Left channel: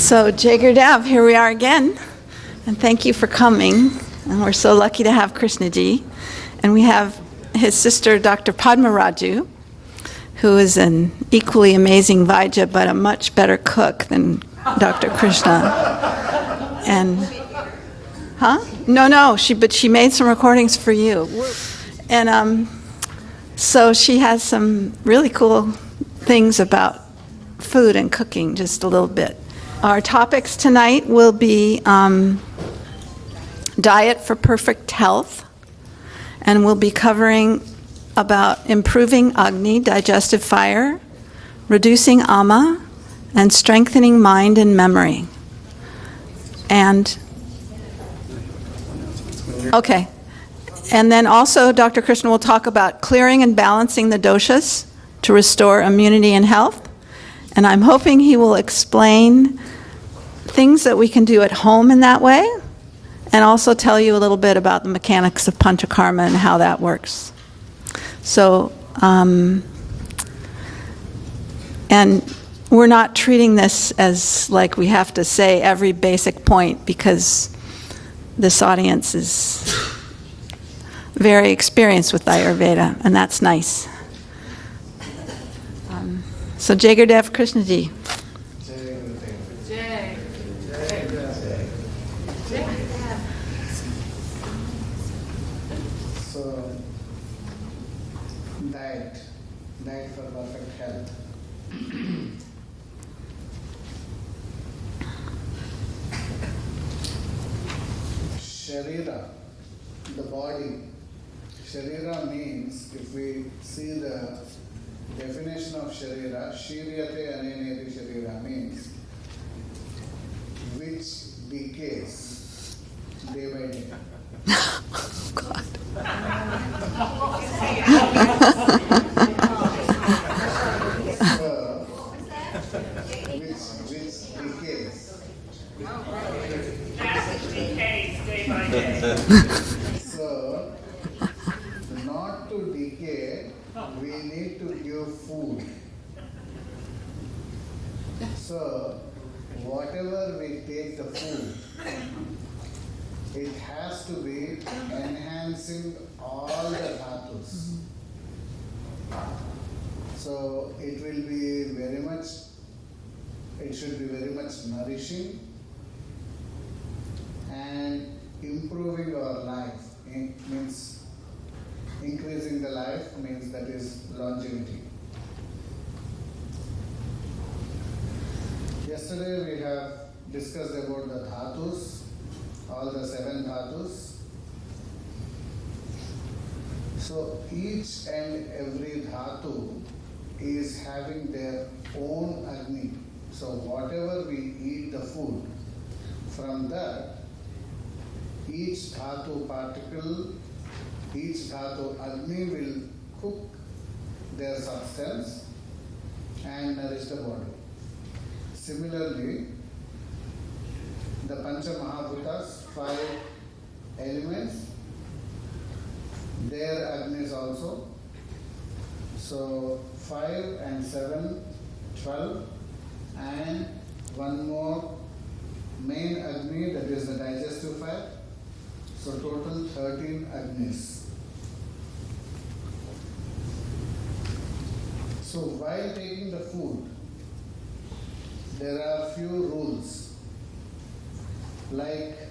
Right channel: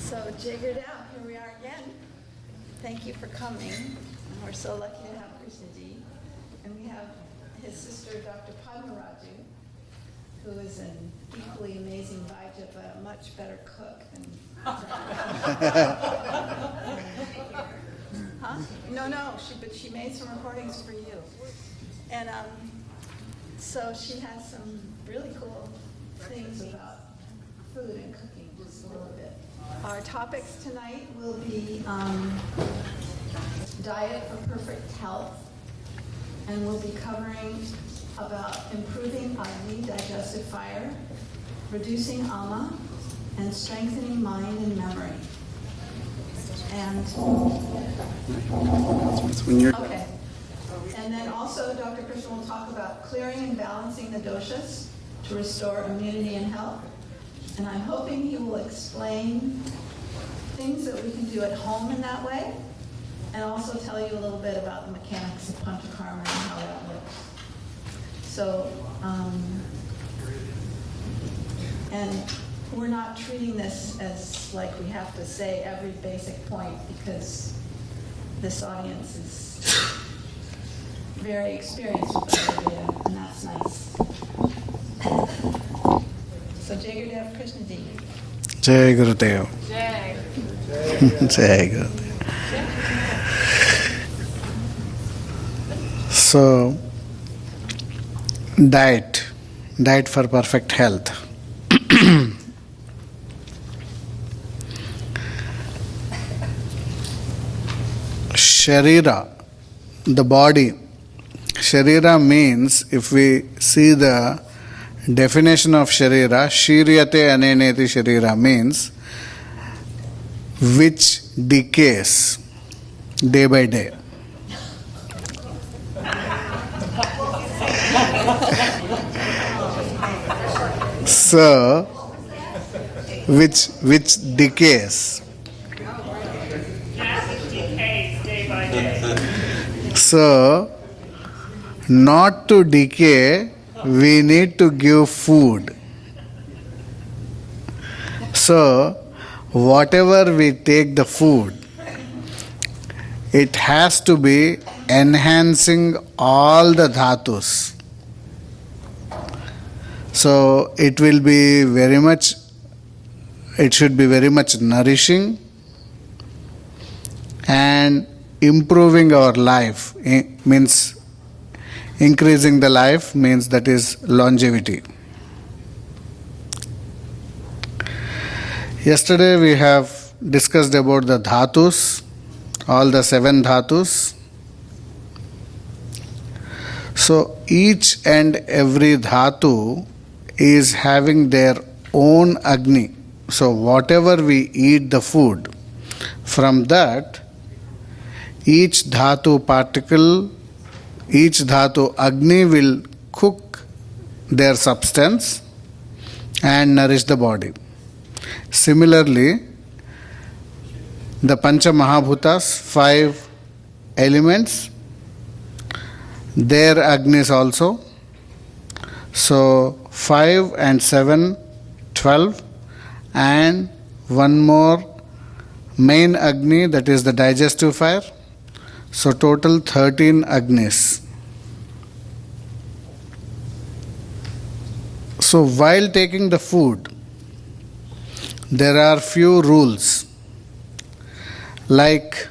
So, Jagar Dev, here we are again, and thank you for coming. And we're so lucky to have Krishna ji. And we have his sister, Dr. Padma Raju, who is an equally amazing Vaidya, but a much better cook than Dr. Krishna. And, No, but she made some recordings for you. And so she has some really cool things about food and cooking, just a little bit. Our topics tonight will be diet for perfect health, and we'll be covering about improving Agni, digestive fire, reducing ama, and strengthening mind and memory. And, okay. And then also Dr. Krishna will talk about clearing and balancing the doshas to restore immunity and health. And I'm hoping he will explain things that we can do at home in that way, and also tell you a little bit about the mechanics of panchakarma and how that works. So, and we're not treating this as like we have to say every basic point, because this audience is very experienced with Ayurveda, and that's nice. So, Jagar Dev Krishna ji. Jai Gurudev. Jai Gurudev. So, diet for perfect health. Sharira, the body. Sharira means, if we see the definition of Sharira, Shiryate Aneneti Sharira means which decays day by day. So, which decays. So, not to decay, we need to give food. So, whatever we take the food, it has to be enhancing all the dhatus. So, it should be very much nourishing and improving our life. Means increasing the life, means that is longevity. Yesterday we have discussed about the dhatus, all the 7 dhatus. So each and every dhatu is having their own Agni. So whatever we eat the food, from that each dhatu particle, each dhatu Agni will cook their substance and nourish the body. Similarly, the Pancha Mahabhutas, 5 elements, their Agnis also. So 5 and 7, 12, and one more main Agni, that is the digestive fire. So total 13 Agnis. So while taking the food, there are few rules, like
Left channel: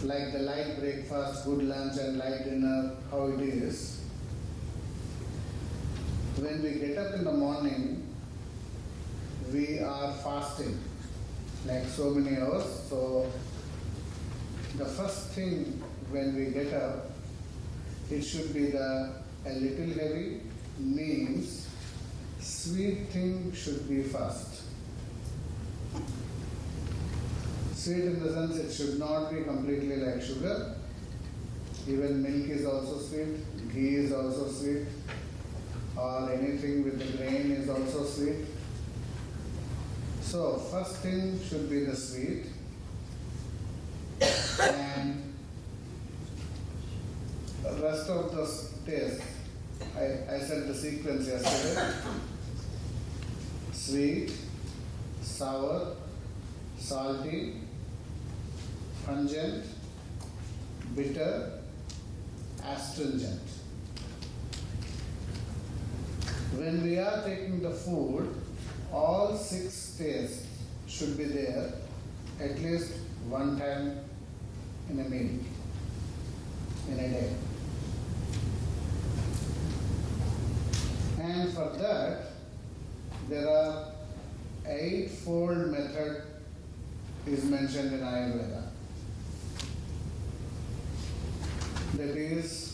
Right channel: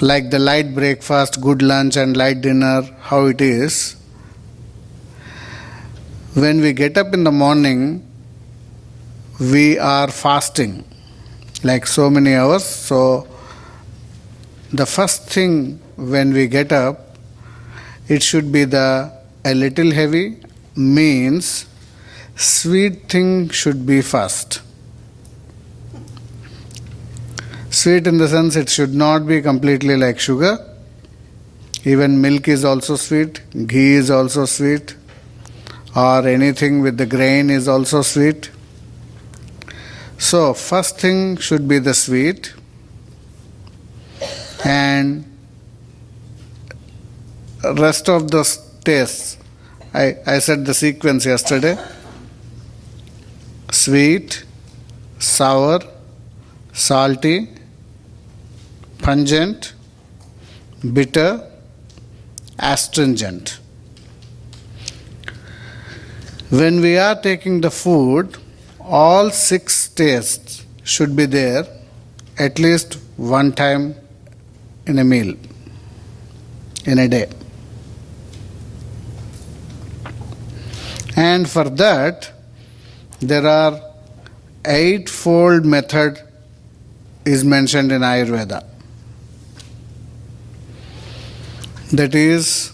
the light breakfast, good lunch and light dinner, how it is. When we get up in the morning, we are fasting, like so many hours. So the first thing when we get up, it should be a little heavy, means sweet thing should be first. Sweet in the sense it should not be completely like sugar. Even milk is also sweet, ghee is also sweet, or anything with the grain is also sweet. So first thing should be the sweet, and rest of the tastes. I said the sequence yesterday. sweet, sour, salty, pungent, bitter, astringent. When we are taking the food, all 6 tastes should be there at least one time in a meal, in a day. And for that, there are 8-fold method is mentioned in Ayurveda. That is,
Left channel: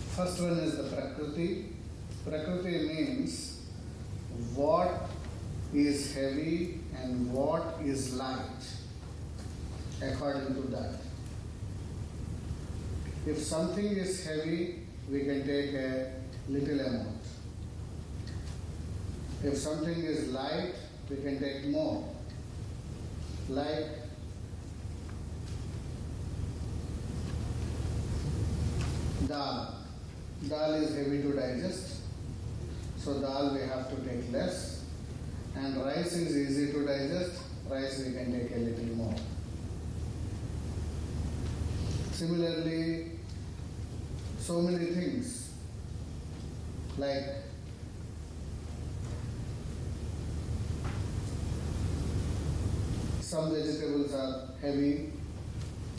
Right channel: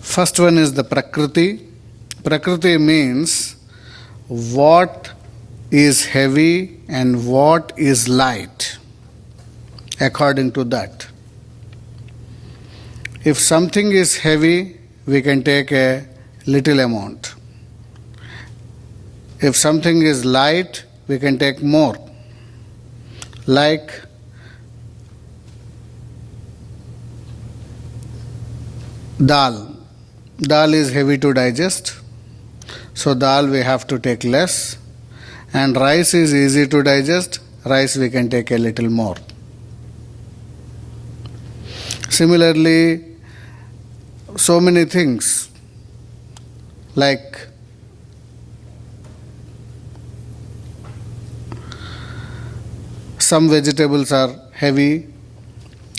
first one is the Prakriti. Prakriti means what is heavy and what is light, according to that. If something is heavy, we can take a little amount. If something is light, we can take more. Like dal. Dal is heavy to digest, so dal we have to take less. And rice is easy to digest, rice we can take a little more. Similarly, so many things like some vegetables are heavy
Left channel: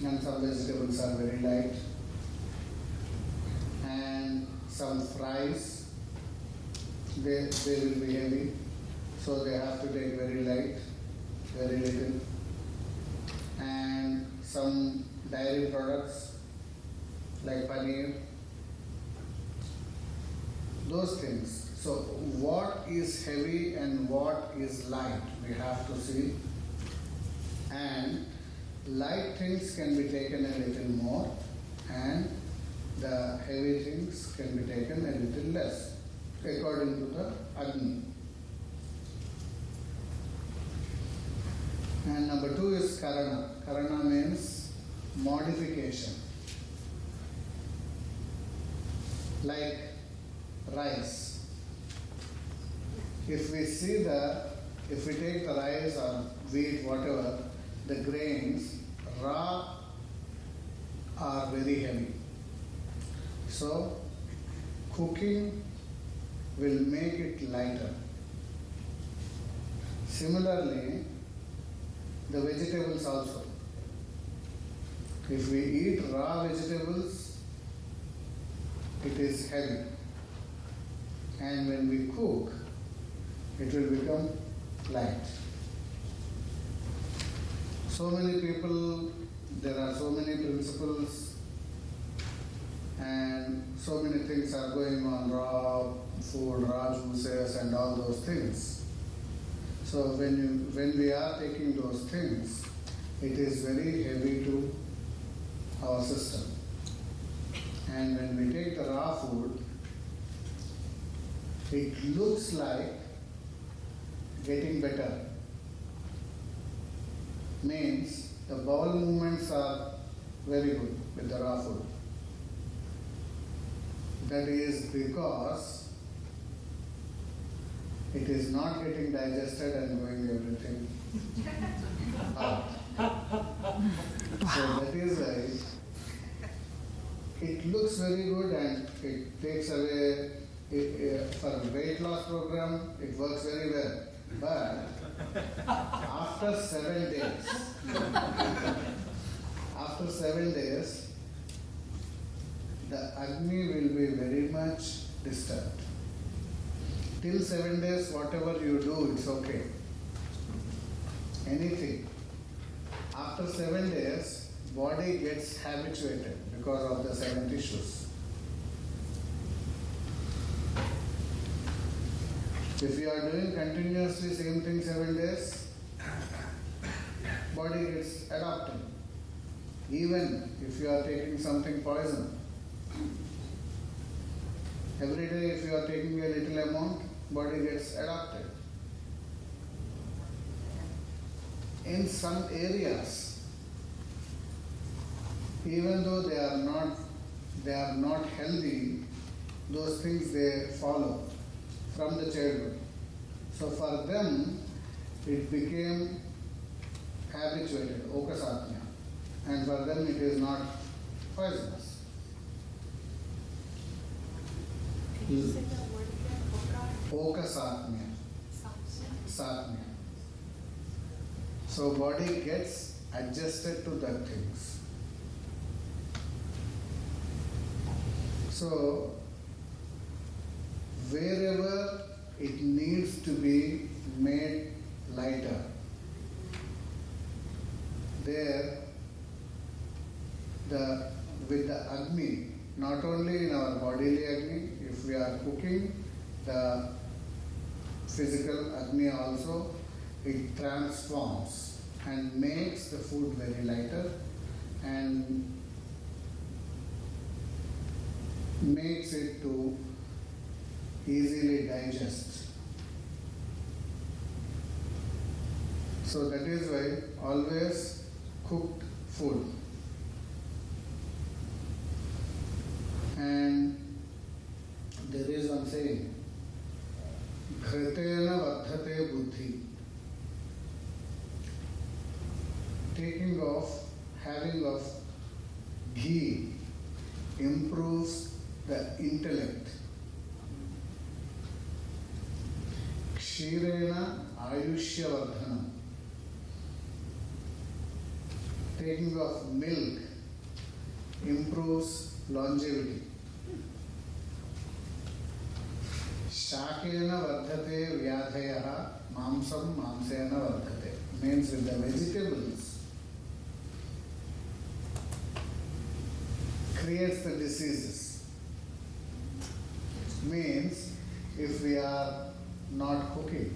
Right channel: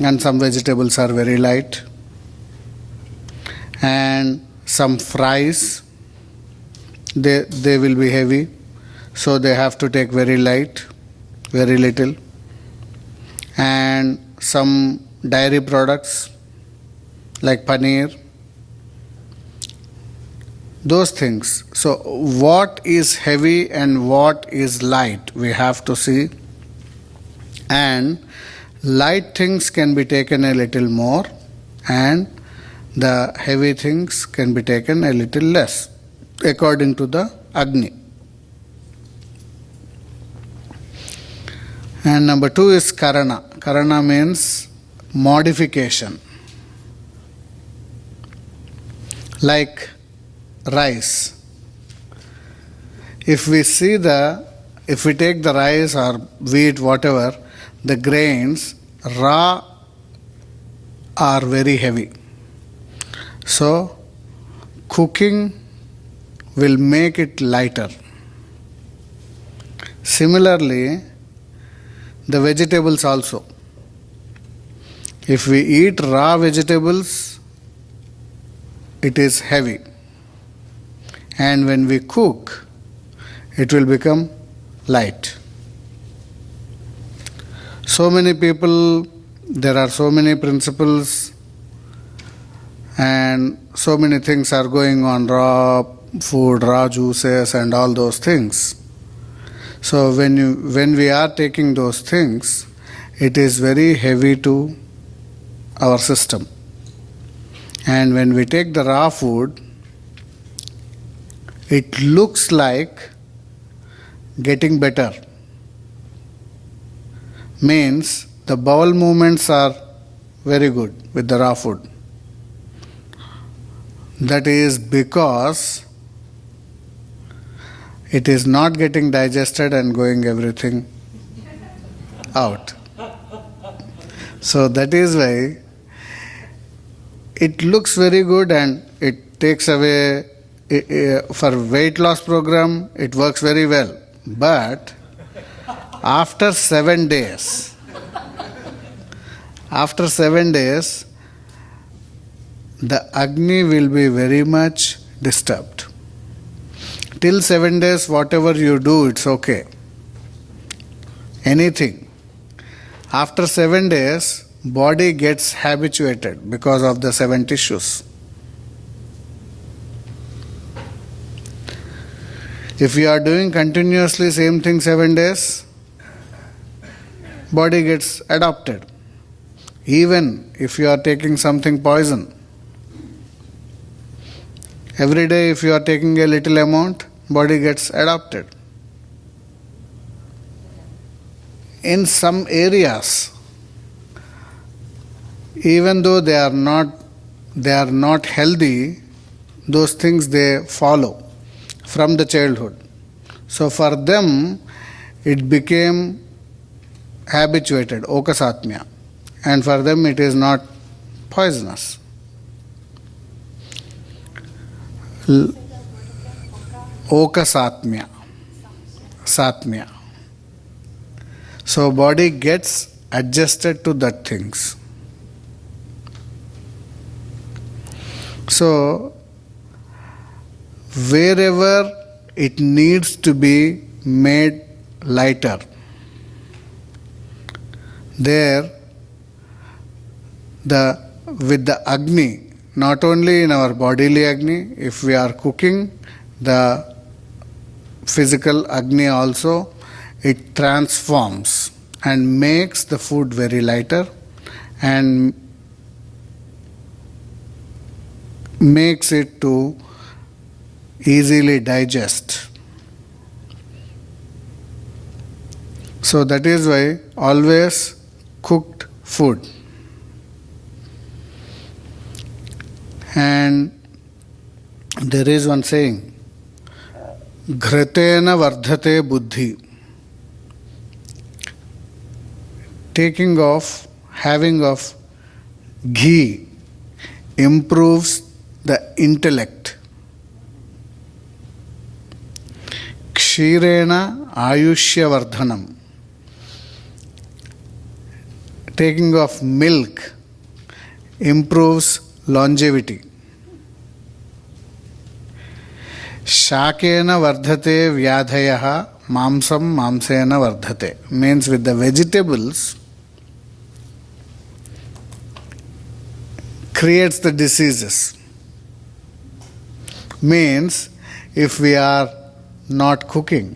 and some vegetables are very light, and some fries they will be heavy, so they have to take very light, very little. And some dairy products like paneer, those things. So what is heavy and what is light, we have to see. And light things can be taken a little more, and the heavy things can be taken a little less, according to the Agni. And number 2 is Karana. Karana means modification. Like rice. If we take the rice or wheat, whatever, the grains raw are very heavy. So cooking will make it lighter. Similarly, the vegetables also. If we eat raw vegetables, it is heavy. And when we cook, it will become light. So many people, there are so many principles and so many things are going on, raw food, raw juices and all those things. So when we are taking those things, it is very heavy to our system. And when we take the raw food, it looks like getting better. Means the bowel movements are very good with the raw food. That is because it is not getting digested and going everything out. So that is why it looks very good and it takes away, for weight loss program, it works very well. But after 7 days, the Agni will be very much disturbed. Till 7 days, whatever you do, it's okay. Anything. After 7 days, body gets habituated because of the 7 tissues. If you are doing continuously same thing 7 days, body gets adopted. Even if you are taking something poison, every day if you are taking a little amount, body gets adopted. In some areas, even though they are not healthy, those things they follow from the childhood. So for them, it became habituated, okasatmya. And for them, it is not poisonous. Okasatmya. Satmya. So body gets adjusted to that things. So wherever it needs to be made lighter, there with the Agni, not only in our bodily Agni, if we are cooking, the physical Agni also, it transforms and makes the food very lighter and makes it to easily digest. So that is why always cooked food. And there is one saying, Ghratena vardhate buddhi. Having of ghee improves the intellect. Kshirena ayushya vardhanam. Taking of milk improves longevity. Shakena vardhate vyadhayaha mamsam mamsena vardhate. Means with the vegetables creates the diseases. Means if we are not cooking.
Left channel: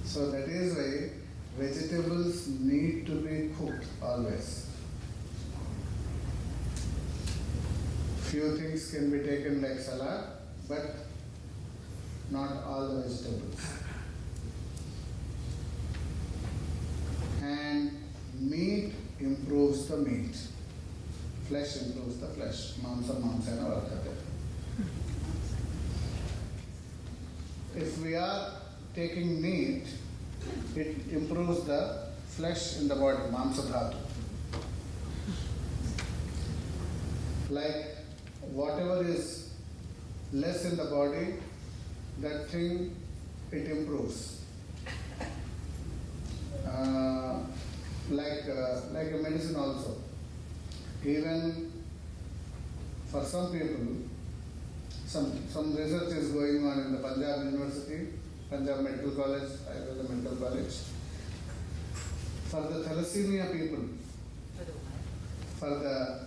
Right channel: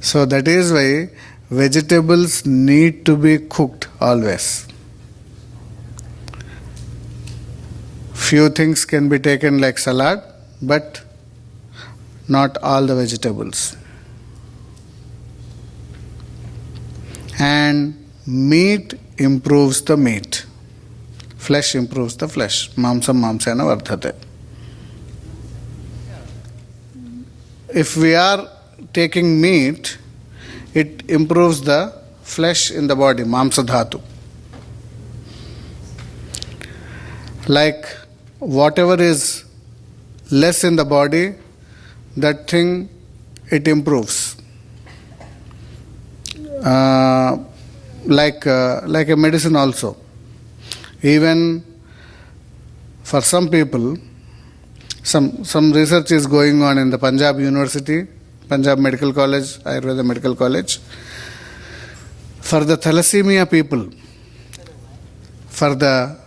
So that is why vegetables need to be cooked always. Few things can be taken like salad, but not all the vegetables. And meat improves the meat. Flesh improves the flesh. Mamsam mamsena vardhate. If we are taking meat, it improves the flesh in the body, mamsa dhatu. Like whatever is less in the body, that thing it improves. Like a medicine also. Even for some people, some research is going on in the Punjab University, Punjab Medical College, Ayurveda Medical College. For the thalassemia people, for the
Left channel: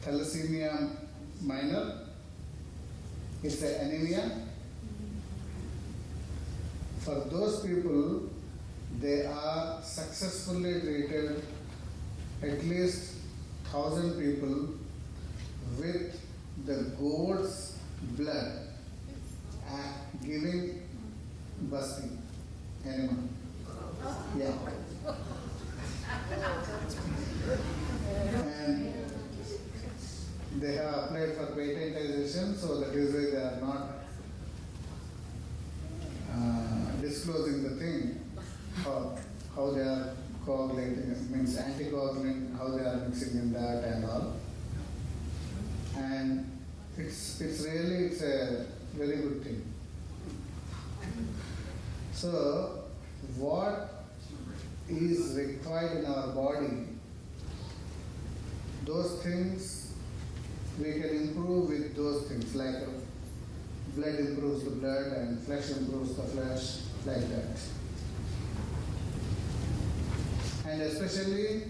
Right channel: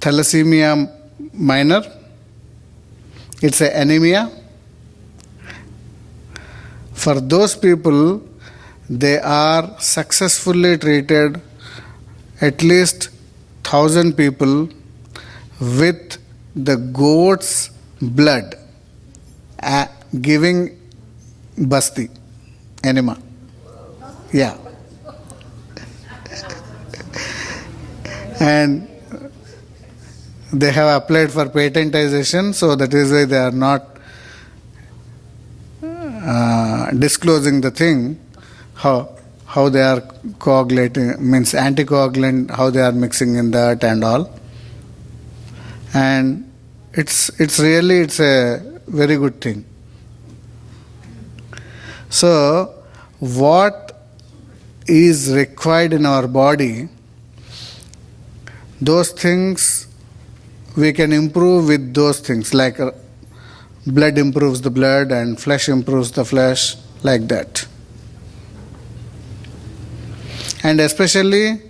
thalassemia minor, it's an anemia. For those people, they are successfully treated at least 1,000 people with the goat's blood, giving basti, enema. Yeah. And they have applied for patentization, so that is why they are not disclosing the thing, how they are coagulating, means anticoagulant, how they are mixing in that and all. And it's a very good thing. So what is required in our body, those things we can improve with those things, like blood improves the blood and flesh improves the flesh, like that. And especially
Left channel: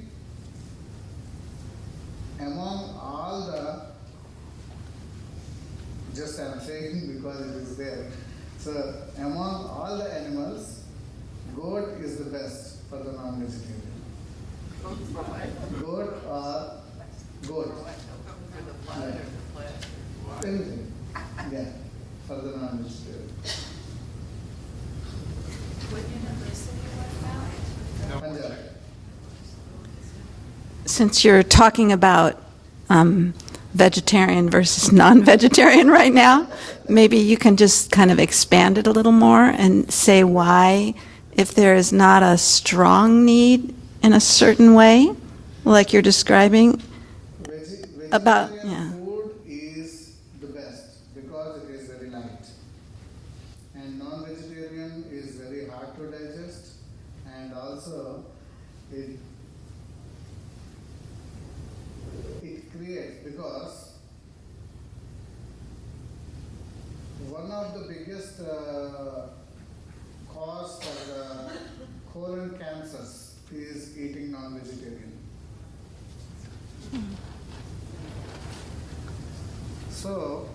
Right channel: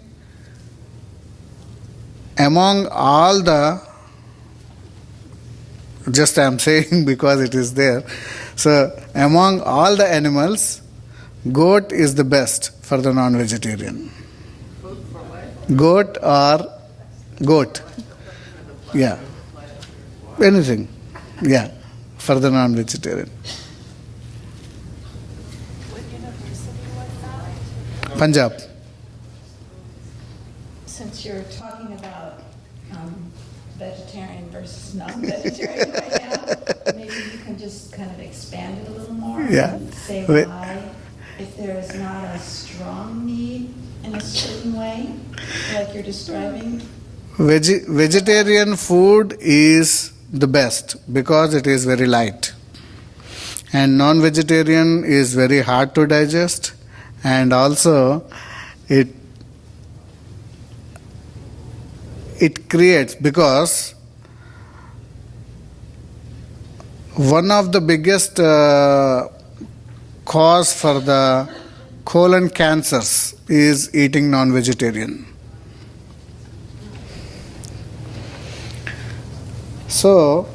among all the, just I am saying because it is there, so among all the animals, goat is the best for the non-vegetarian. Goat, yeah, anything, yeah, for the non-vegetarian. Punjab. Since you're talking about vegetarian versus non-vegetarian right now. Maybe you can just kind of expand it a little more and say why, if there is not a strong need in a certain way, like you're describing. Vegetarian food is the best because it is very light. And non-vegetarian is very hard to digest, and also it creates, because one of the biggest cause for the colon cancers is eating non-vegetarian. So,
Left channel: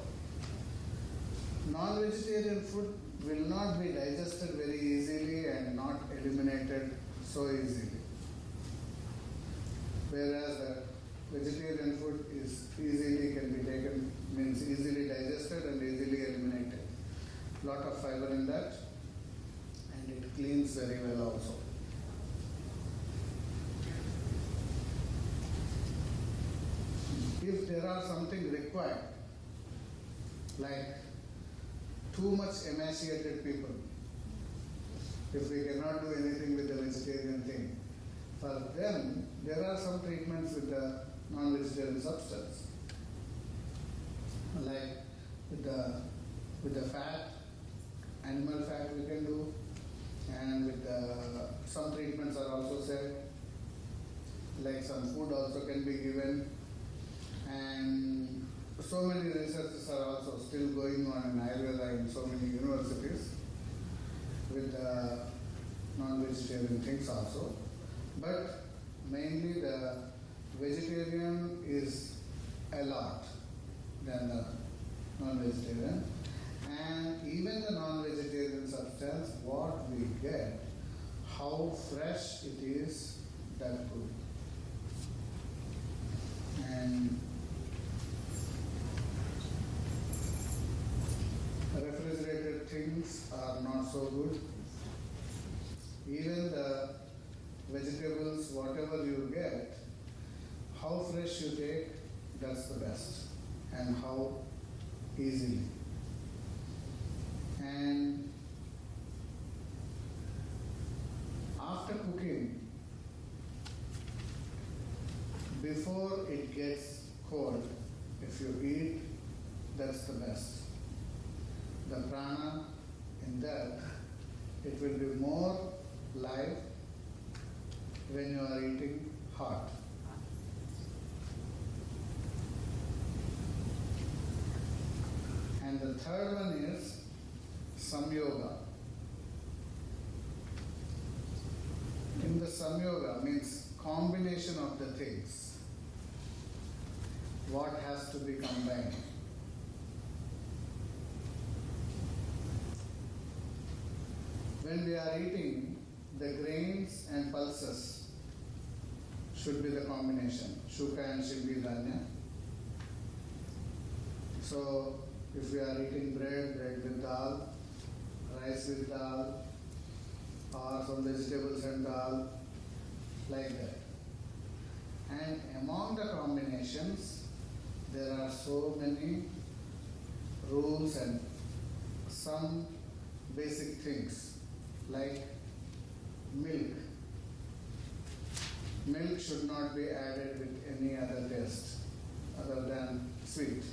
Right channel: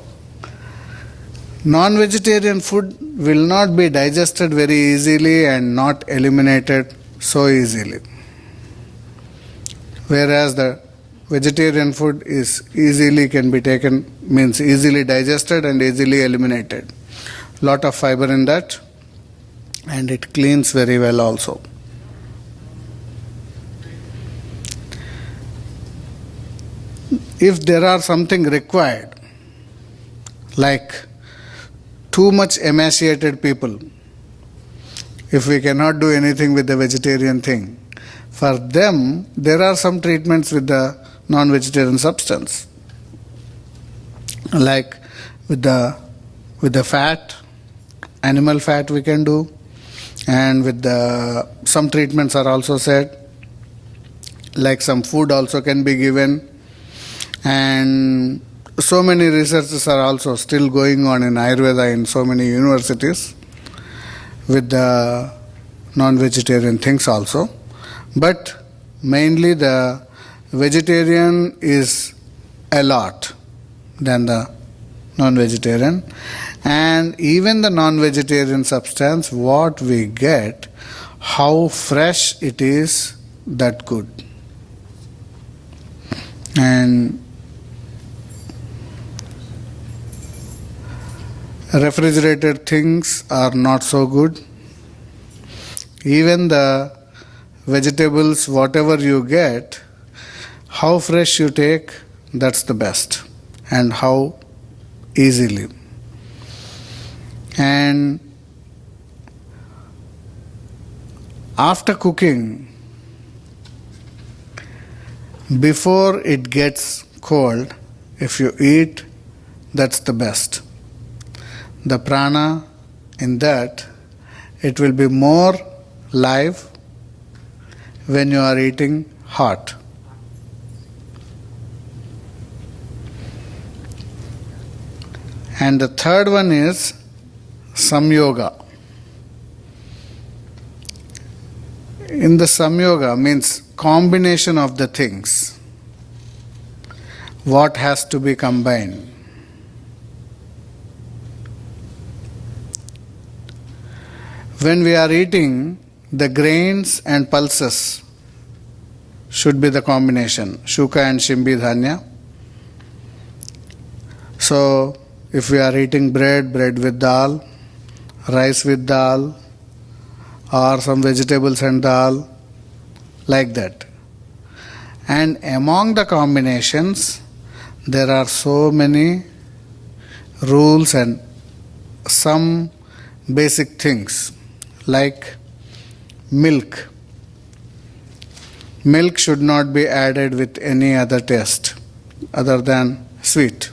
non-vegetarian food will not be digested very easily and not eliminated so easily. Whereas the vegetarian food is easily can be taken, means easily digested and easily eliminated. Lot of fiber in that, and it cleans very well also. If there are something required, like too much emaciated people, if we cannot do anything with the vegetarian thing, for them there are some treatments with the non-vegetarian substance, like with the fat, animal fat we can do, and with the some treatments are also said, like some food also can be given, and so many researches are also still going on in Ayurveda in so many universities with the non-vegetarian things also. But mainly the vegetarian is a lot than the non-vegetarian. And even the non-vegetarian substance, what we get, how fresh it is, that good. And refrigerated things are not so good. Even the vegetables, whatever you get, how fresh you take, that's the best, and how easily. And after cooking, before it gets cold, if you eat, that's the best. The prana in that, it will be more live when you are eating hot. And the third one is samyoga. In the samyoga means combination of the things. What has to be combined? When we are eating, the grains and pulses should be the combination, shuka and shimbi dhanya. So, if we are eating bread with dal, rice with dal, or some vegetables and dal, like that. And among the combinations, there are so many rules and some basic things, like milk. Milk should not be added with any other taste other than sweet.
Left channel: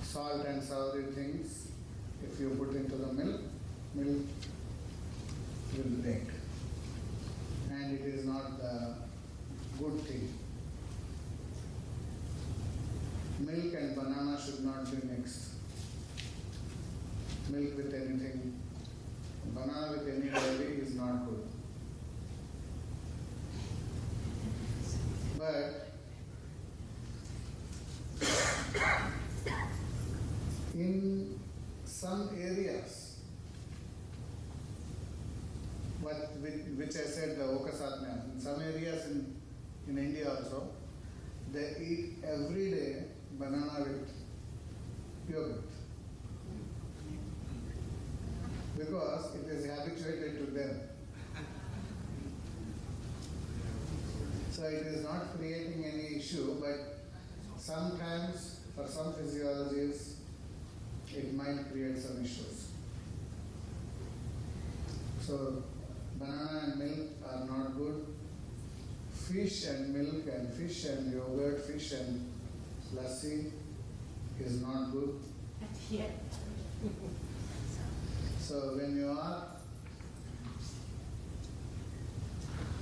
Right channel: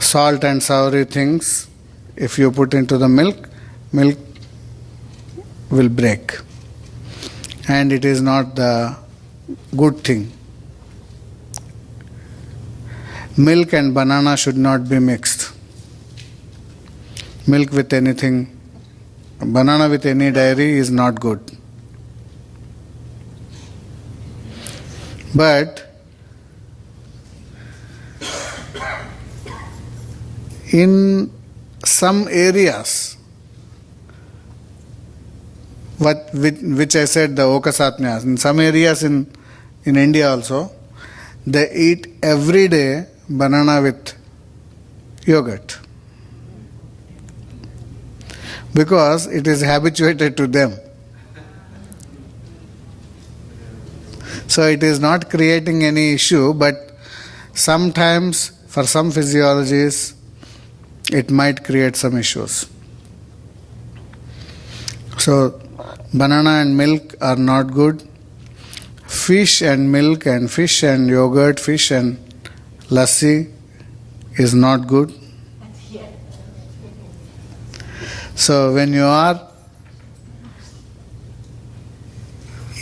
Salt and savory things, if you put into the milk, milk will break. And it is not the good thing. Milk and banana should not be mixed. Milk with anything, banana with any dairy is not good. But in some areas, which I said, the okasatnyas, in some areas in India also, they eat every day banana with yogurt, because it is habituated to them. So it is not creating any issue, but sometimes for some physiologies it might create some issues. So banana and milk are not good. Fish and milk and fish and yogurt, fish and lassi is not good. So when you are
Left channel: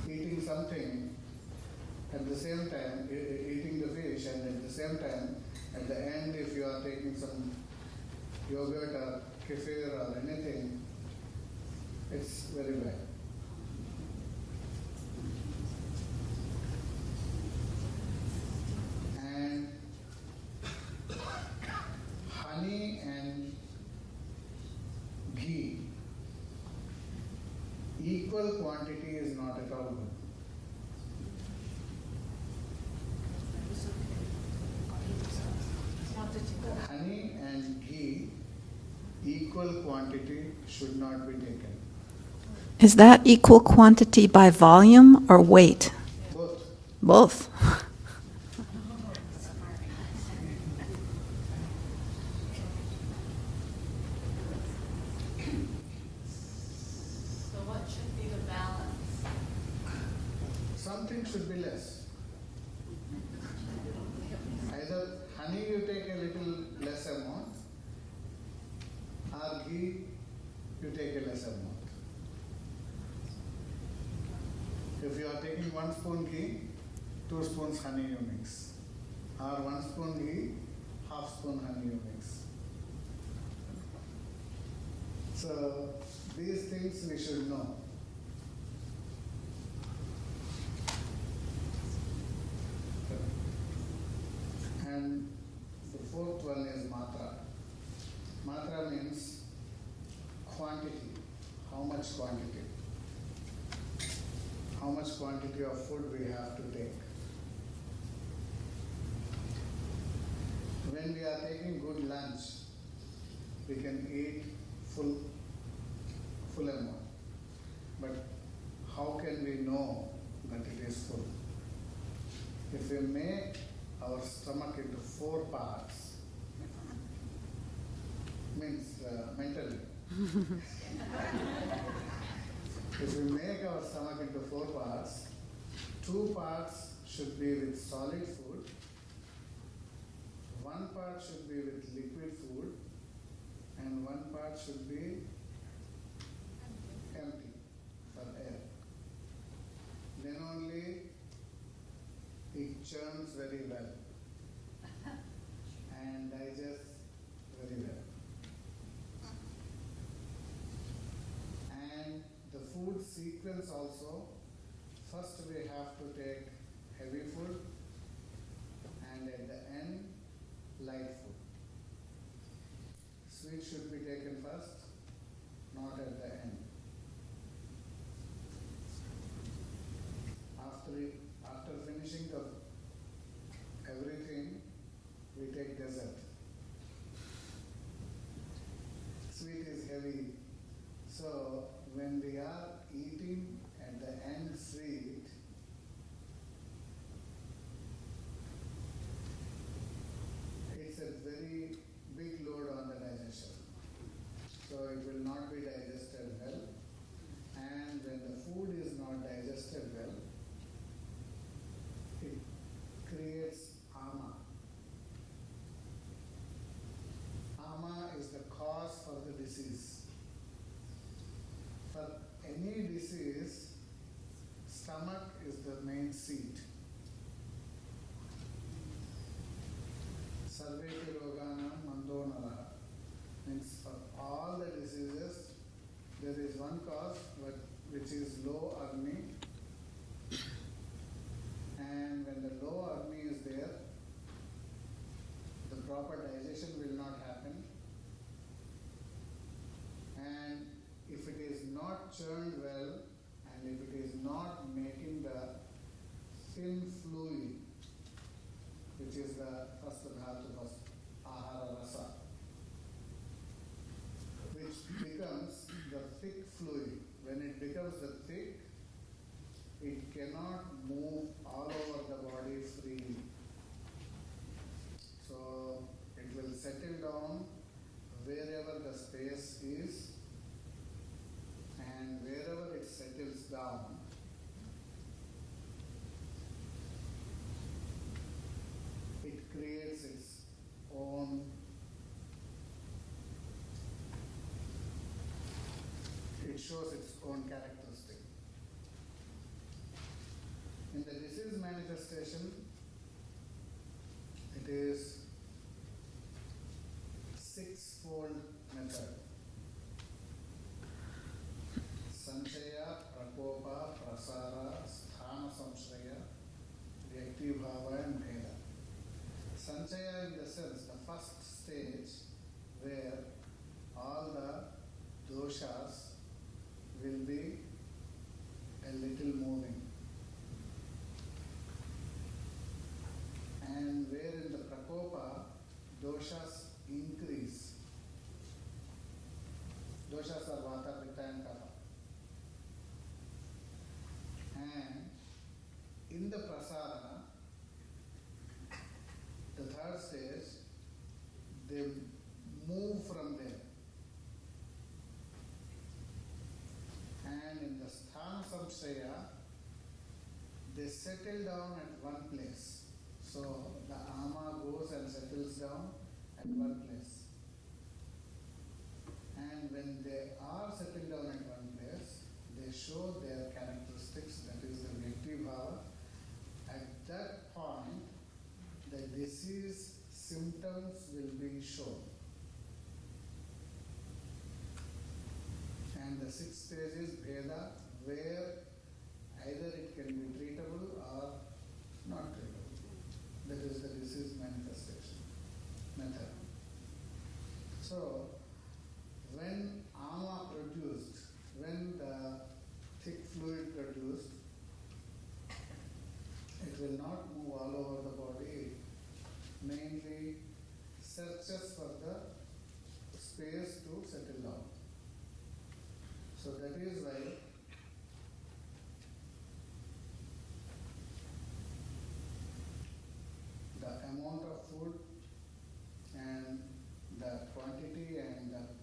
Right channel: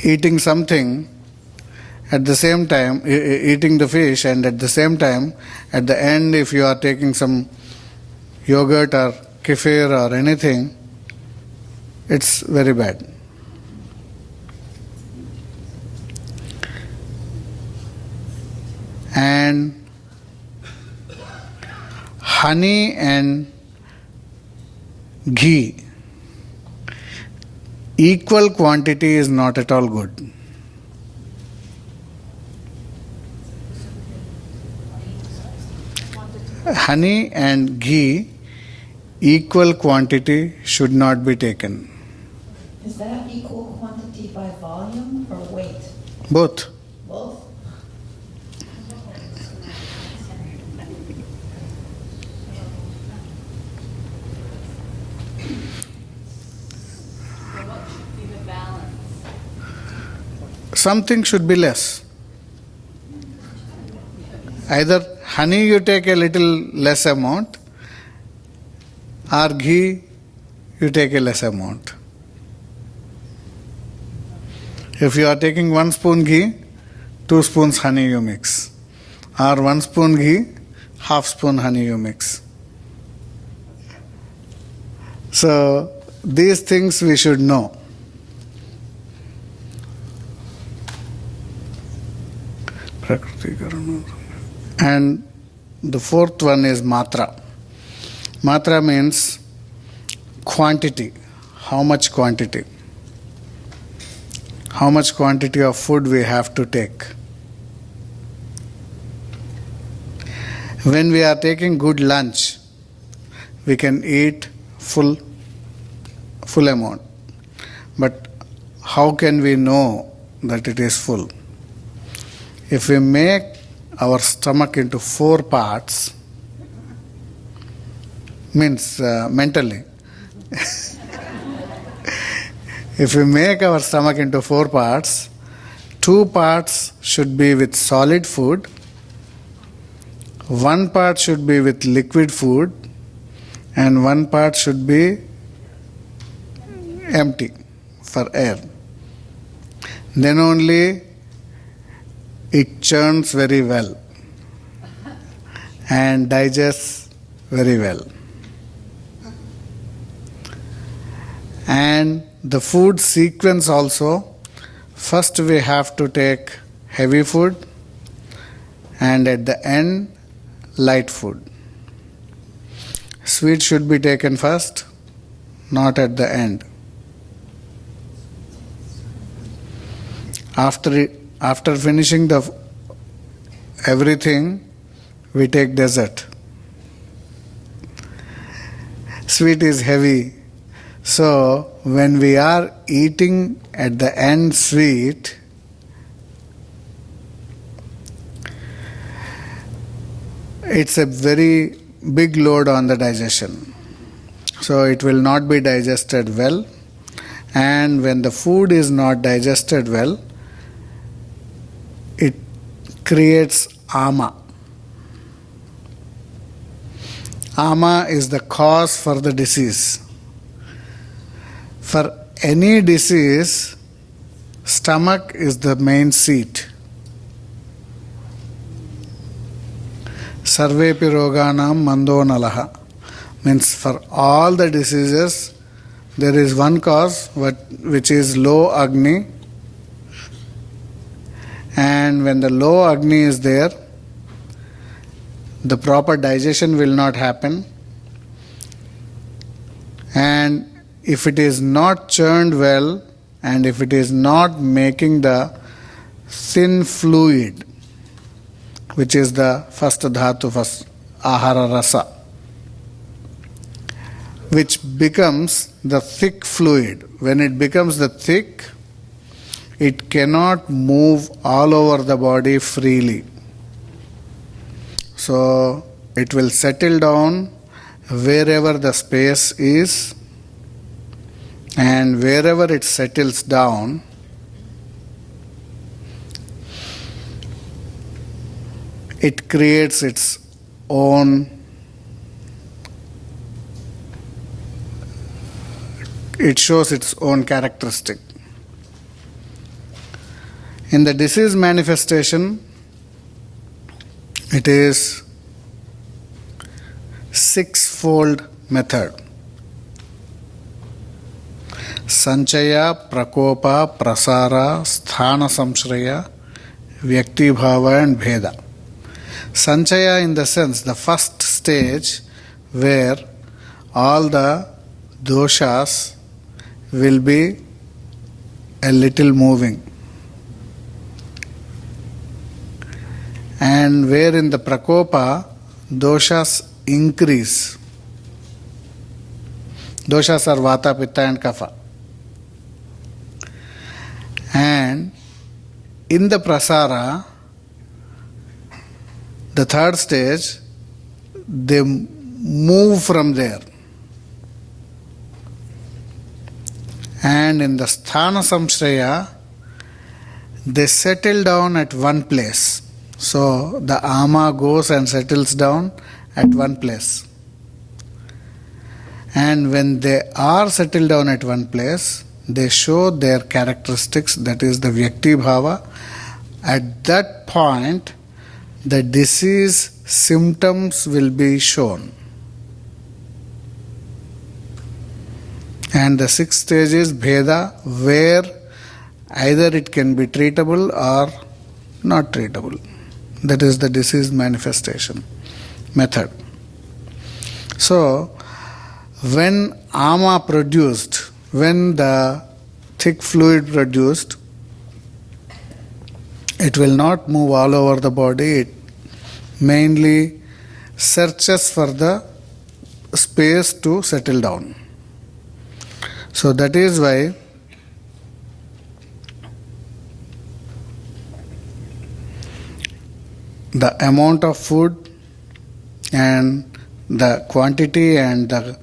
eating something, at the same time, eating the fish, and at the same time, at the end, if you are taking some yogurt or kefir or anything, it's very bad. And honey and ghee, equal quantity is not at all good. Honey and ghee, equal quantity should not be taken. Is that equal quantity by volume or weight? Both. Both. Something should be less. Either honey you take a little less amount, or ghee you take a less amount. If you are taking 1 spoon ghee, 2 spoons honey you mix. Or 1 spoon ghee, half spoon honey you mix. So these things we should know. And the fourth one is matra. Matra means quantity. How much quantity? How much quantity of food we have to take? When we are taking good lunch, we can eat full amount. But how can we know that it is full? If we make our stomach into 4 parts, means mentally. If we make our stomach into 4 parts, 2 parts should be with solid food, 1 part should be with liquid food, and 1 part should be empty for air. Then only it churns very well and digests very well. And the food sequence also, first we have to take heavy food and at the end light food. Sweet should be taken first, not at the end. After finishing everything, we take dessert. Sweet is heavy. So, when we are eating at the end sweet, it's a very big load on the digestion. So, it will not be digested well. And when the food is not digested well, it creates ama. Ama is the cause for the disease. For any disease, stomach is the main seat. Sarvepi roganam mando nalaha. Means for all the diseases, there is one cause which is low Agni. And when the low Agni is there, the proper digestion will not happen. And if it is not churned well, and if it is not making the thin fluid, which is the first dhatu, first ahara rasa, which becomes the thick fluid. When it becomes the thick, it cannot move all over the body freely. So it will settle down wherever the space is, and wherever it settles down, it creates its own, it shows its own characteristic. In the disease manifestation, it is six-fold method. Sanchaya, Prakopa, Prasara, Sthana Samshraya, Vyakti Bhava and Bheda. Sanchaya in the sense, the first stage where all the doshas will be a little moving. And where in the Prakopa, doshas increase. Doshas are Vata, Pitta and Kapha. And in the Prasara, the third stage, they move from there. And in the Sthana Samshraya, they settle down at one place. So the ama goes and settles down at one place. And when they are settled down at one place, they show their characteristics, that is the Vyakti Bhava. At that point, the disease symptoms will be shown. And the sixth stage is Bheda, where either it can be treatable or not treatable. That is the disease manifestation method. So, when ama produced, when the thick fluid produced, it will not move all over the body. It mainly searches for the space to settle down. So that is why the amount of food and the quantity and the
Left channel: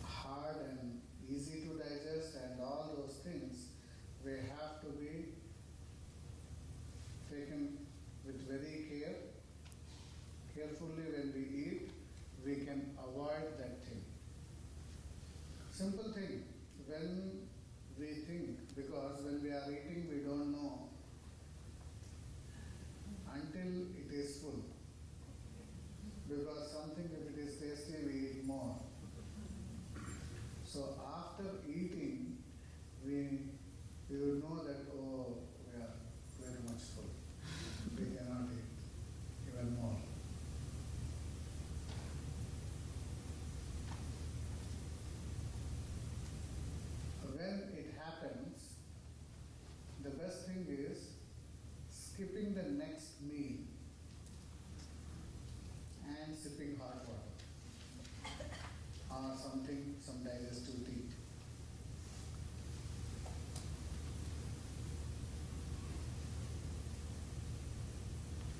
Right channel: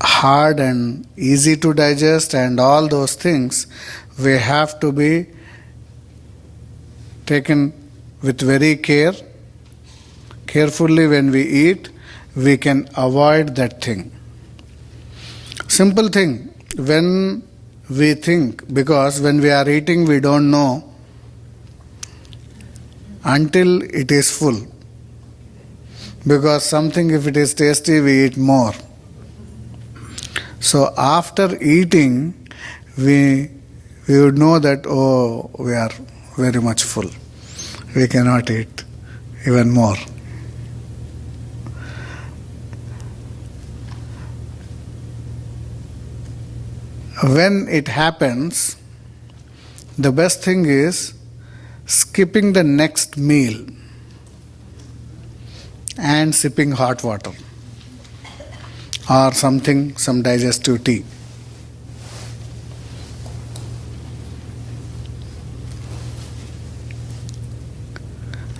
hard and easy to digest and all those things, we have to be taken with very carefully when we eat. We can avoid that thing. Simple thing, when we think, because when we are eating we don't know until it is full. Because something, if it is tasty, we eat more. So after eating, we would know that, oh, we are very much full. We cannot eat even more. When it happens, the best thing is skipping the next meal and sipping hot water or something, some digestive tea.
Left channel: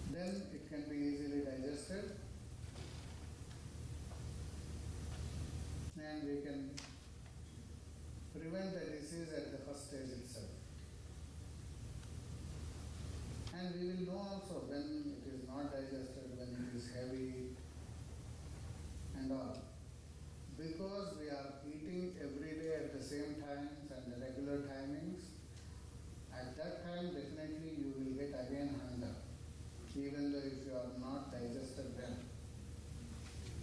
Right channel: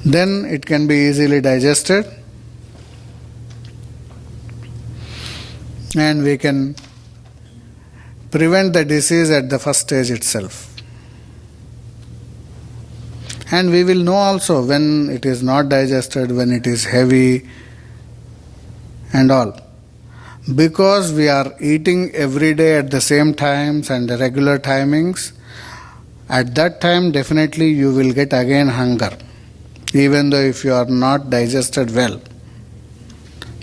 Then it can be easily digested and we can prevent the disease at the first stage itself. And we will know also when it is not digested, when it is heavy and all. Because we are eating every day at the same times and the regular timings, at that time definitely you will get again hunger, even though if you are not digested well.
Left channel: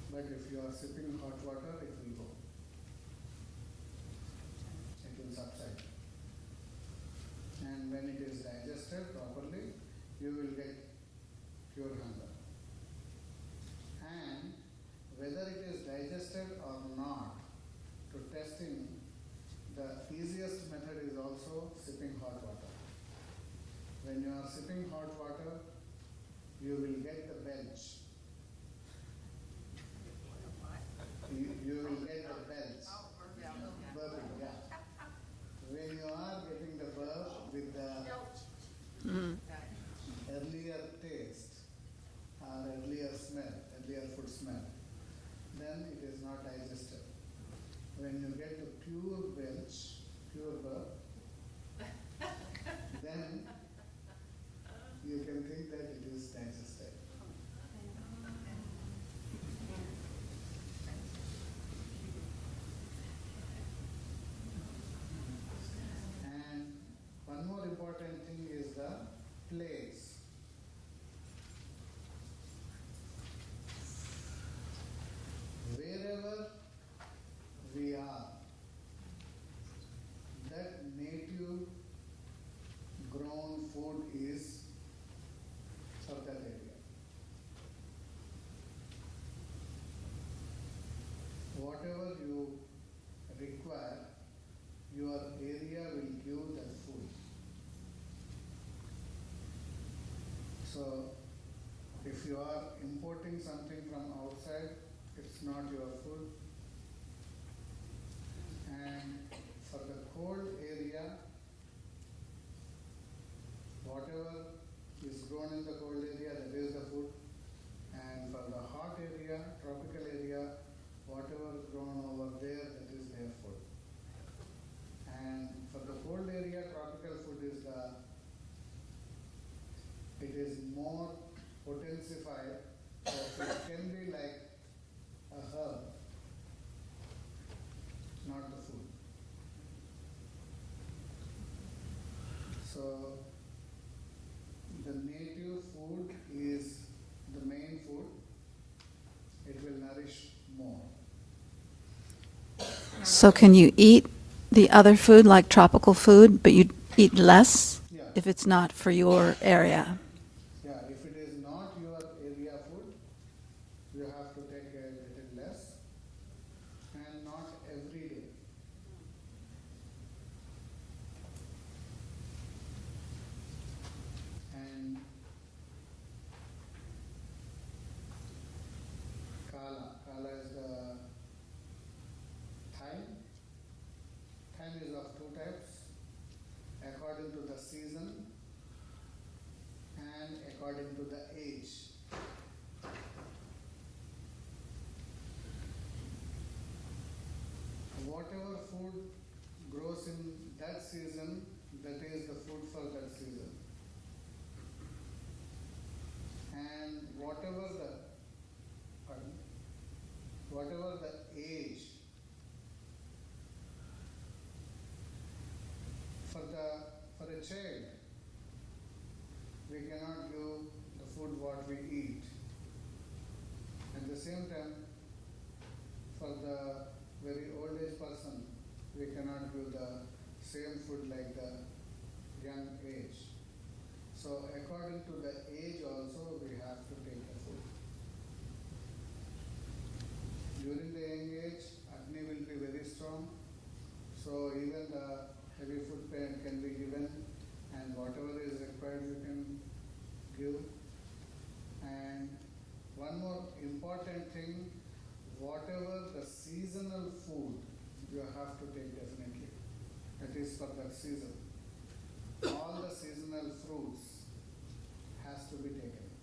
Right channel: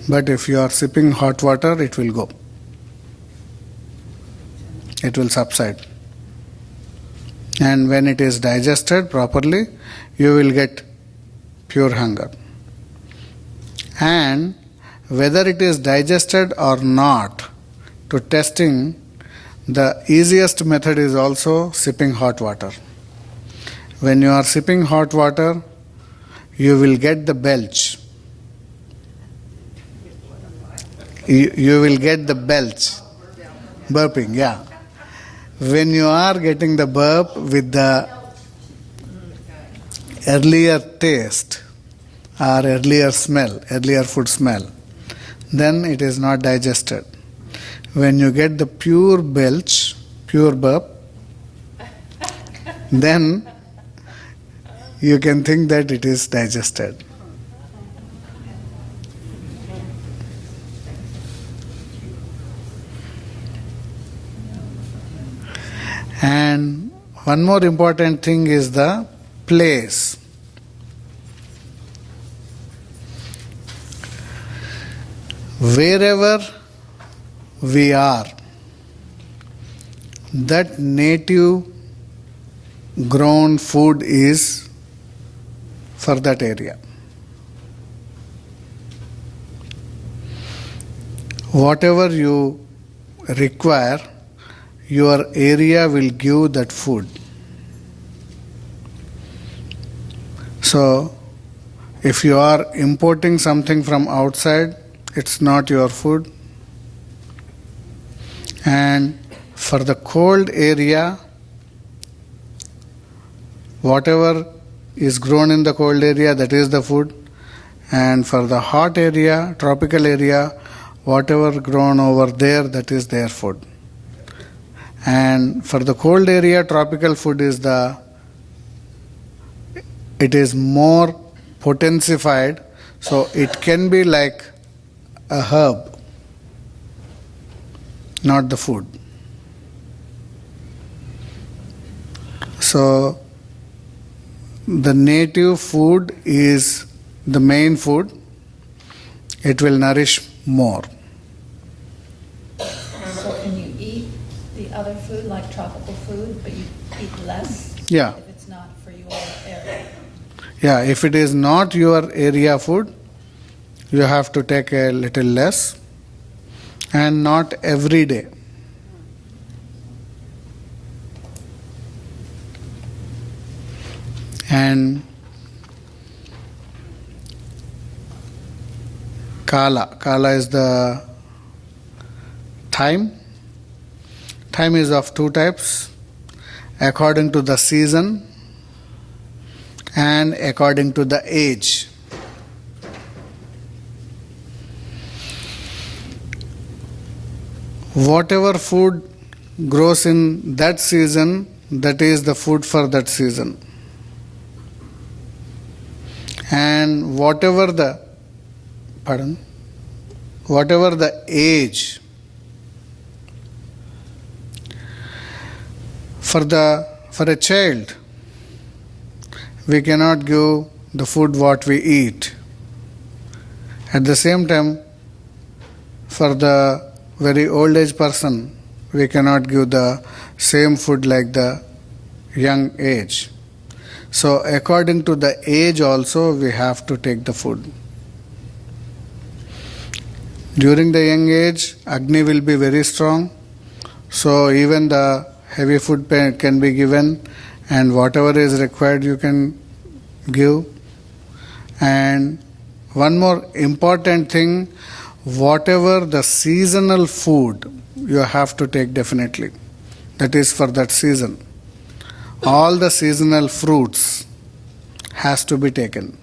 But if you are sipping hot water, it will go. It will subside. And when it is digested properly, you will get pure hunger. And whether it is digested or not, to testing, the easiest method is also sipping hot water. When you are sipping hot water, you will get the belch. You will get the belch. Burping, yeah. when you are getting the burp with the earlier taste or earlier smell, earlier food smell, then it is not digested. When you get the pure belch, pure burp, then you can think that it is digested. And one more important thing is the place. Wherever we are, that native grown food is for that area. Whatever you require, your area will give that food. So, if you are importing something from outside, it's not your food. And for the cold area, whatever is grown in the cold area, that is the food. And for the hot area, tropical area, whatever grown over there, that is their food. And for the cold area, tropical food is it is more potencified, so it can be like a herb, not the food. So the native food is the main food. It will nourish more. So can you eat the other food like tropical food, but you eat less? Yeah. If it's not for your area? Yeah, if it is not your area food, you have to take a little less, and not every day. And Kala is the time. Time is of two types, according to the season and according to the age. Whatever food grows in that season, that is the food for that season. And whatever the age, for a child, we cannot give the food what we eat. At the same time, for the very old age person, we cannot give the same food like the young age. So according to the age also, we have to take the food. During the young age, Agni will be very strong, so even the heavy food can be given, and whatever is required you can give. And one more important thing, whatever the seasonal food you have to take definitely. That is for that season. All the seasonal fruits has to be taken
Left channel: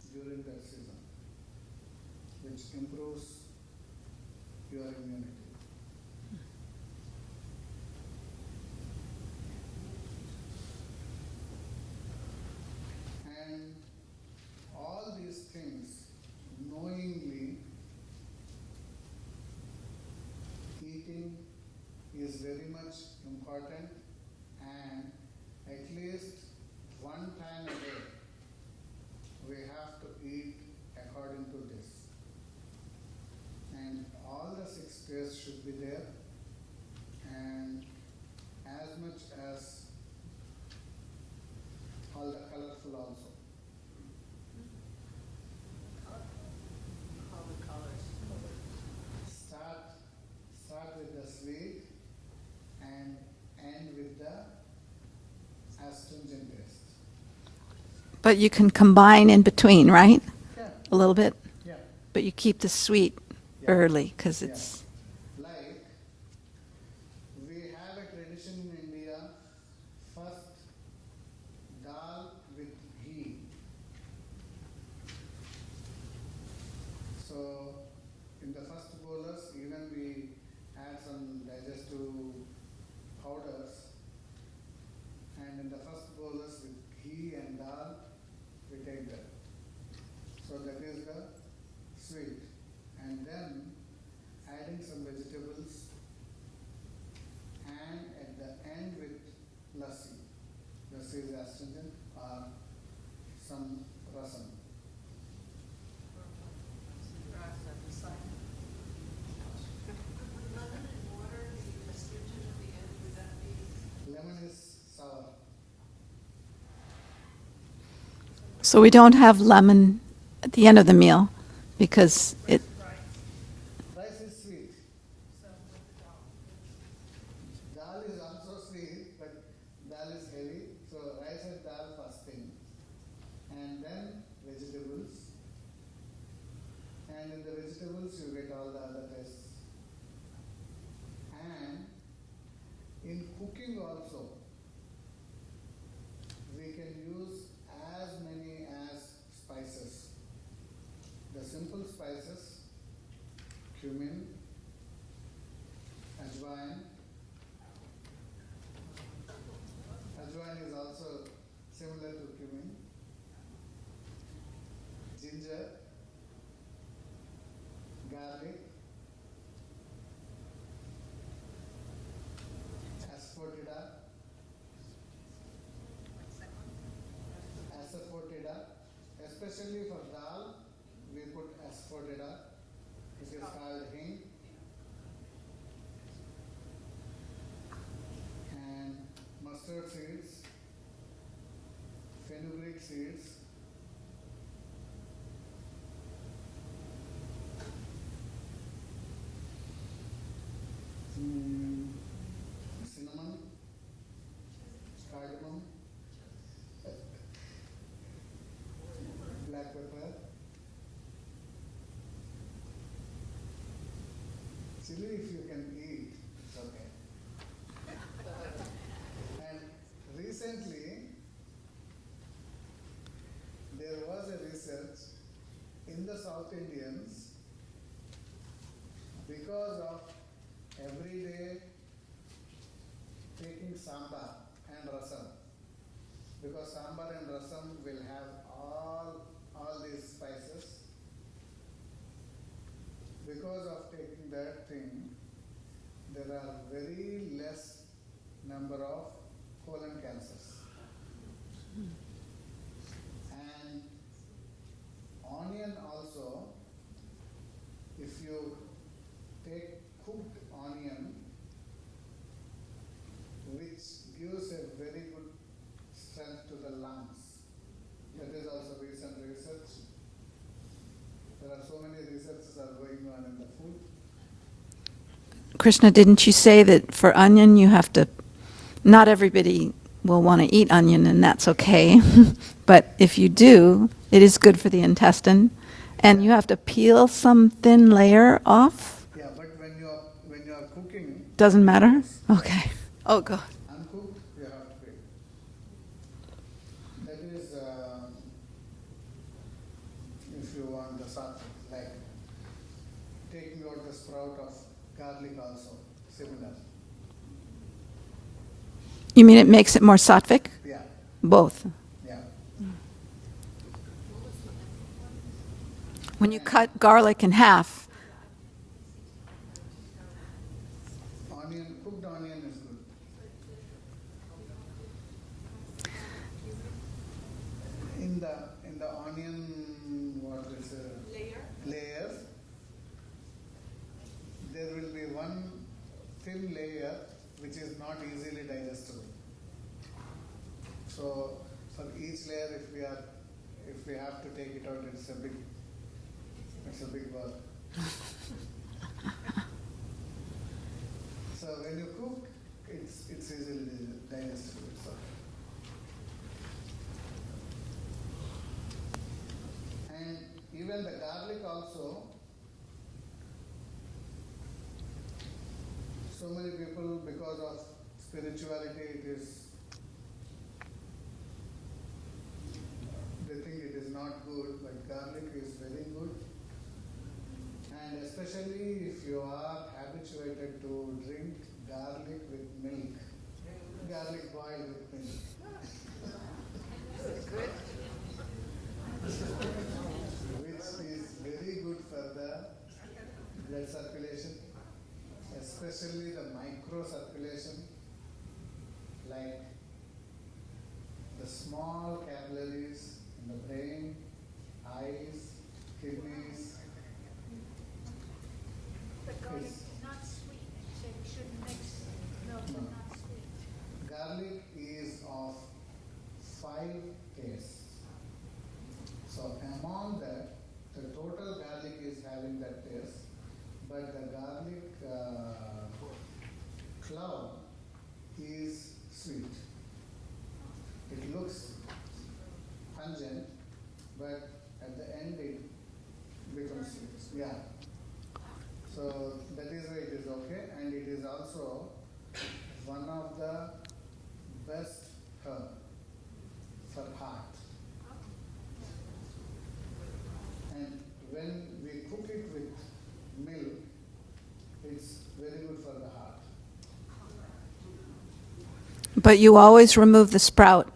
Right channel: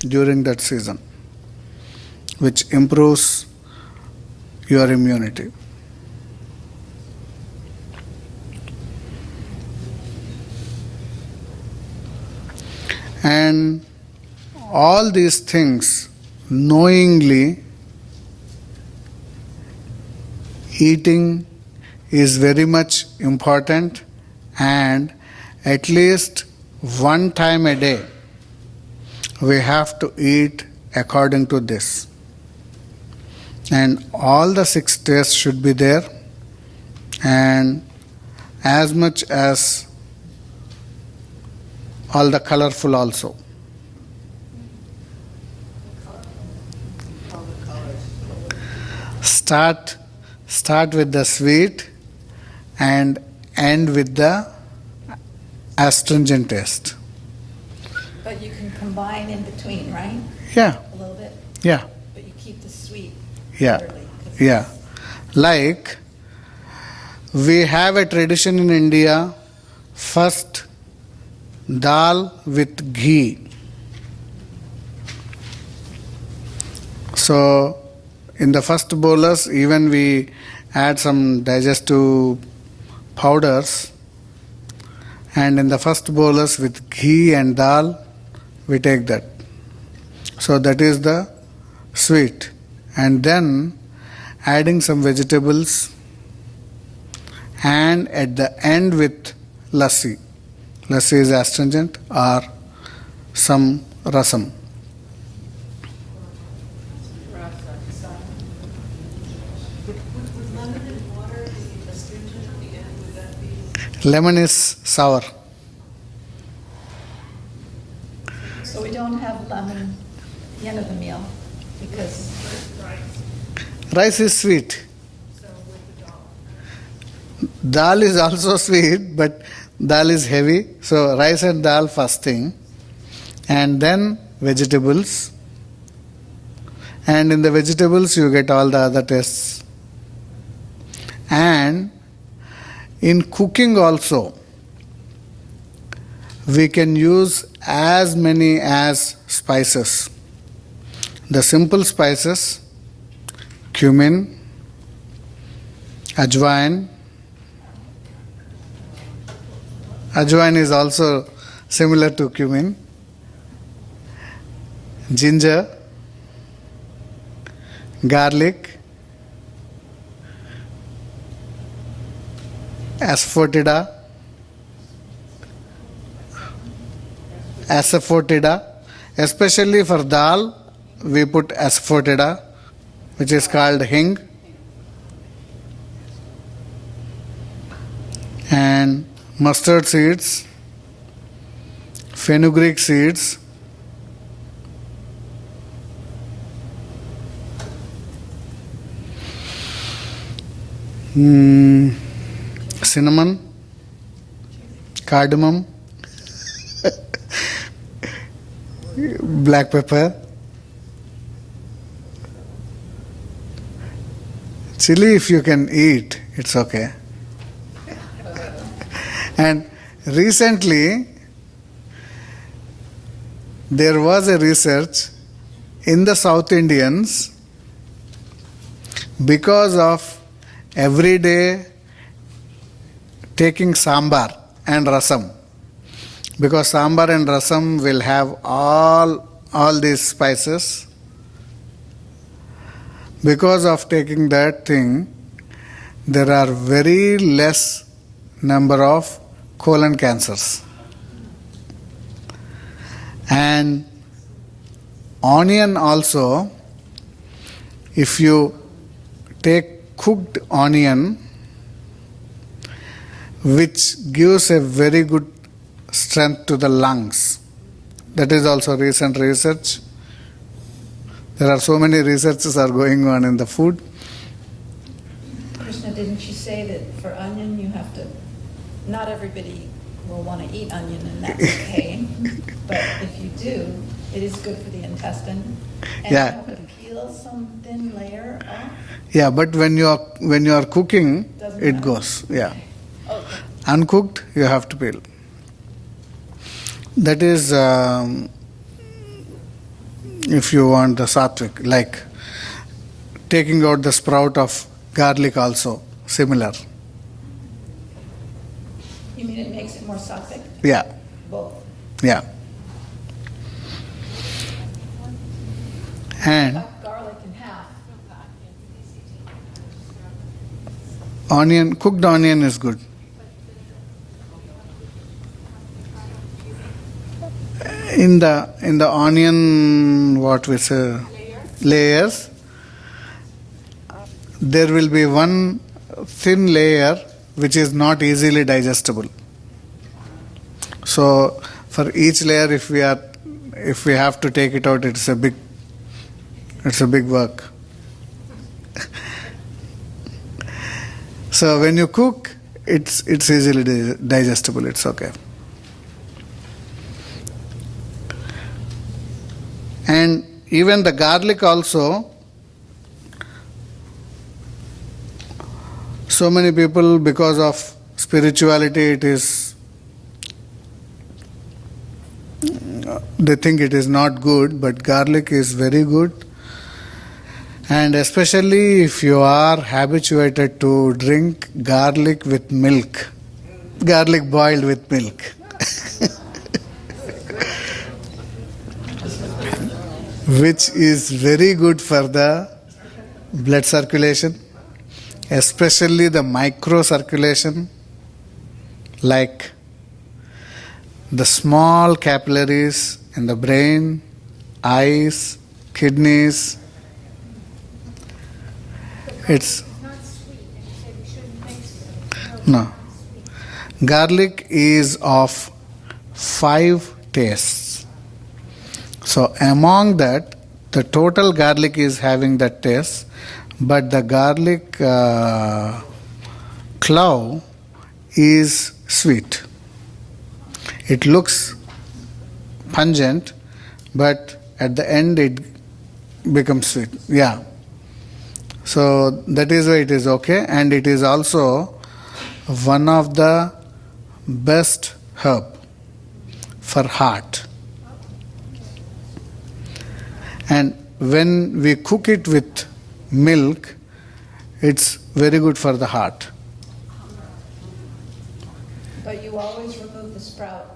during that season, which improves your immunity. And all these things, knowingly eating is very much important, and at least one time a day we have to eat according to this. And all the 6 tastes should be there, and as much as all the colorful also. Start with the sweet and end with the astringent taste. But you can combine in between, right? Yeah. A little bit? Yeah. But you keep the sweet Yeah. early. 'Cause Yeah. Like We have a tradition in India, first dal with ghee. So, in the first bolus, even we add some digestive powders, and in the first bolus with ghee and dal, we take that. So, that is the sweet. And then adding some vegetables, and at the end with lassi. Lassi is astringent, or some rasam. Lemon is sour. So we don't have lemon at the end of the meal because it, Rice is sweet. Dal is also sweet, but dal is heavy. So rice and dal first thing, and then vegetables. And in the vegetables you get all the other tastes. And in cooking also, we can use as many as spices. The simple spices, cumin, ajwain. Ajwain is also similar to cumin. Ginger, garlic, asafoetida, especially for dal, we put asafoetida, which is called hing, and mustard seeds, fenugreek seeds, cinnamon, cardamom, black pepper, chili if you can eat, it's okay. And recently, there was a research in the South Indians, because of every day taking sambar and rasam, because sambar and rasam will have all these spices. Because of taking that thing, there are very less number of colon cancers. And onion also, if you take cooked onion, which gives a very good strength to the lungs. That is also recent research. There are so many researches are going on in the food. Krishna, didn't you say that for onion you have to, not everybody will want to eat onion and that's okay, but if you do, it is good for the intestine, and Yeah. you have to peel some thin layer off? Yeah, but when you are cooking, Doesn't it matter? goes. Okay. Yeah. Okay. Uncooked, you have to peel. That is, if you want the sattvic, like taking out the sprout of garlic also, similar. You mean it makes it more sattvic? Yeah, Both. yeah. And Cut garlic in half. onion, cooked onion is good. In the onion, what we say, layers, there will be one thin layer which is not easily digestible. So for each layer, if we have to take it out, it's a big work. So when you cook, it's easily digestible. It's okay. And even the garlic also, So many people, because of spirituality, they think it is not good, but garlic is very good. And especially if you are habituated to drink garlic with milk, garlic boiled with milk. Which is very good for the blood circulation, especially the micro circulation, like the small capillaries in the brain, eyes, kidneys. It's no. Garlic is of 5 tastes. So among that, the total garlic is having that taste, but the garlic clove is sweet. It looks pungent, but at the end it becomes sweet. Yeah. So that is why it is okay, and it is also one of the best herb for heart. And when we cook it with milk, it's very good for the heart. But you always remove the sprout.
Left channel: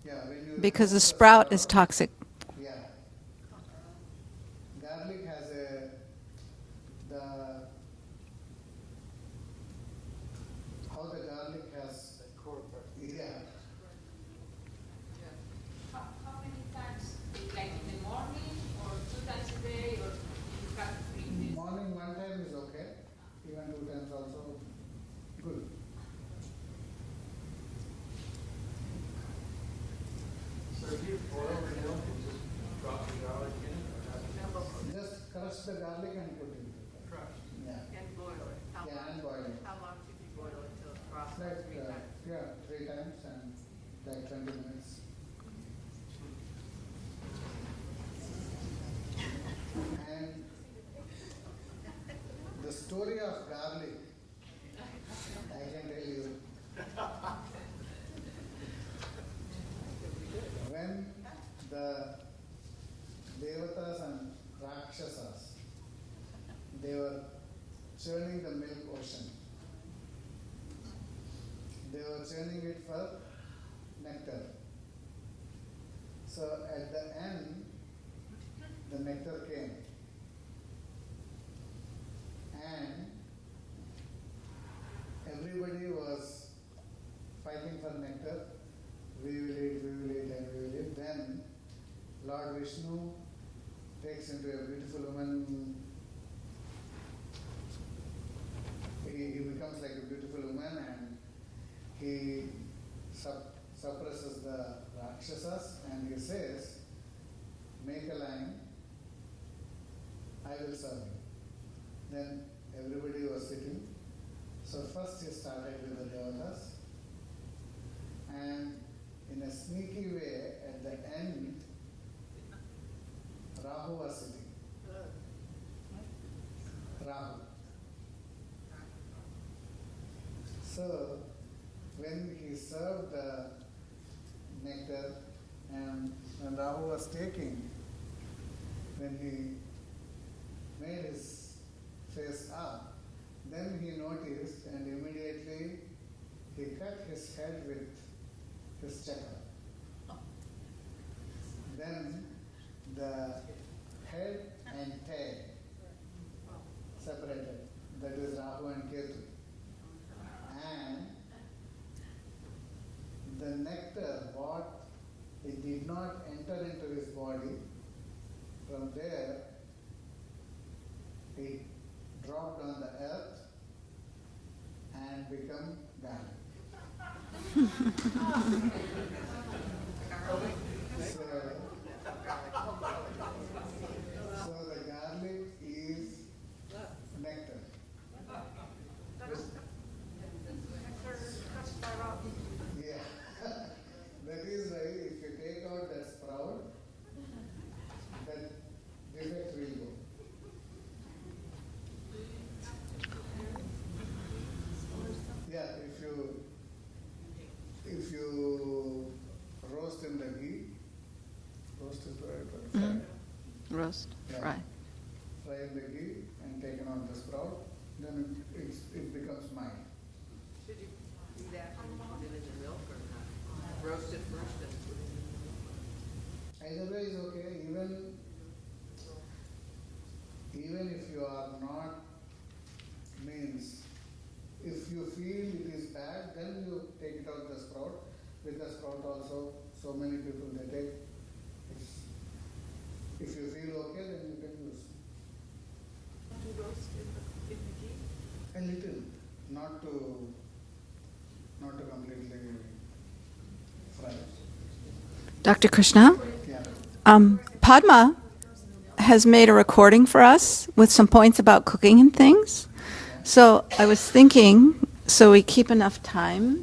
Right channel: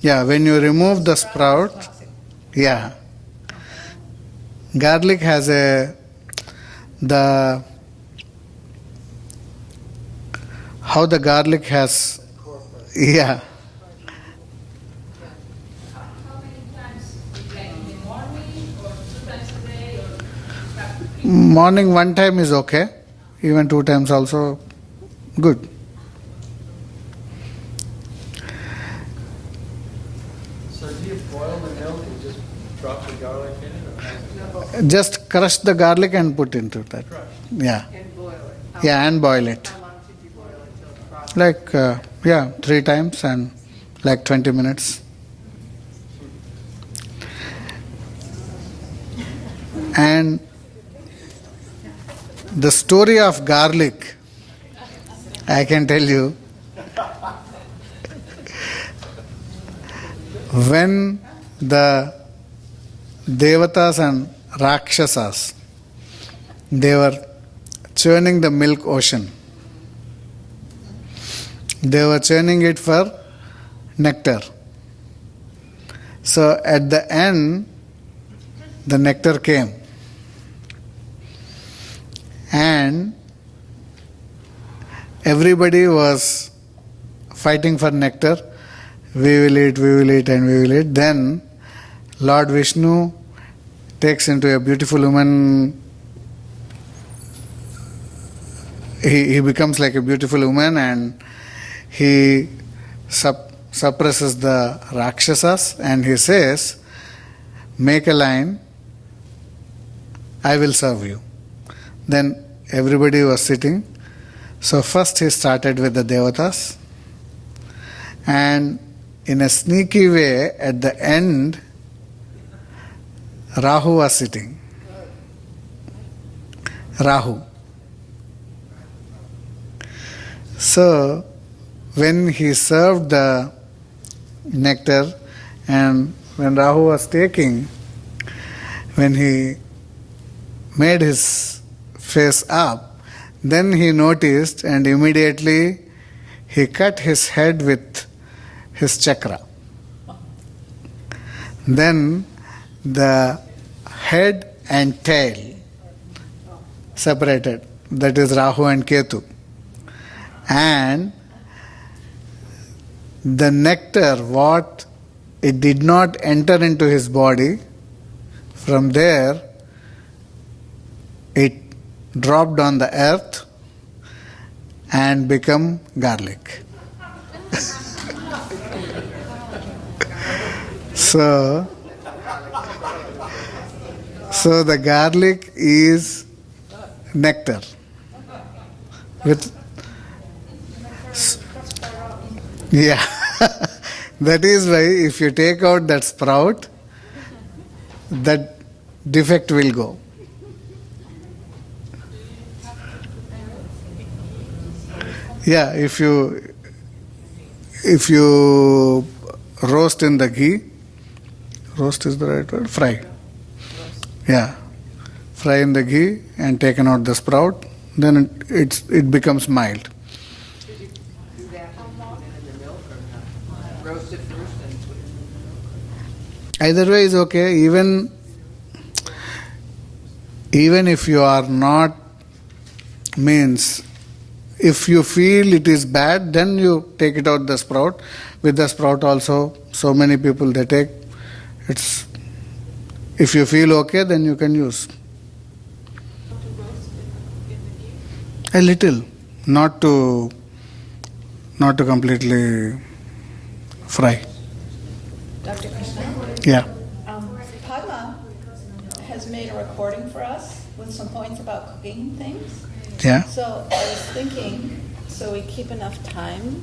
Yeah, when you remove Because the sprout is toxic. yeah. Garlic has how the garlic has, yeah. How many times? Like in the morning or 2 times a day or Morning 1 time is okay, even 2 times also good. So do you boil the milk and just drop the garlic in it? Or Just crush the garlic and put into that. Yeah. And boil it. Yeah, and boil it. How long should you boil it till it's proper? Like, 3 times and like 20 minutes. And the story of garlic, I can tell you, when the Devatas and Rakshasas, they were churning the milk ocean. They were churning it for nectar. So at the end, the nectar came. And everybody was fighting for nectar. We will eat, and we will eat. Then Lord Vishnu takes into a beautiful woman. He becomes like a beautiful woman, and he suppresses the Rakshasas, and he says, make a line, I will serve you. Then everybody was sitting. So first he started with the Devatas, and in a sneaky way, at the end, Rahu was sitting. Rahu. So when he served the nectar, and when Rahu was taking, when he made his face up, then he noticed, and immediately he cut his head with his chakra. Then the head and tail separated. That is Rahu and Ketu. And the nectar, what it did not enter into his body, from there it dropped on the earth and become garlic. So the garlic is nectar. Yeah. That is why if you take out that sprout, that defect will go. Yeah, if you roast in the ghee, roast is the right word? Fry. Yeah. Fry in the ghee and taken out the sprout, then it becomes mild. Did you do that and put it in the milk or not? Roast it first and put it in the milk? Either way is okay. Even if you are not, means if you feel it is bad, then you take it out the sprout. With the sprout also, so many people they take. It's, if you feel okay, then you can use. A little, not to completely fry. Dr. Krishna? Yeah. Padma has made a recording for us with some points about cooking and things. Yeah. So I was thinking, so we keep enough time,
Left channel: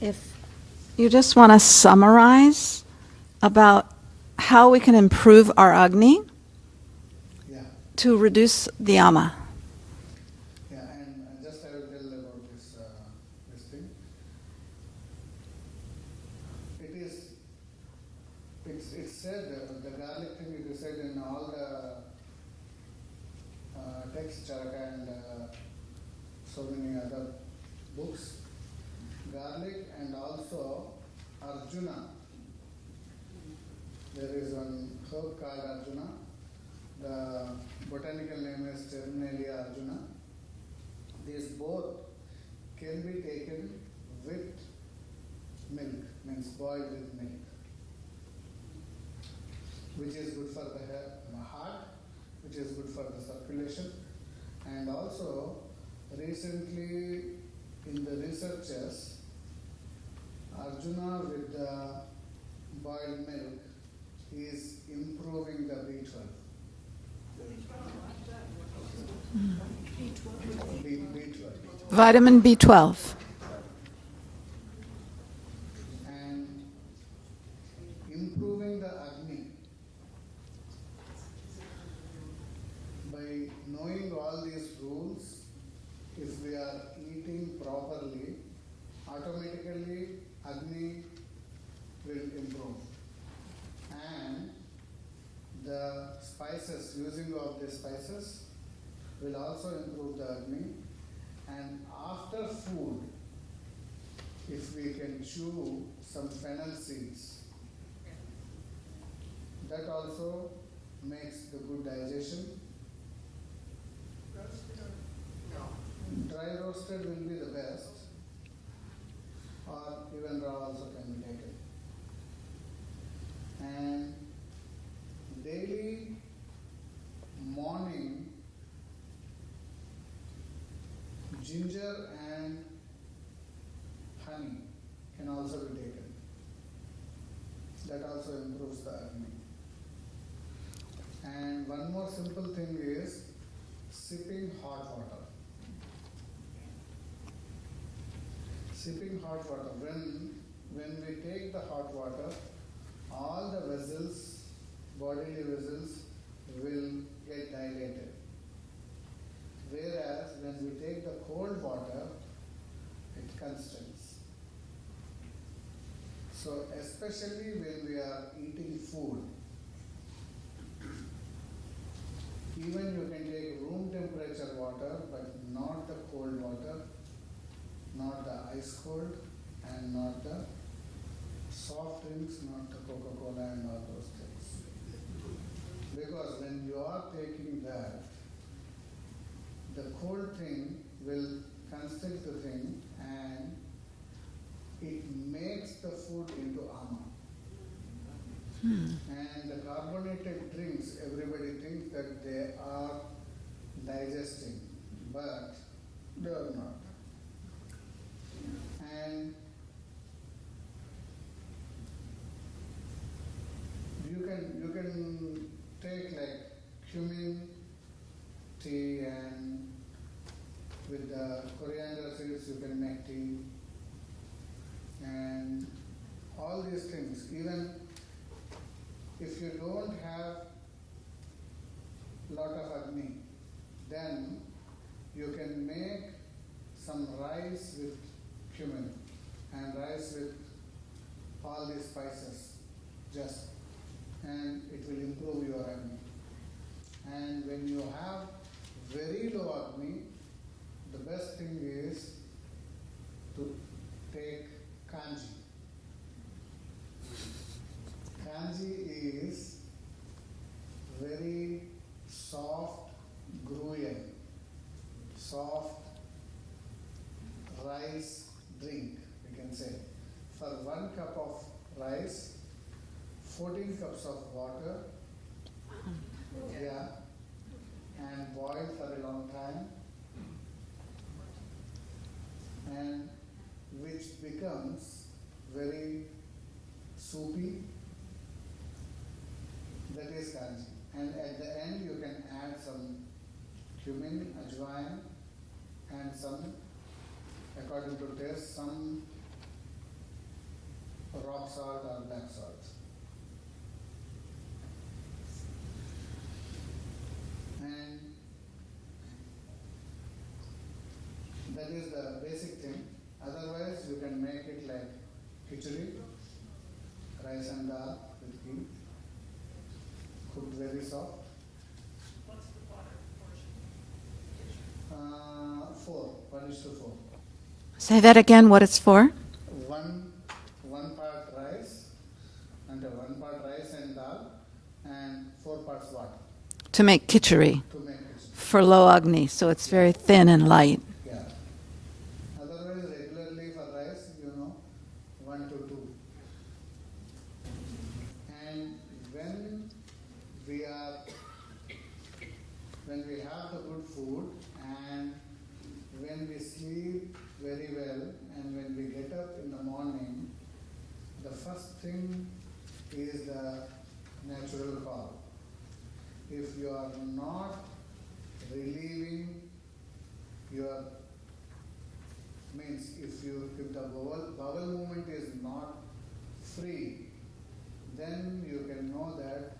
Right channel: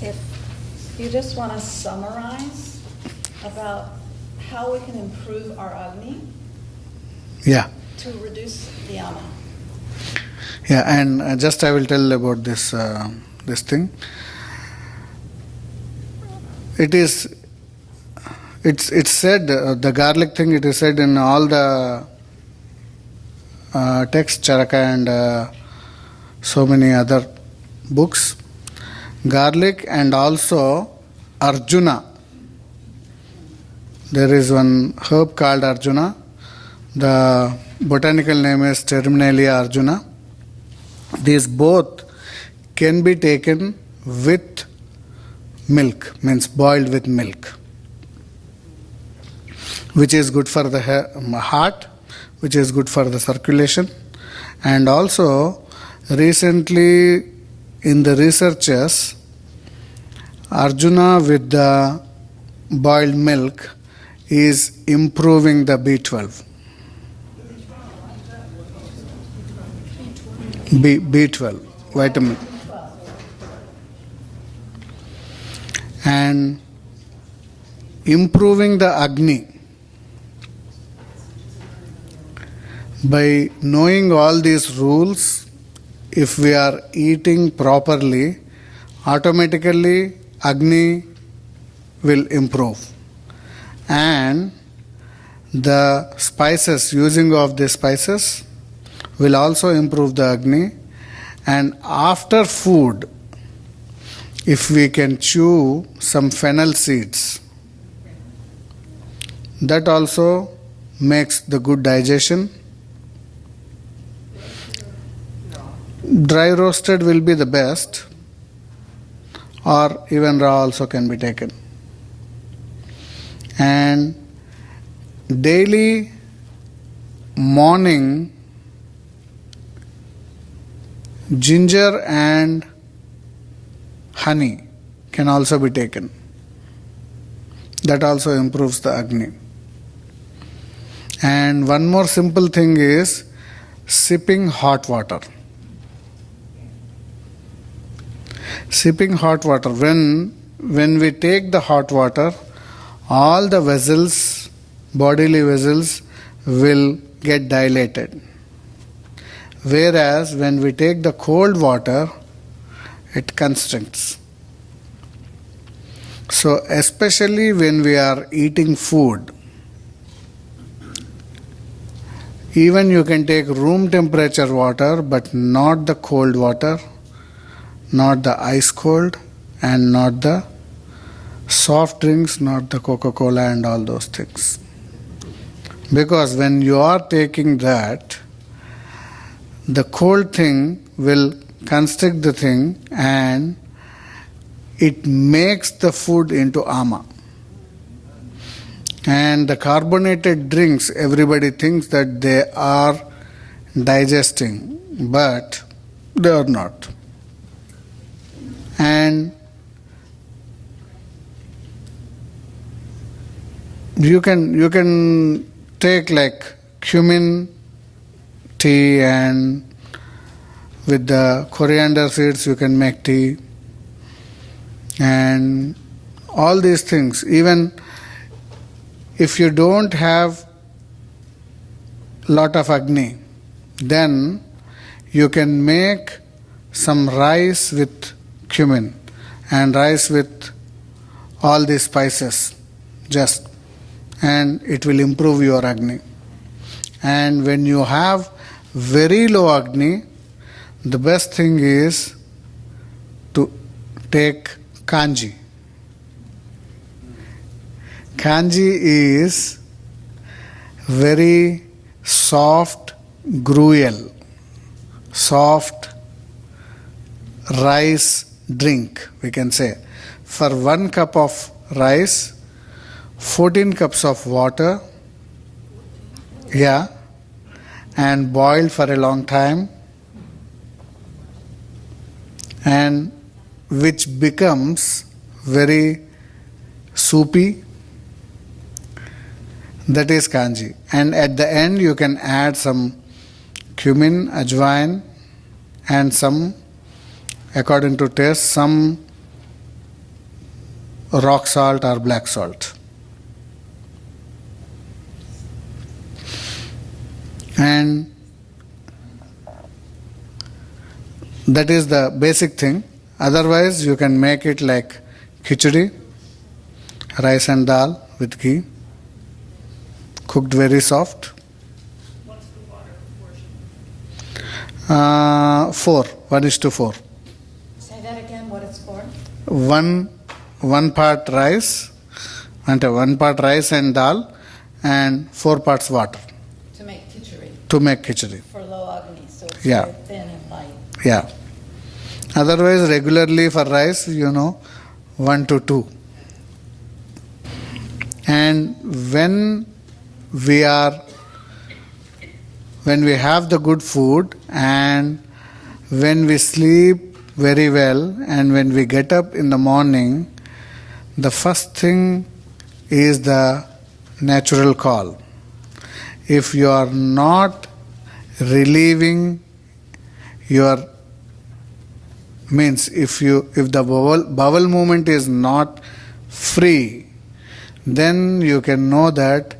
if you just want to summarize about how we can improve our Agni Yeah. to reduce the ama. Yeah, and just I will tell about this thing. It's said, the garlic thing, it is said in all the texts, Charaka and so many other books. Garlic and also Arjuna. There is one herb called Arjuna. The botanical name is Terminalia Arjuna. These both can be taken with milk, means boiled with milk, which is good for the heart, which is good for the circulation. And also, recently in the researches, Arjuna with the boiled milk is improving the B12. B12. Vitamin B12. And improving the Agni. By knowing all these rules, if we are eating properly, automatically Agni will improve. And the spices, using of the spices, will also improve the Agni. And after food, if we can chew some fennel seeds, that also makes the good digestion. Dry roasted will be the best, or even raw also can be taken. And daily morning, ginger and honey can also be taken. That also improves the Agni. And one more simple thing is sipping hot water. Sipping hot water. When we take the hot water, all the vessels, bodily vessels, will get dilated. Whereas when we take the cold water, it constricts. So especially when we are eating food, even you can take room temperature water, but not the cold water, not the ice cold, and not the soft drinks, not the Coca-Cola and all those things. Because when you are taking that, the cold thing will constrict the thing and it makes the food into ama. And the carbonated drinks, everybody thinks that they are digesting, but they are not. And you can take like cumin tea, and with the coriander seeds you can make tea, and all these things. Even if you don't have lot of Agni, then you can make some rice with cumin and rice with all these spices, just, and it will improve your Agni. And when you have very low Agni, the best thing is to take kanji. Kanji is very soft gruel, soft rice drink, we can say. For 1 cup of rice, 14 cups of water, and boiled for a long time, and which becomes very soupy. That is kanji. And at the end you can add some cumin, ajwain, and some, according to taste, some rock salt or black salt. And that is the basic thing. Otherwise you can make it like khichdi, rice and dal with ghee, cooked very soft. What's the water portion? 4, 1:4. Say that again, what it's for? One part rice, and 1 part rice and dal, and 4 parts water To make khichdi to make khichdi. for low Agni, so it's Yeah. very thin and light. Yeah. Otherwise, regularly for rice, 1 to 2. And when we have the good food, and when we sleep very well, and when we get up in the morning, the first thing is the natural call. If you are not relieving your means, if the bowel movement is not free, then you can know that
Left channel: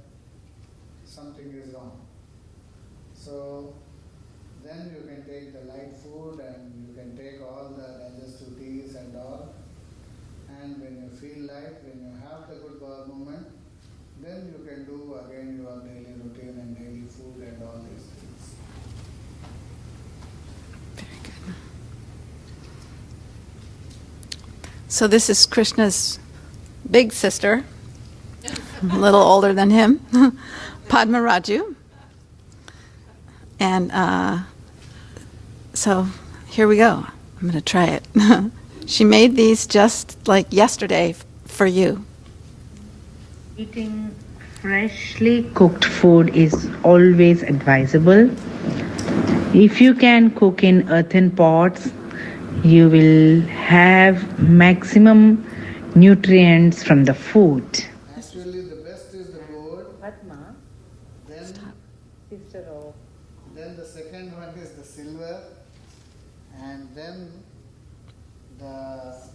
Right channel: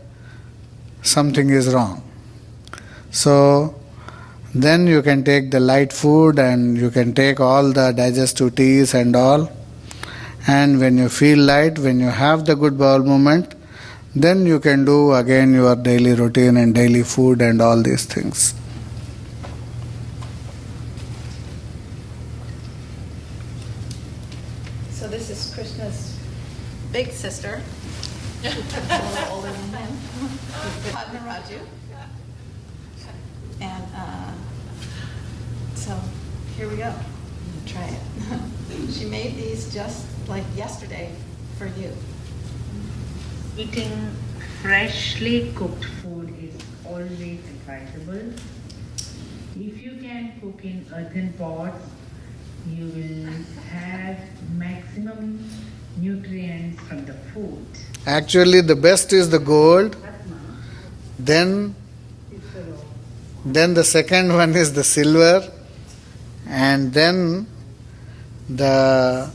something is wrong. So then you can take the light food, and you can take all the digestive teas and all. And when you feel light, when you have the good bowel movement, then you can do again your daily routine and daily food and all these things. So this is Krishna's big sister, a little older than him, Padma Raju. And so here we go. I'm going to try it. She made these just like yesterday for you. Eating freshly cooked food is always advisable. If you can cook in earthen pots, you will have maximum nutrients from the food. Actually, the best is the gold. Then the second one is the silver, and then the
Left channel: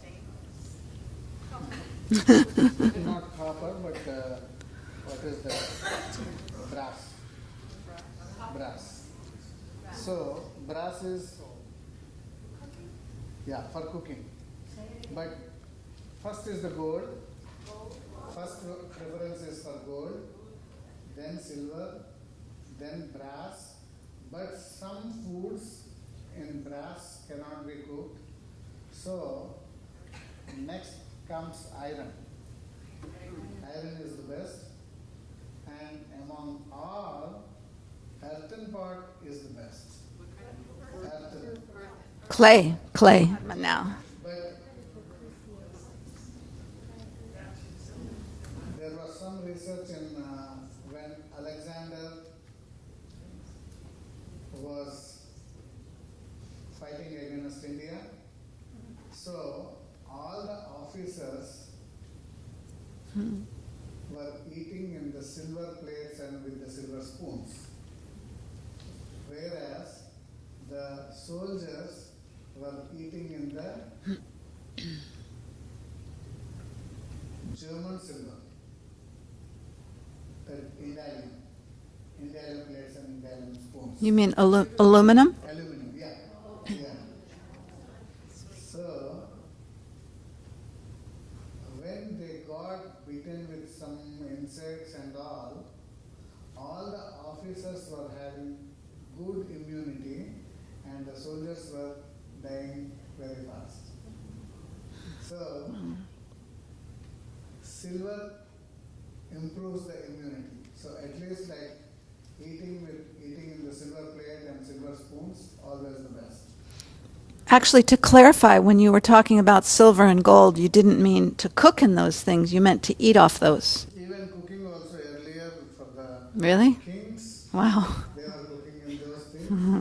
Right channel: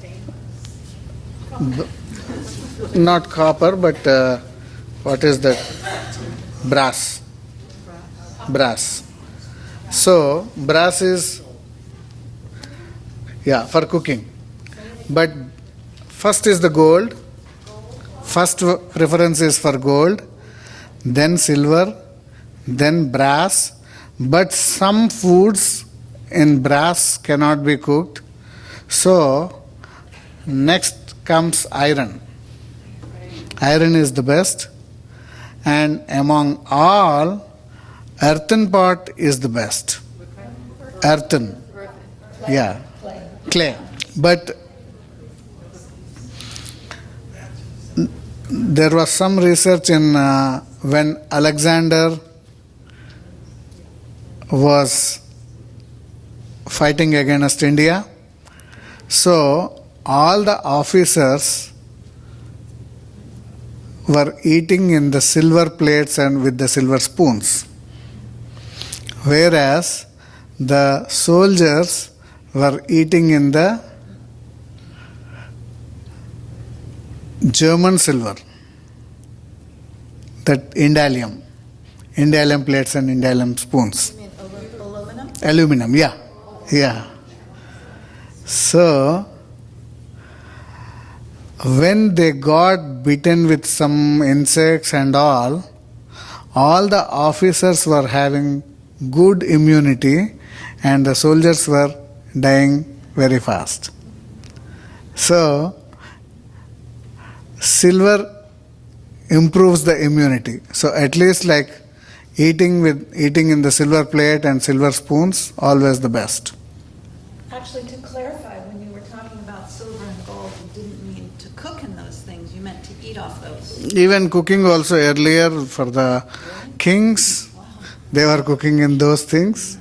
not copper, but what is that? Brass. So brass is for cooking. But first is the gold. First preference is for gold, then silver, then brass. But some foods in brass cannot be cooked. So next comes iron. Iron is the best. And among all, earthen pot is the best. Earthen. Clay. Yeah. Clay. But there was some research in when Alexander was fighting against India. So all the officers were eating in the silver plates and with the silver spoons, whereas the soldiers were eating in the German silver, that indalium plates and indalium spoons. You mean aluminum? Aluminum, yeah. So, when they got bitten with some insects and all the officers were having good immunity and the soldiers were dying very fast. So, silver improves the immunity. So at least like eating in the silver plate and silver spoons, always the best. Actually, to clarify, when you were talking about silver and gold, you didn't mean to cook in those things. You meant to eat off those. Even cooking also earlier for the Really? kings, Wow. they were cooking in those things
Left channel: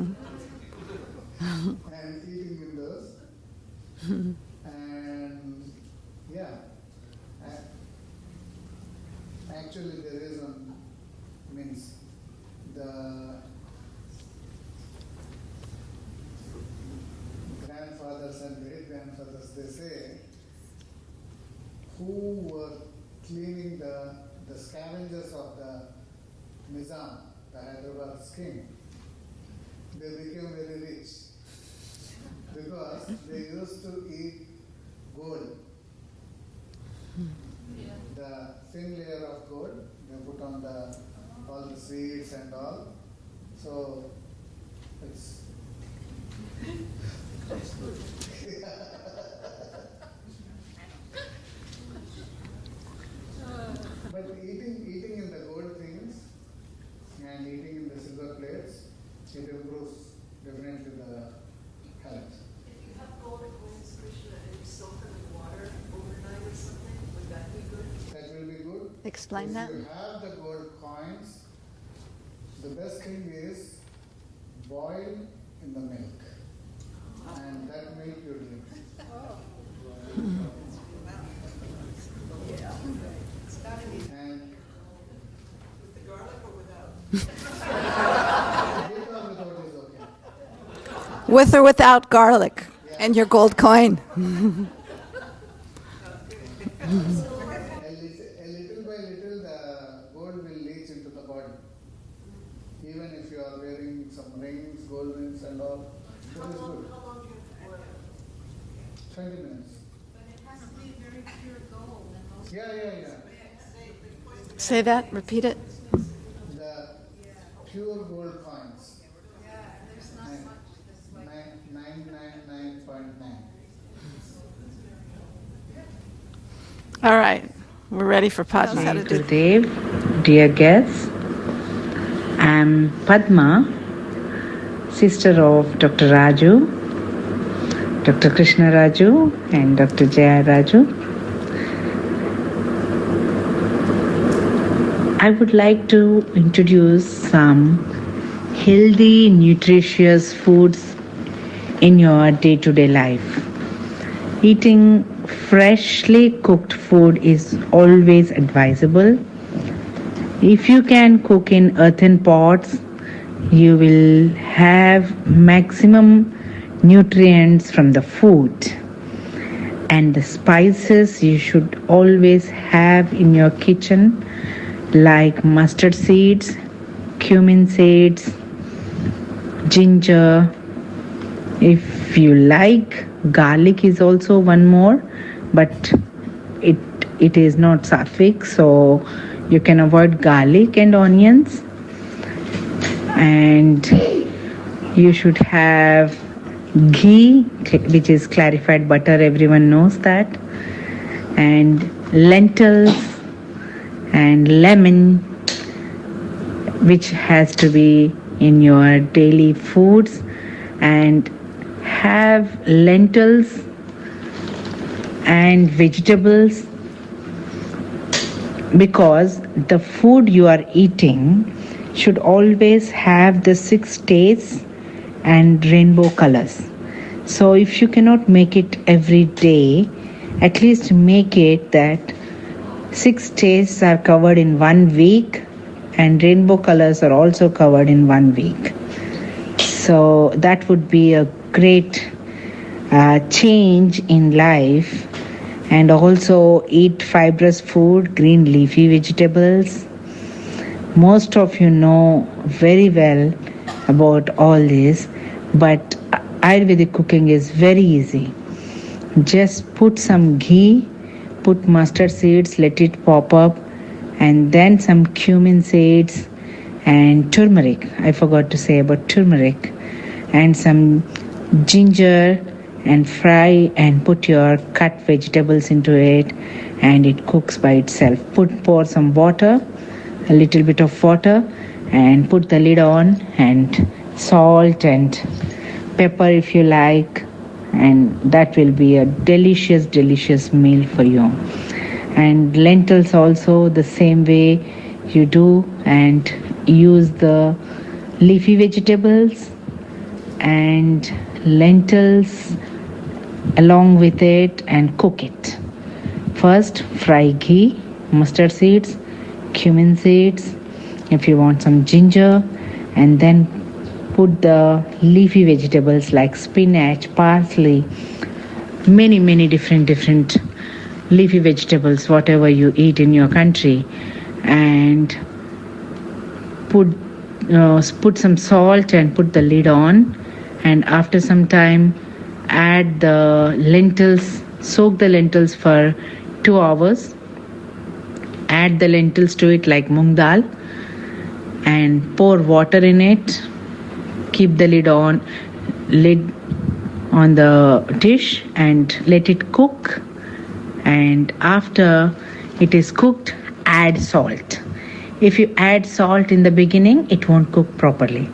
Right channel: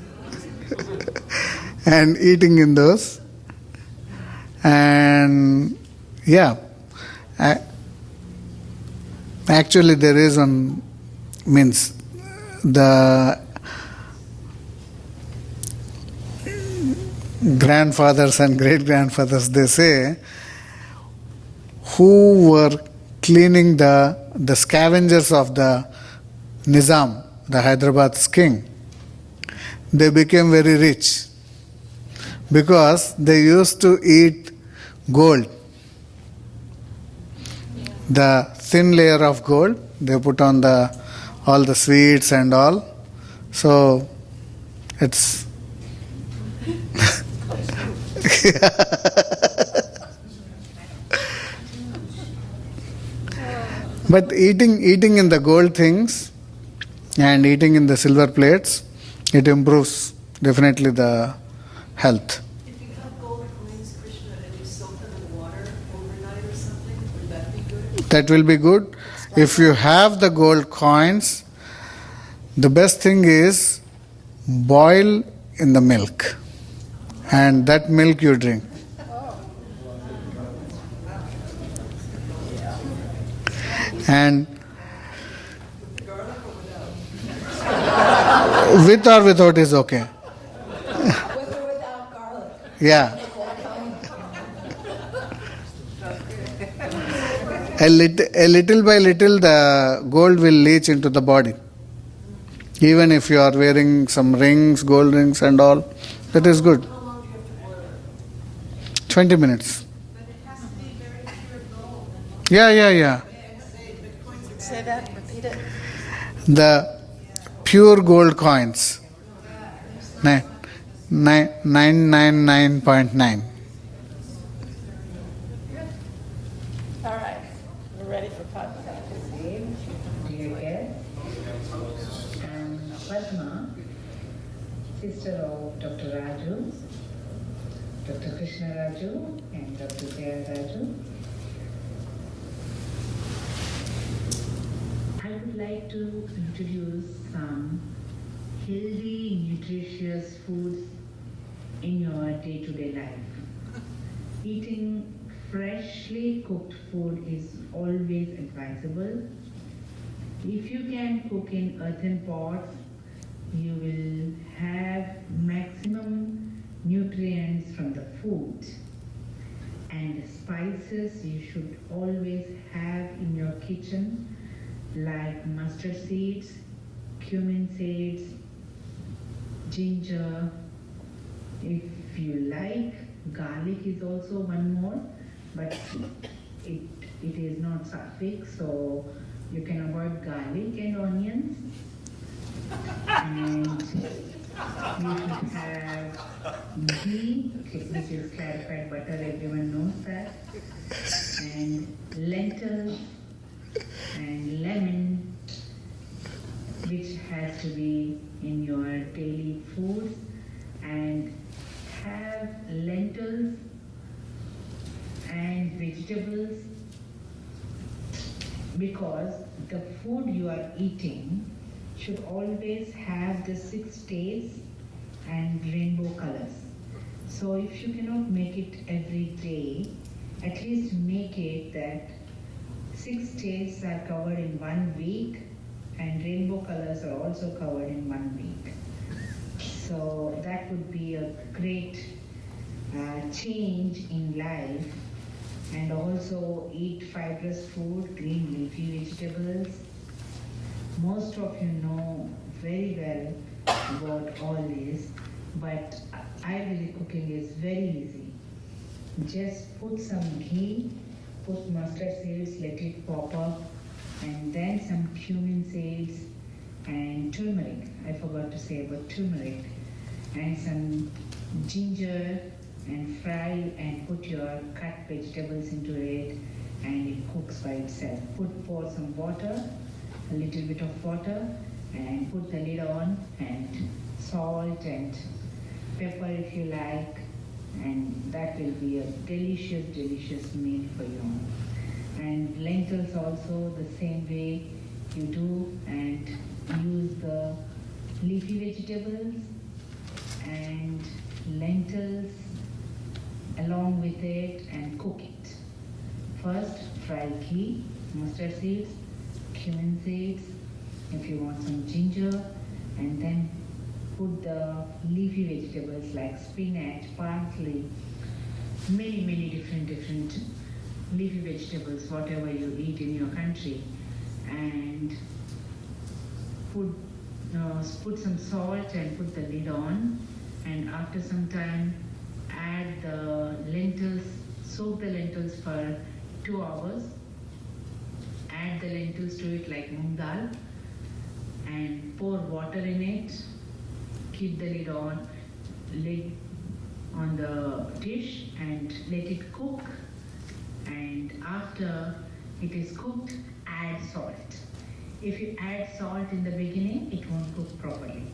and eating in those. And yeah, actually there is one, means the grandfathers and great grandfathers, they say, who were cleaning the scavengers of the Nizam, the Hyderabad's king, they became very rich because they used to eat gold. The thin layer of gold, they put on all the sweets and all. So it's but eating in the gold things and eating in the silver plates, it improves definitely the health. If you have gold coins, Krishna, and you soak them in water overnight or something, would that be good? That will be good. If you have the gold coins, the best thing is boil in the milk, and that milk you drink. And with or without is okay. With or without garlic. Yeah. And your gold coin. A little by little, the gold will leach into the body. Even if you are wearing some rings, gold rings and all, that is good. 20 minutes. Yeah. Say that, repeat it. The pure gold coins, 999.9. All right. We're ready for Padma. Dev, dear guests, I'm Padma, sister of Dr. Raju, Dr. Krishna Raju, and Dr. Jaya Raju. I would like to introduce some healthy, nutritious foods in your day-to-day life. Eating freshly cooked food is always advisable. If you can cook in earthen pots, you will have maximum nutrients from the food. And the spices you should always have in your kitchen, like mustard seeds, cumin seeds, ginger. If you like, garlic is also one more, but it is not sattvic, so you can avoid garlic and onions. And you should have ghee, which is clarified butter, everyone knows that, and lentils and lemon, which has to be in your daily foods. And have lentils and vegetables, because the food you are eating should always have the 6 tastes and rainbow colors. So if you cannot make it every day, at least make it that 6 tastes are covered in 1 week and rainbow colors are also covered in 1 week. So that would be a great change in life. And also eat fibrous food, green leafy vegetables. Most of you know very well about all this, but Ayurvedic cooking is very easy. Just put some ghee, put mustard seeds, let it pop up, and then some cumin seeds and turmeric. I forgot to say about turmeric, and some ginger, and fry and put your cut vegetables into it, and it cooks by itself. Pour some water, a little bit of water, and put the lid on, and salt and pepper if you like, and that will be a delicious meal for you. And lentils also the same way you do, and use the leafy vegetables and lentils along with it and cook it. First fry ghee, mustard seeds, cumin seeds, if you want some ginger, and then put the leafy vegetables like spinach, parsley, many different leafy vegetables, whatever you eat in your country, and put some salt and put the lid on, and after some time add the lentils, soak the lentils for 2 hours, add the lentils to it like mung dal, and pour water in it, keep the lid on the dish and let it cook, and after it is cooked, add salt. If you add salt in the beginning, it won't cook properly.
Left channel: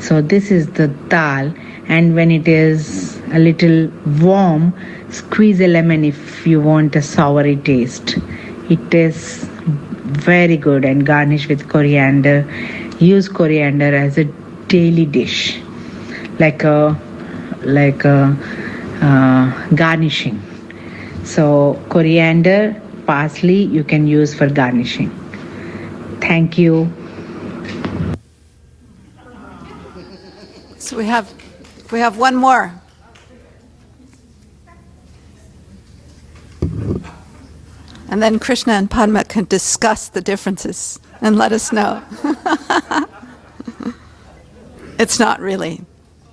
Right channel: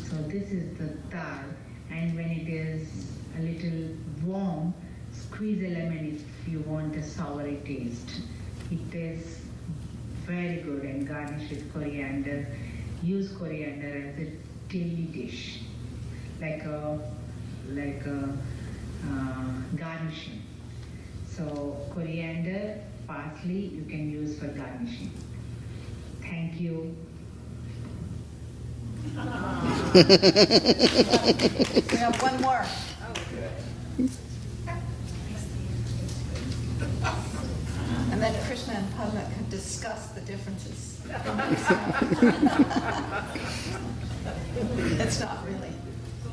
So this is the dal, and when it is a little warm, squeeze a lemon if you want a soury taste. It tastes very good, and garnish with coriander. Use coriander as a daily dish, like a garnishing. So coriander, parsley you can use for garnishing. Thank you. We have one more. And then Krishna and Padma can discuss the differences and let us know. It's not really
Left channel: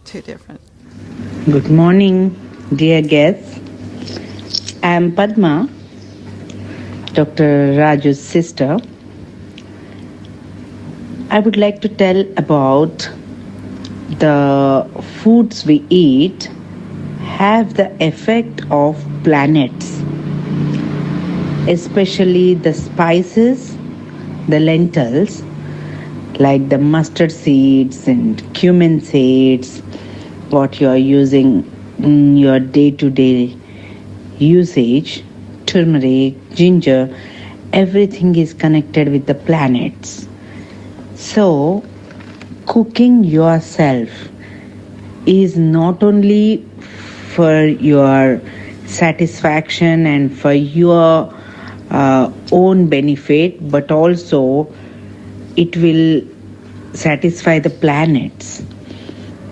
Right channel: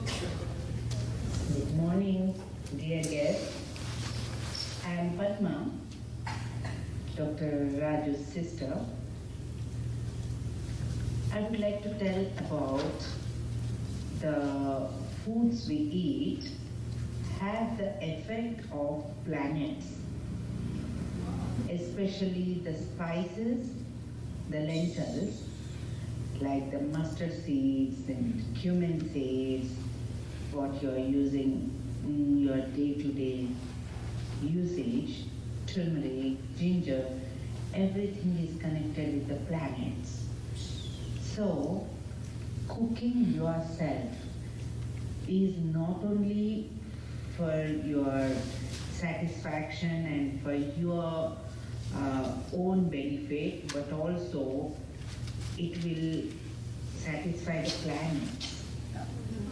too different. Good morning, dear guests. I am Padma, Dr. Raju's sister. I would like to tell about the foods we eat have the effect of planets, especially the spices, the lentils, like the mustard seeds and cumin seeds, what you are using in your day-to-day usage, turmeric, ginger, everything is connected with the planets. So, cooking yourself is not only for your satisfaction and for your own benefit, but also it will satisfy the planets,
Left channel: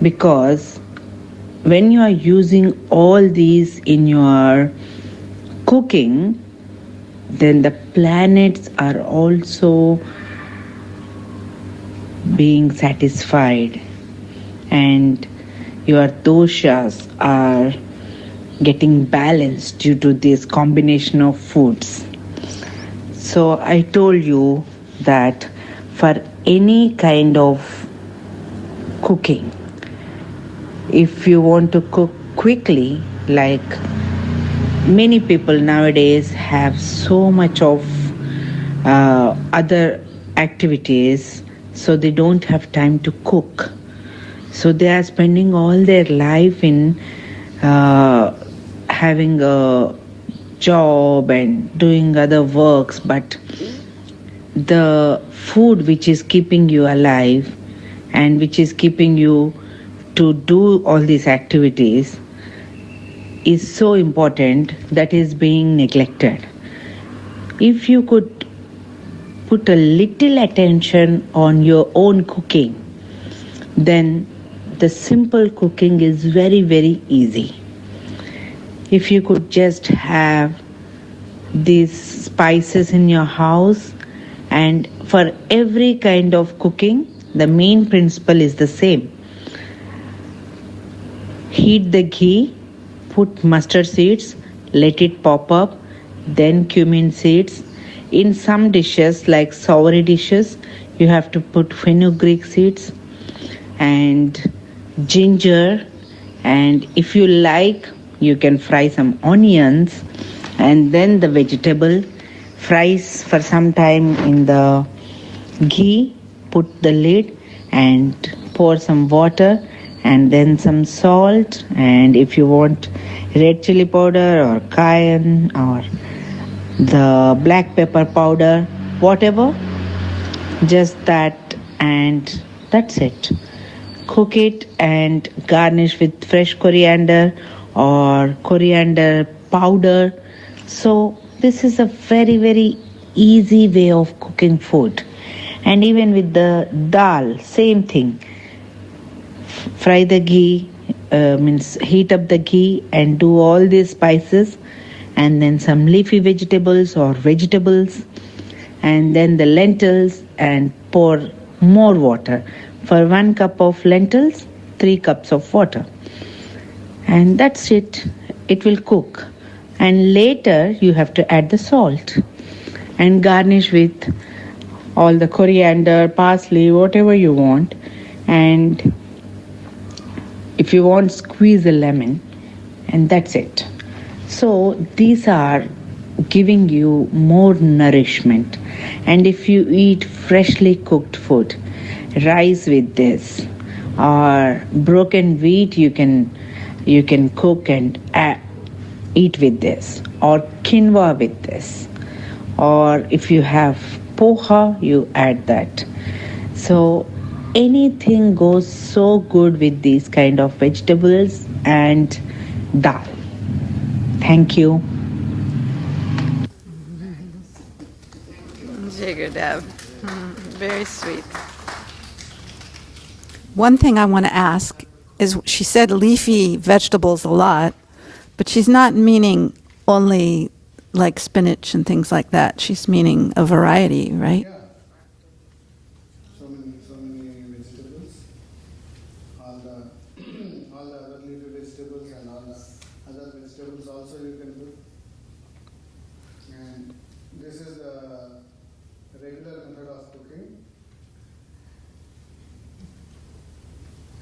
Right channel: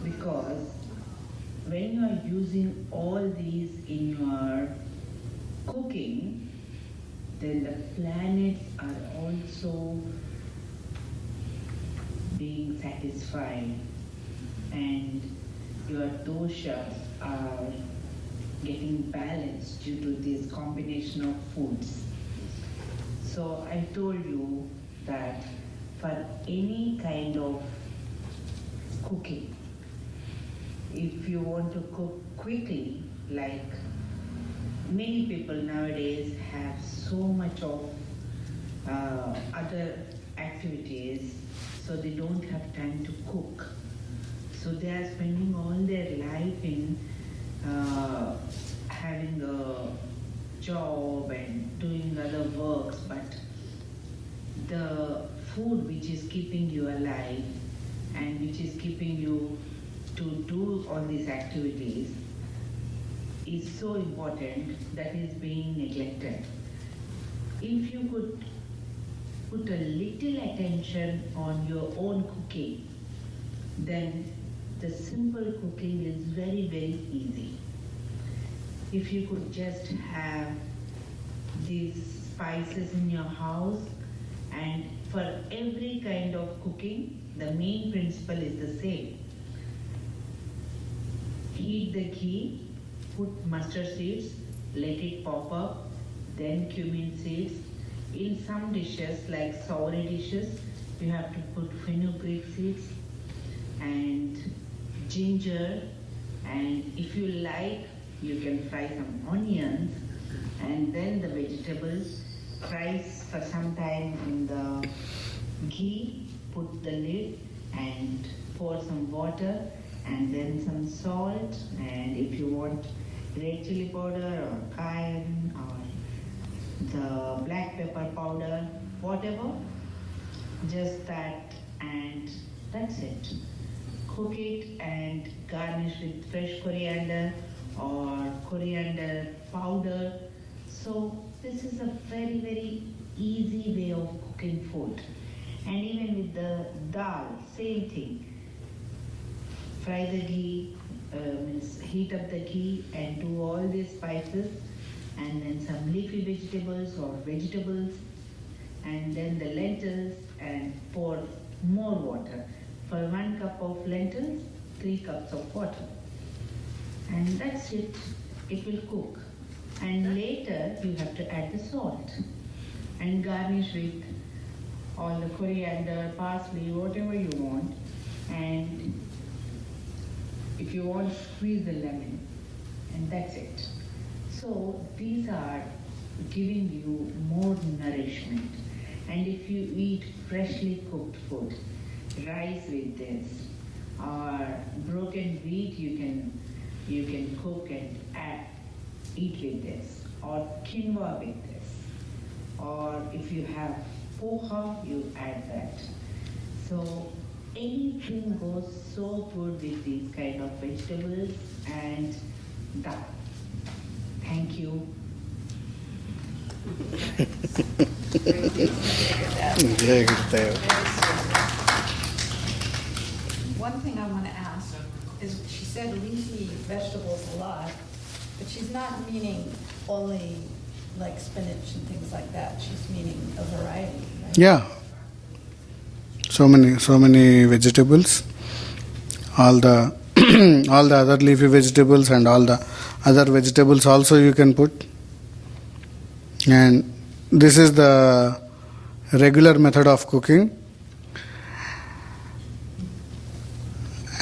because when you are using all these in your cooking, then the planets are also being satisfied, and your doshas are getting balanced due to this combination of foods. So I told you that for any kind of cooking, if you want to cook quickly, like many people nowadays have so much of other activities, so they don't have time to cook. So they are spending all their life in having a job and doing other works, but the food which is keeping you alive and which is keeping you to do all these activities is so important, that is being neglected. If you could put a little attention on your own cooking, then the simple cooking is very, very easy. If you could just have these spices in your house, and for every kind of cooking, the main principle is the same. Heat the ghee, put mustard seeds, let it pop up, then cumin seeds. In some dishes, like soury dishes, you have to put fenugreek seeds and ginger, and if you like, you can fry some onions, and then the vegetable fries for some time in the ghee, put the lid and pour some water and then some salt, and if you want red chili powder or cayenne or the black pepper powder, whatever, just that, and that's it. Cook it and garnish with fresh coriander or coriander powder. So this is a very, very easy way of cooking food. And even with the dal, same thing. Fry the ghee, means heat up the ghee and do all these spices, and then some leafy vegetables or vegetables, and then the lentils, and pour more water. For 1 cup of lentils, 3 cups of water. And that's it. It will cook. And later you have to add the salt and garnish with all the coriander, parsley, whatever you want. And if you want, squeeze a lemon, and that's it. So these are giving you more nourishment. And if you eat freshly cooked food, rice with this, or broken wheat, you can cook and eat with this, or quinoa with this, or if you have poha, you add that. So anything goes so good with these kind of vegetables and dal. Thank you. Very sweet. One thing I want to ask is, she said leafy vegetables a lot, but she's not meaning only like spinach and things like that. She's meaning a variety, right? Yeah. So many vegetables. All the all the other leafy vegetables and all the other vegetables also you can put. And this is the regular method of cooking.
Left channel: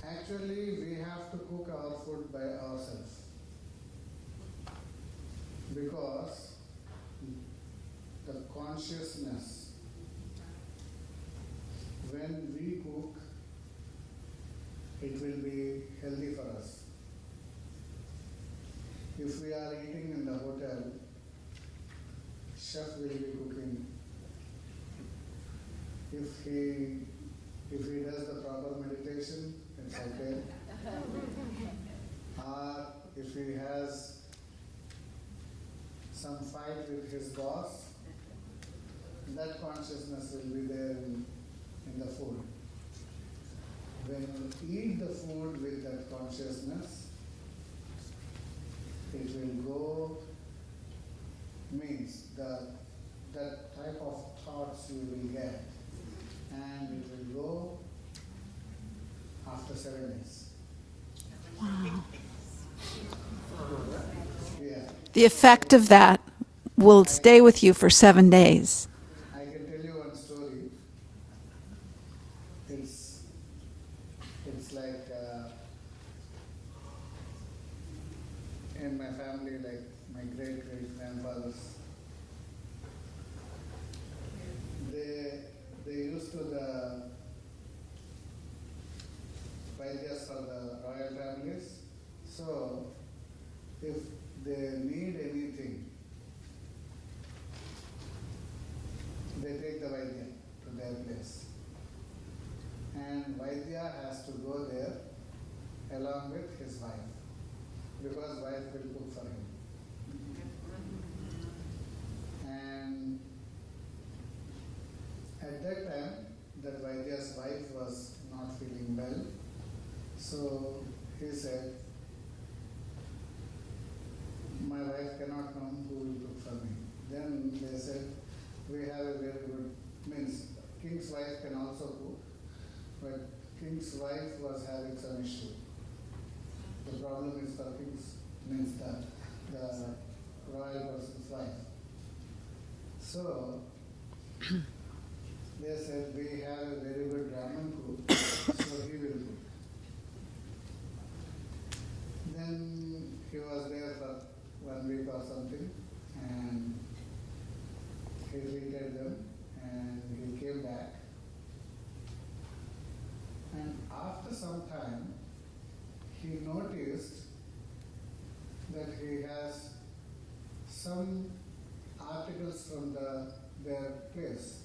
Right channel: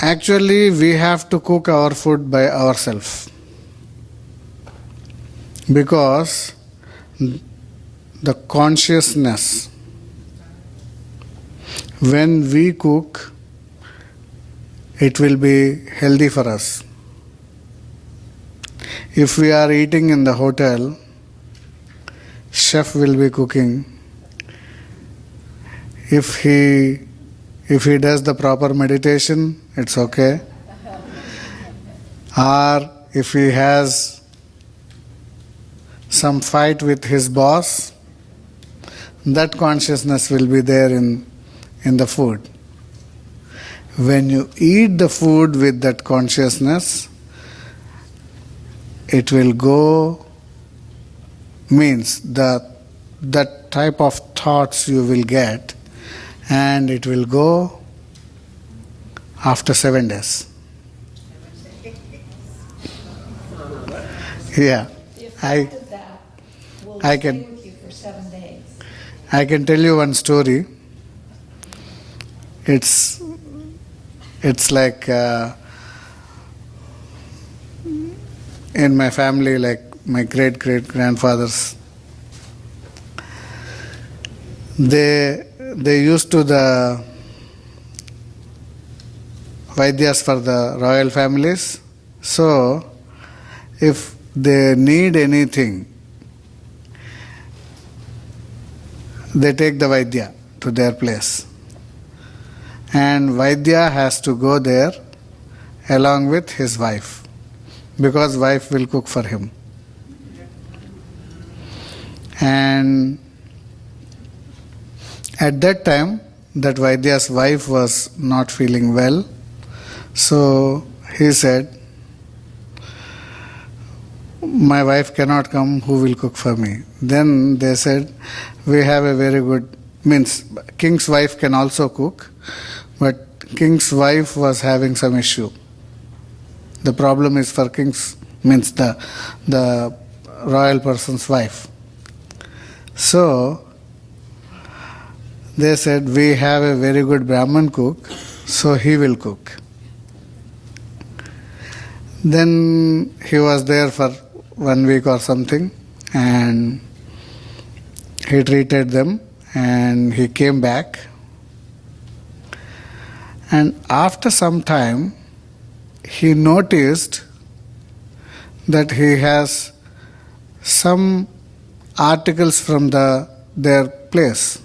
Actually, we have to cook our food by ourselves, because the consciousness, when we cook, it will be healthy for us. If we are eating in the hotel, chef will be cooking. If he does the proper meditation, it's okay. Or if he has some fight with his boss, that consciousness will be there in the food. When you eat the food with that consciousness, it will go, means that type of thoughts you will get, and it will go after 7 days. Yeah. The effect of that will I stay can- with you for 7 days. I can tell you one story. It's like in my family, like my great-great-grandfathers, they used to the Vaidyas for the royal families. So if they need anything, they take the Vaidya to their place. And Vaidya has to go there along with his wife, because wife will cook for him. And at that time, that Vaidya's wife was not feeling well. So he said, my wife cannot come, who will cook for me? Then they said, we have a very good, means king's wife can also cook, but king's wife was having some issue. The problem is for king's, means the royal person's wife. So they said, we have a very good Brahman cook, so he will cook. Then he was there for 1 week or something, and he treated them, and he came back. And after some time, he noticed that he has some articles from their place,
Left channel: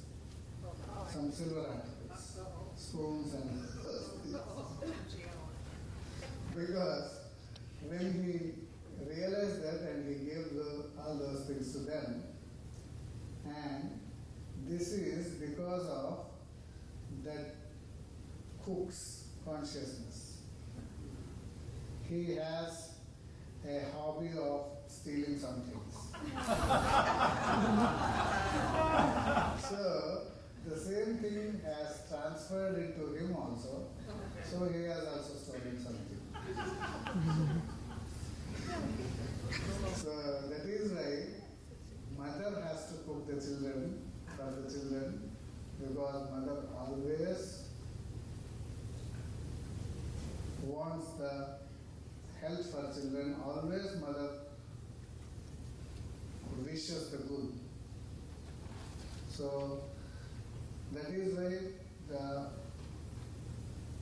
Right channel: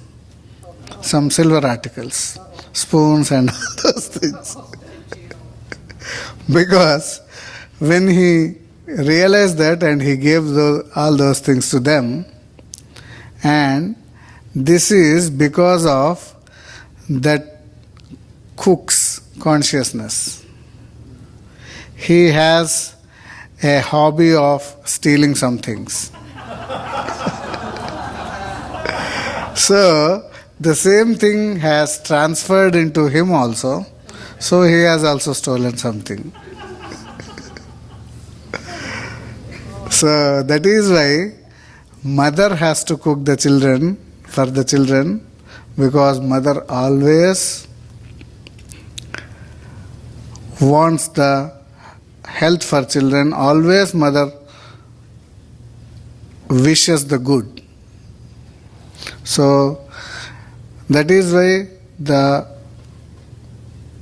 some silver articles, spoons and all those things. Because when he realized that, and he gave all those things to them, and this is because of that cook's consciousness. He has a hobby of stealing some things. So the same thing has transferred into him also, so he has also stolen something. So that is why mother has to cook the children, for the children, because mother always wants the health for children, always mother wishes the good. So that is why the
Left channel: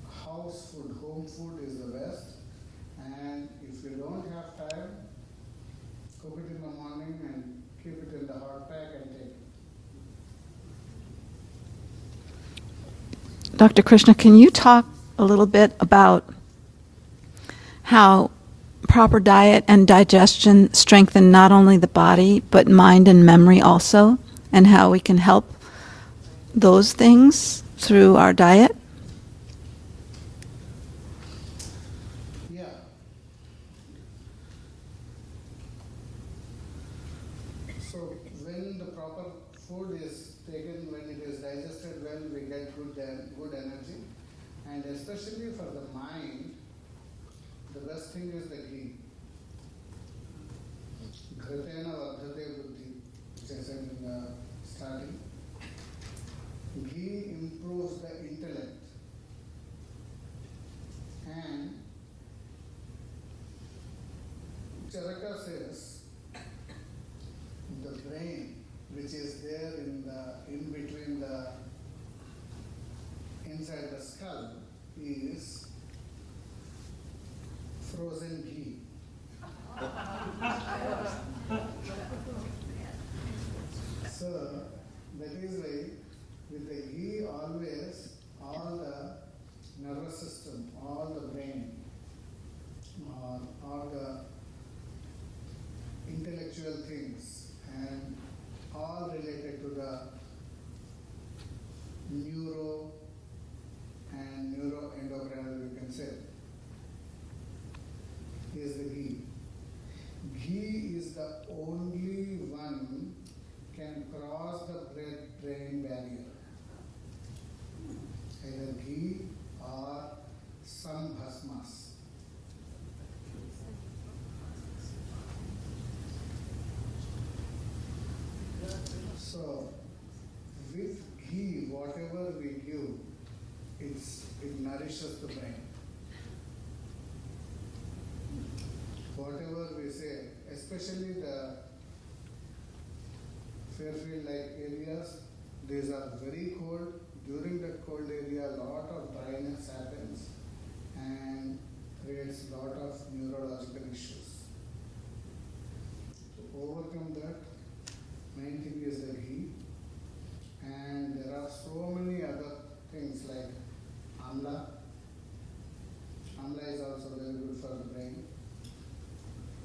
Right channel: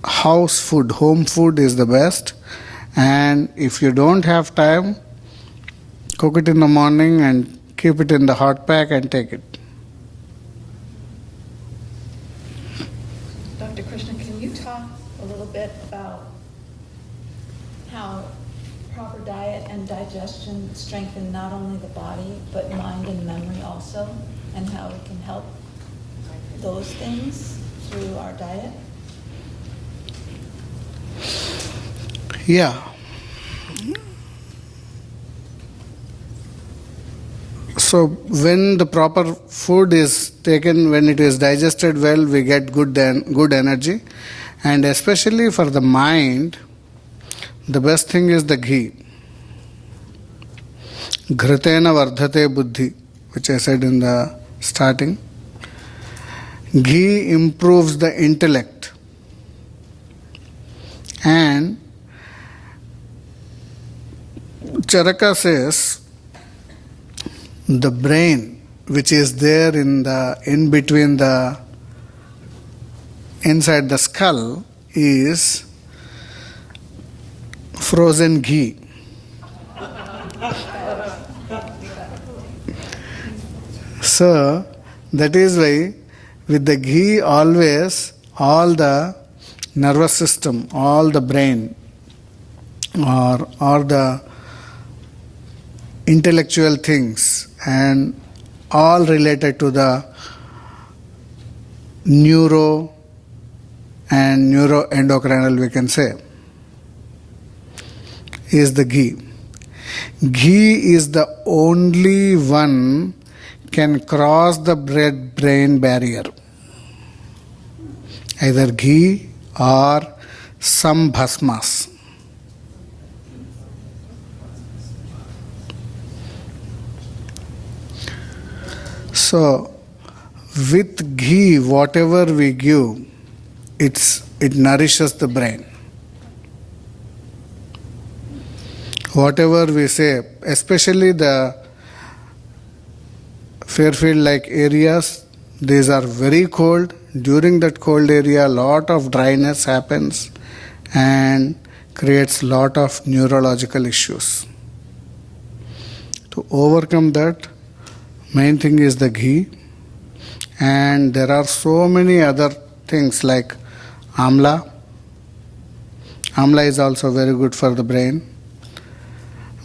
house food, home food is the best. And if you don't have time, cook it in the morning and keep it in the hot pack and take it. Dr. Krishna, can you talk a little bit about how proper diet and digestion strengthen not only the body, but mind and memory also, and how we can help those things through our diet? Yeah. So when the proper food is taken, when it is digested well, we get good energy. And especially for the mind, the best thing is the ghee. Ghritena vardhate buddhi, which I said in the starting. Ghee improves the intellect. And Charaka says, the brain, which is there in between the inside the skull, is frozen ghee. So that is why with the ghee always all the nervous system, all the brain, or the intellectual things, and all related to the neuro and neuroendocrinal, we can say, is the ghee. Ghee is the only one can cross the brain barrier. Either ghee or some bhasmas. So, with ghee, whatever we give, it nourishes the brain. Whatever we say, especially the Fairfield-like areas, these are very cold. During that cold area, a lot of dryness happens and creates a lot of neurological issues. To overcome that, main thing is the ghee, and there are so many other things like amla. Amla is also very good for the brain.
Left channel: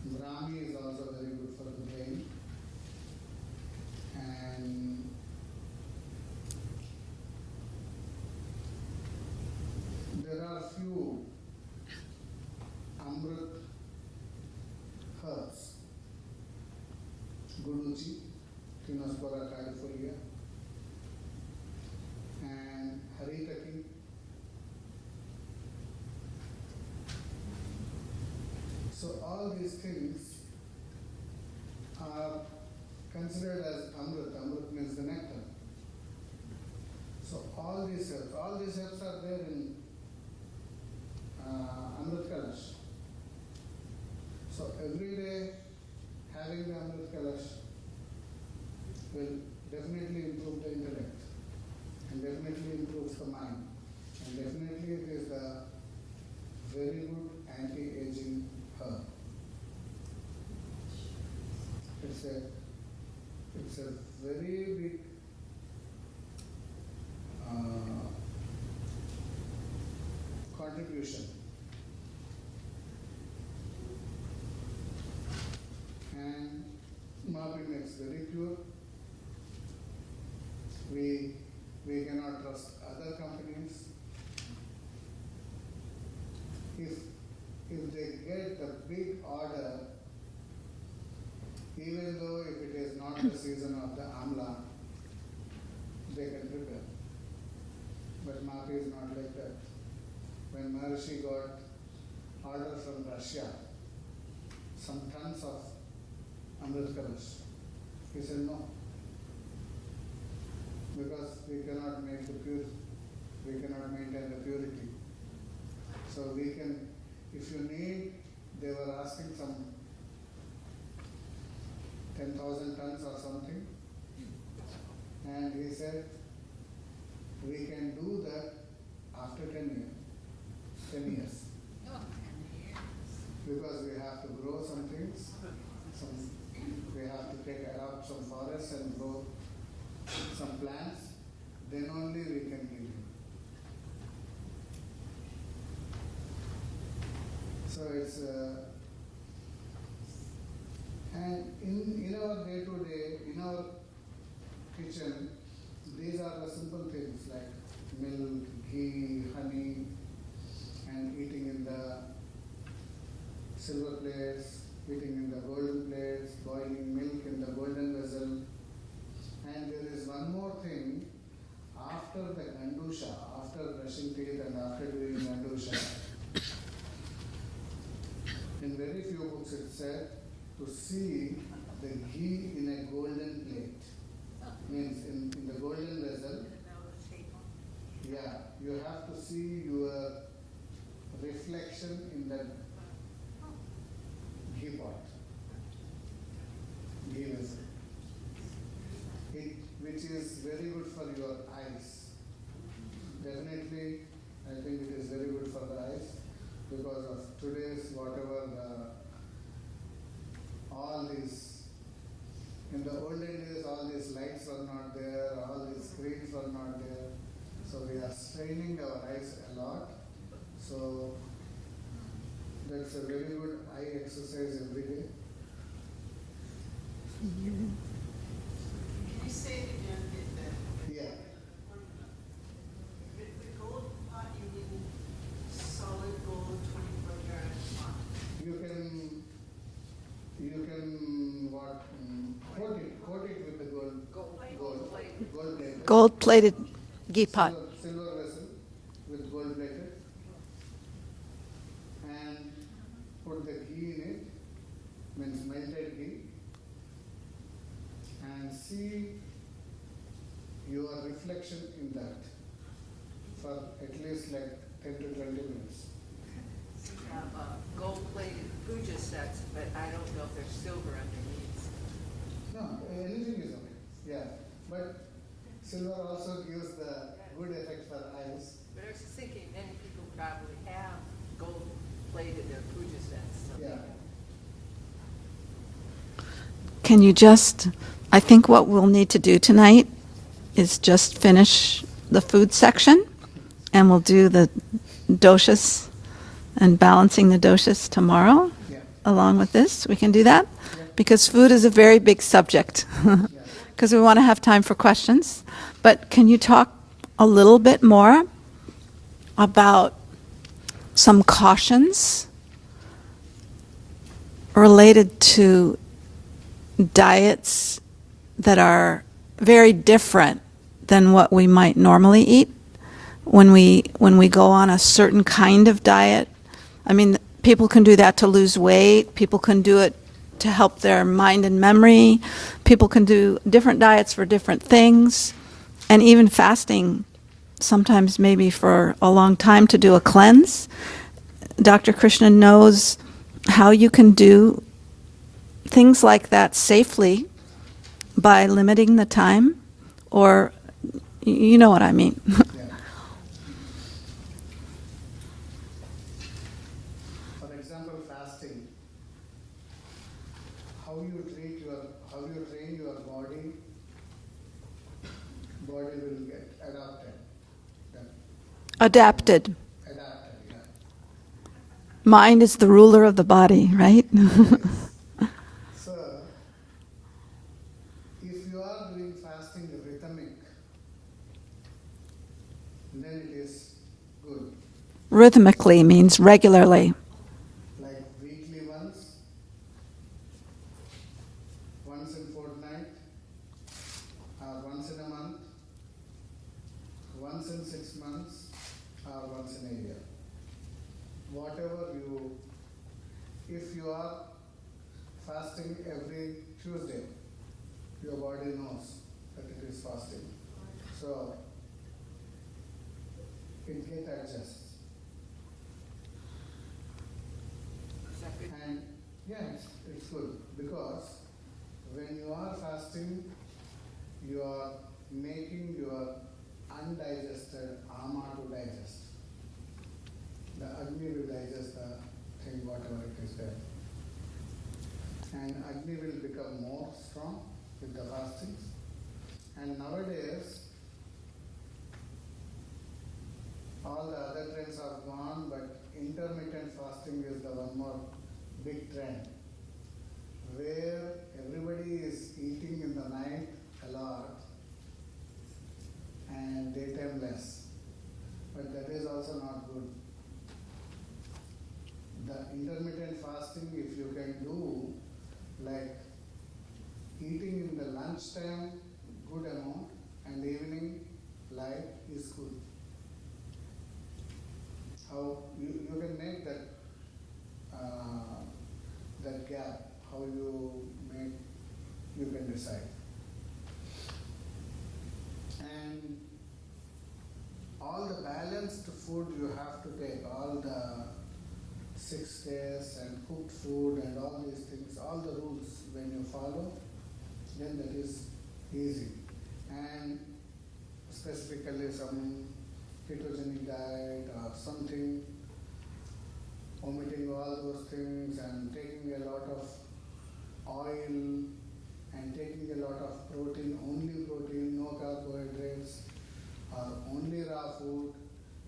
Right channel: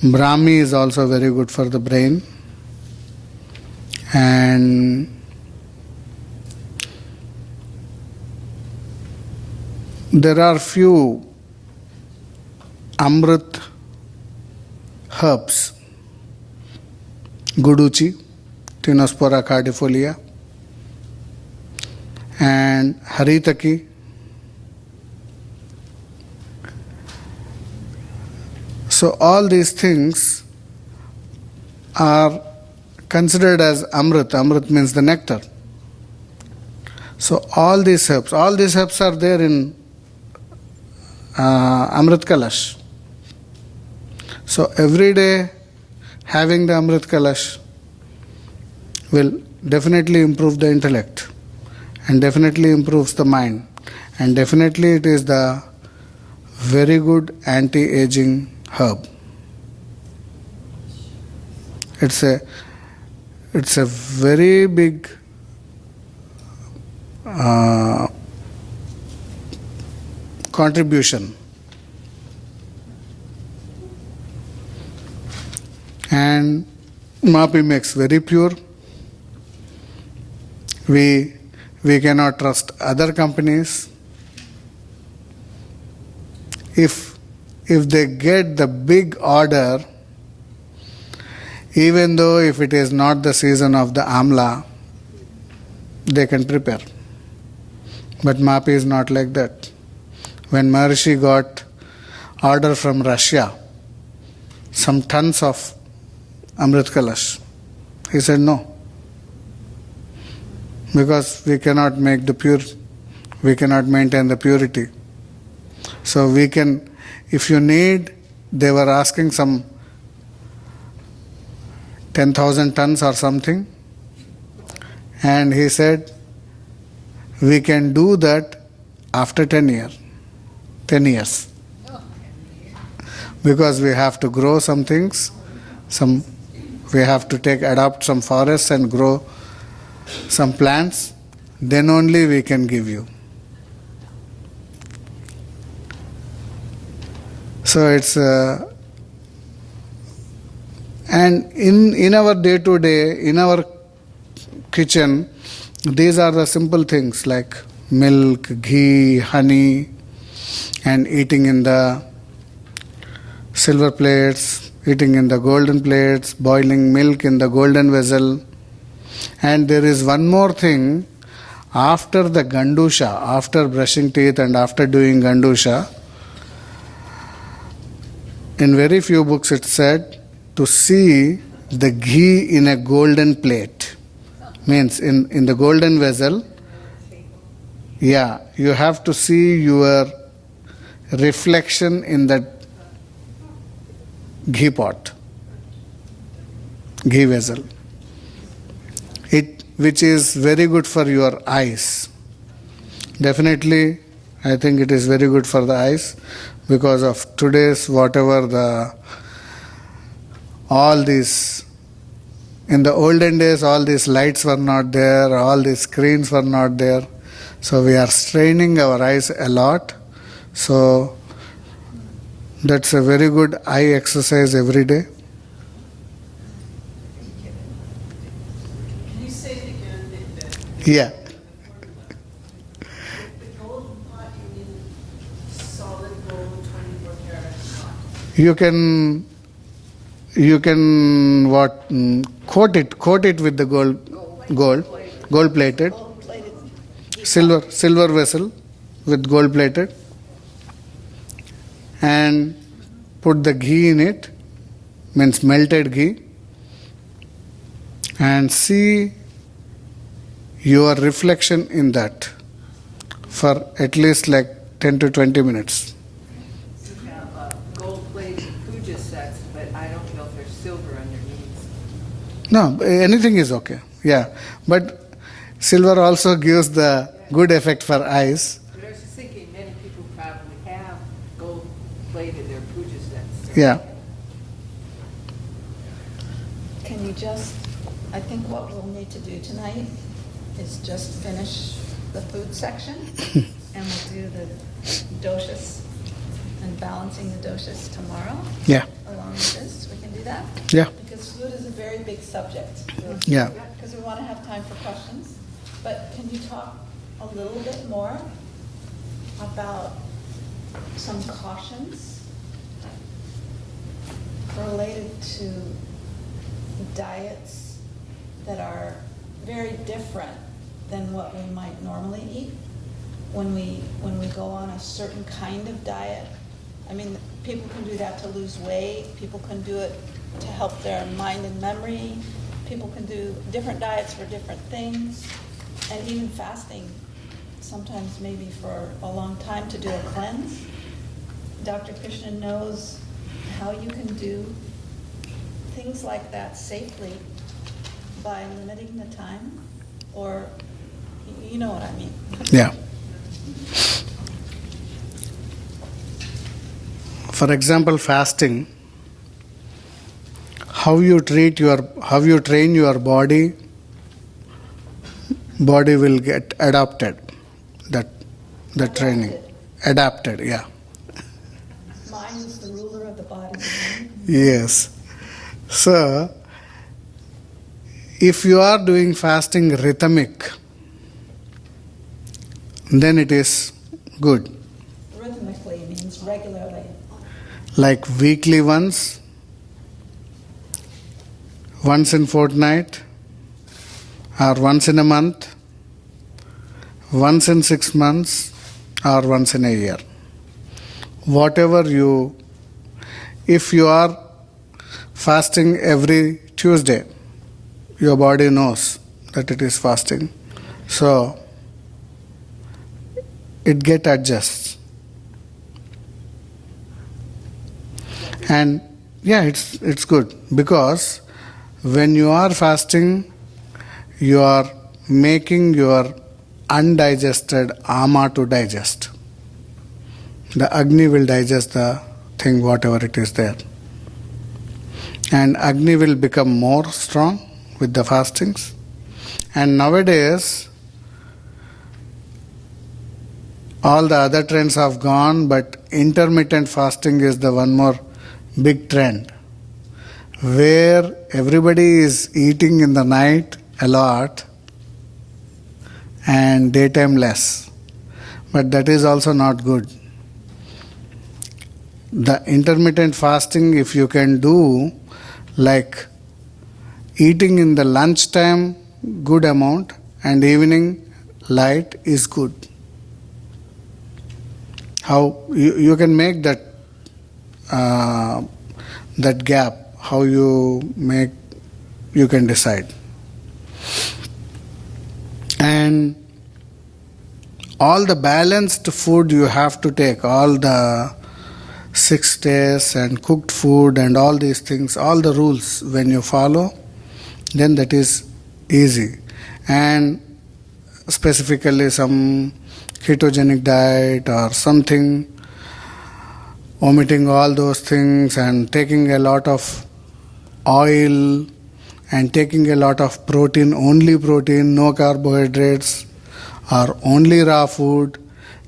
Brahmi is also very good for the brain. And there are few amrit herbs. Guduchi, Tinospora cardifolia, and haritaki. So all these things are considered as amrit. Amrit means the nectar. So all these herbs are there in Amrit Kalash. So every day having the Amrit Kalash will definitely improve the intellect and definitely improves the mind, and definitely it is the very good anti-aging herb. It's a very big contribution. And MAPI makes very pure. We cannot trust other companies. If they get the big order, even though if it is not the season of the amla, they can prepare. But MAPI is not like that. When Maharishi got order from Russia, some tons of Amrit Kalash, he said no. Because we cannot make the pure, we cannot maintain the purity. So we can, if you need, they were asking some 10,000 tons or something, and he said, we can do that after 10 years. Because we have to grow some things, we have to adopt some forests and grow some plants, then only we can give you. So it's and in our day-to-day, in our kitchen, these are the simple things like milk, ghee, honey, and eating in the silver plates, eating in the golden plates, boiling milk in the golden vessel. And there is one more thing, after the gandusha, after brushing teeth and after doing gandusha, in very few books it said to see the ghee in a golden plate. Means in the golden vessel, yeah, you have to see your reflection in that ghee pot, ghee vessel. Which is very good for your eyes. Definitely, I think it is very good for the eyes because of today's whatever all these, in the olden days all these lights were not there, all these screens were not there. So we are straining our eyes a lot. So that's a very good eye exercise every day. Can you say it again? Yeah. The gold pot, you mean solid gold, 24 karat pot? You can coat it with the gold plated, Gold-plated ghee pot. silver vessel with gold plated, and put the ghee in it, means melted ghee, and see your reflection in that for at least like 10 to 20 minutes. You have gold-plated puja sets, but I don't know if there's silver underneath. No, anything is okay. Yeah, but silver also gives the good effect for eyes. But I was just thinking many people probably have gold-plated their puja sets. Yeah. Can you just, I think what we'll need to do tonight is just finish the food section, and we'll do the doshas and balancing the doshas tomorrow. Yeah. Along with this, we can do that? Yeah. Because food is a very big subject. Yeah. Because we want to have time for questions. But can you talk a little bit more about some cautions related to diets that are very different than what we might normally eat when we go on a certain kind of diet? I mean, people can do that to lose weight. People can do it to help their mind and memory. People can do different diets for different things, and even fasting, sometimes maybe for a long time to do a cleanse. Dr. Krishna knows how you can do things like that safely by limiting the time, or you know what I mean. Yeah. For example, fasting, how you train your body will get adapted. That training. Adapted, yeah. Mind is the ruler of the body, right? Yes. So, if you are doing fasting rhythmic, then it is good. Rhythmically means regularly. Like weekly once in fortnight, or once in a month, once in 6 months, or once in a year. If you are fasting every Tuesday, your body knows that it is fasting. So, it get adjusts. And yeah, it's good, because when you are fasting, you are making your undigested ama to digest. The Agni will digest the thing, whatever it is there. And Agni will become more strong with the fastings. And nowadays, all the other trends have gone, but intermittent fasting is the one more big trend, where everybody is eating in the night a lot and daytime less. But that is also not good. The intermittent fasting, if you can do, like eating in the lunchtime good amount and evening light, is good. How you can make that gap, how you can decide. And all the balanced food you have to take, all the 6 days and cooked food and all these things, all the rules, when you follow, then that is easy. And specifically some ketogenic diet or something, omitting all those things and taking a lot of oil and taking a lot of protein, only protein, no carbohydrates, or only raw food,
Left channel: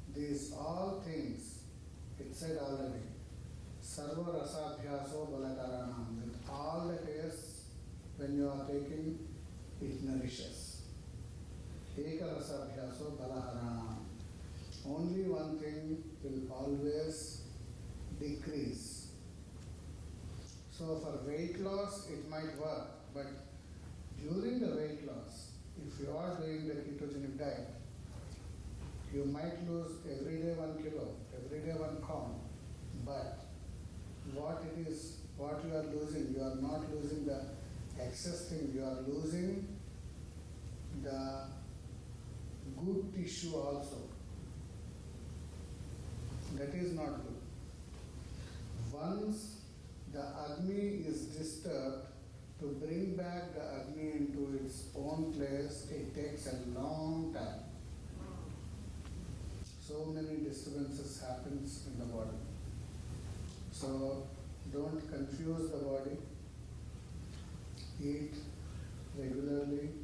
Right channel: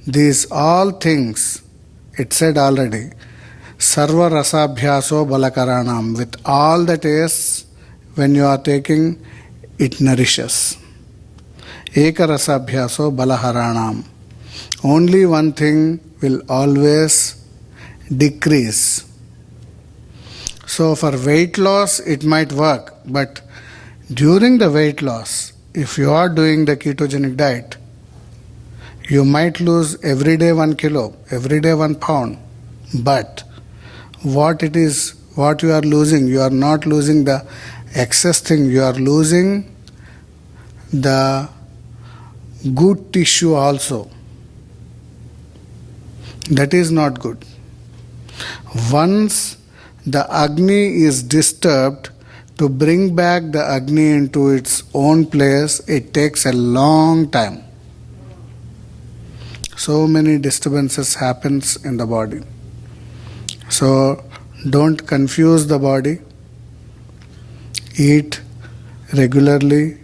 these all things, it said already, sarva rasabhyaso balakaranam, with all the tastes, when you are taking, it nourishes. Eka rasabhyaso balaharanam. Only one thing will always decrease. So for weight loss, it might work, but during the weight loss, if you are doing the ketogenic diet, you might lose every day 1 kilo, every day 1 pound. But what you are losing, you are not losing the excess thing, you are losing the good tissue also. That is not good. Once the Agni is disturbed, to bring back the Agni into its own place, it takes a long time. So many disturbances happens in the body. So don't confuse the body. Eat regularly,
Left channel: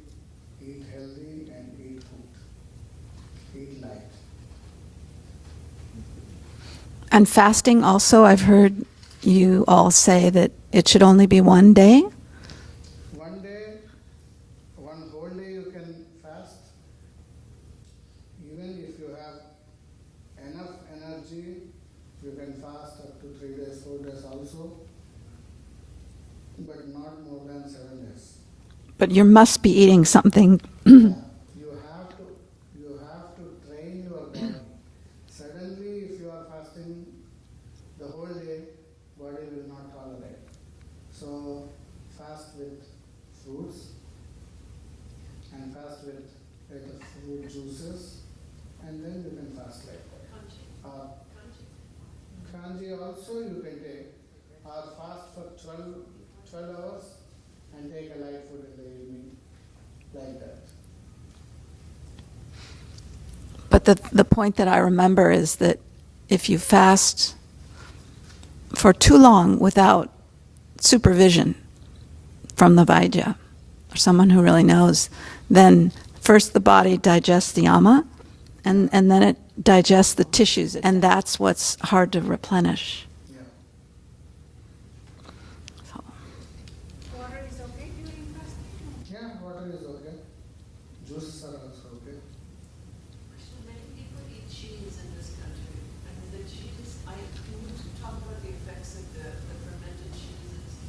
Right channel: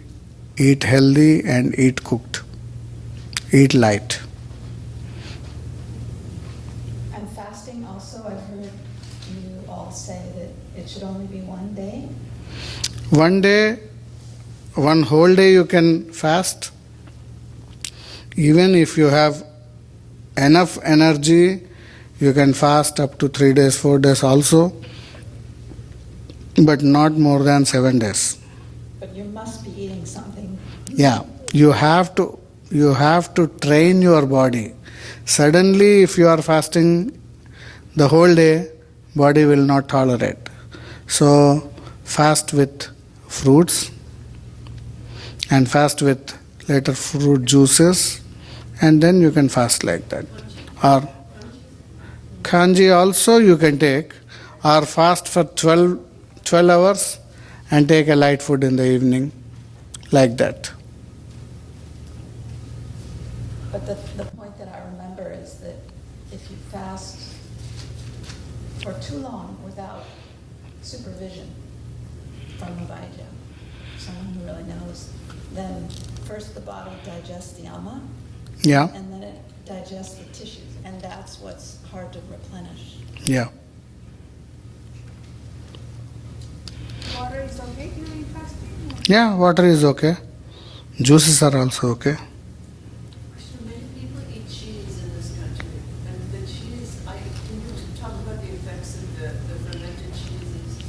eat healthy, and eat cooked. Eat light. And fasting also, I've heard you all say that it should only be 1 day. 1 day, 1 whole day you can fast. Even if you have enough energy, you can fast up to 3 days, 4 days also, but not more than 7 days. But you must be eating something. Yeah, you have to train your body. Suddenly, if you are fasting the whole day, body will not tolerate. So fast with fruits and fast with later fruit juices, and then you can fast like that. Or kanji also you can take, or fast for 12 hours and take a light food in the evening, like that. But the point that I remember is that if you fast for too long without supervision from the Vaidya, or someone who really knows, then first the body digests the ama, Yeah. and then it digests the tissues, and that's what's hard to replenish. Yeah. Water is okay during fasting? Yeah, water is okay. Juices are also okay. So many people eat cheese in this country, and the cheese, can you talk about the effects of the fermented cheeses?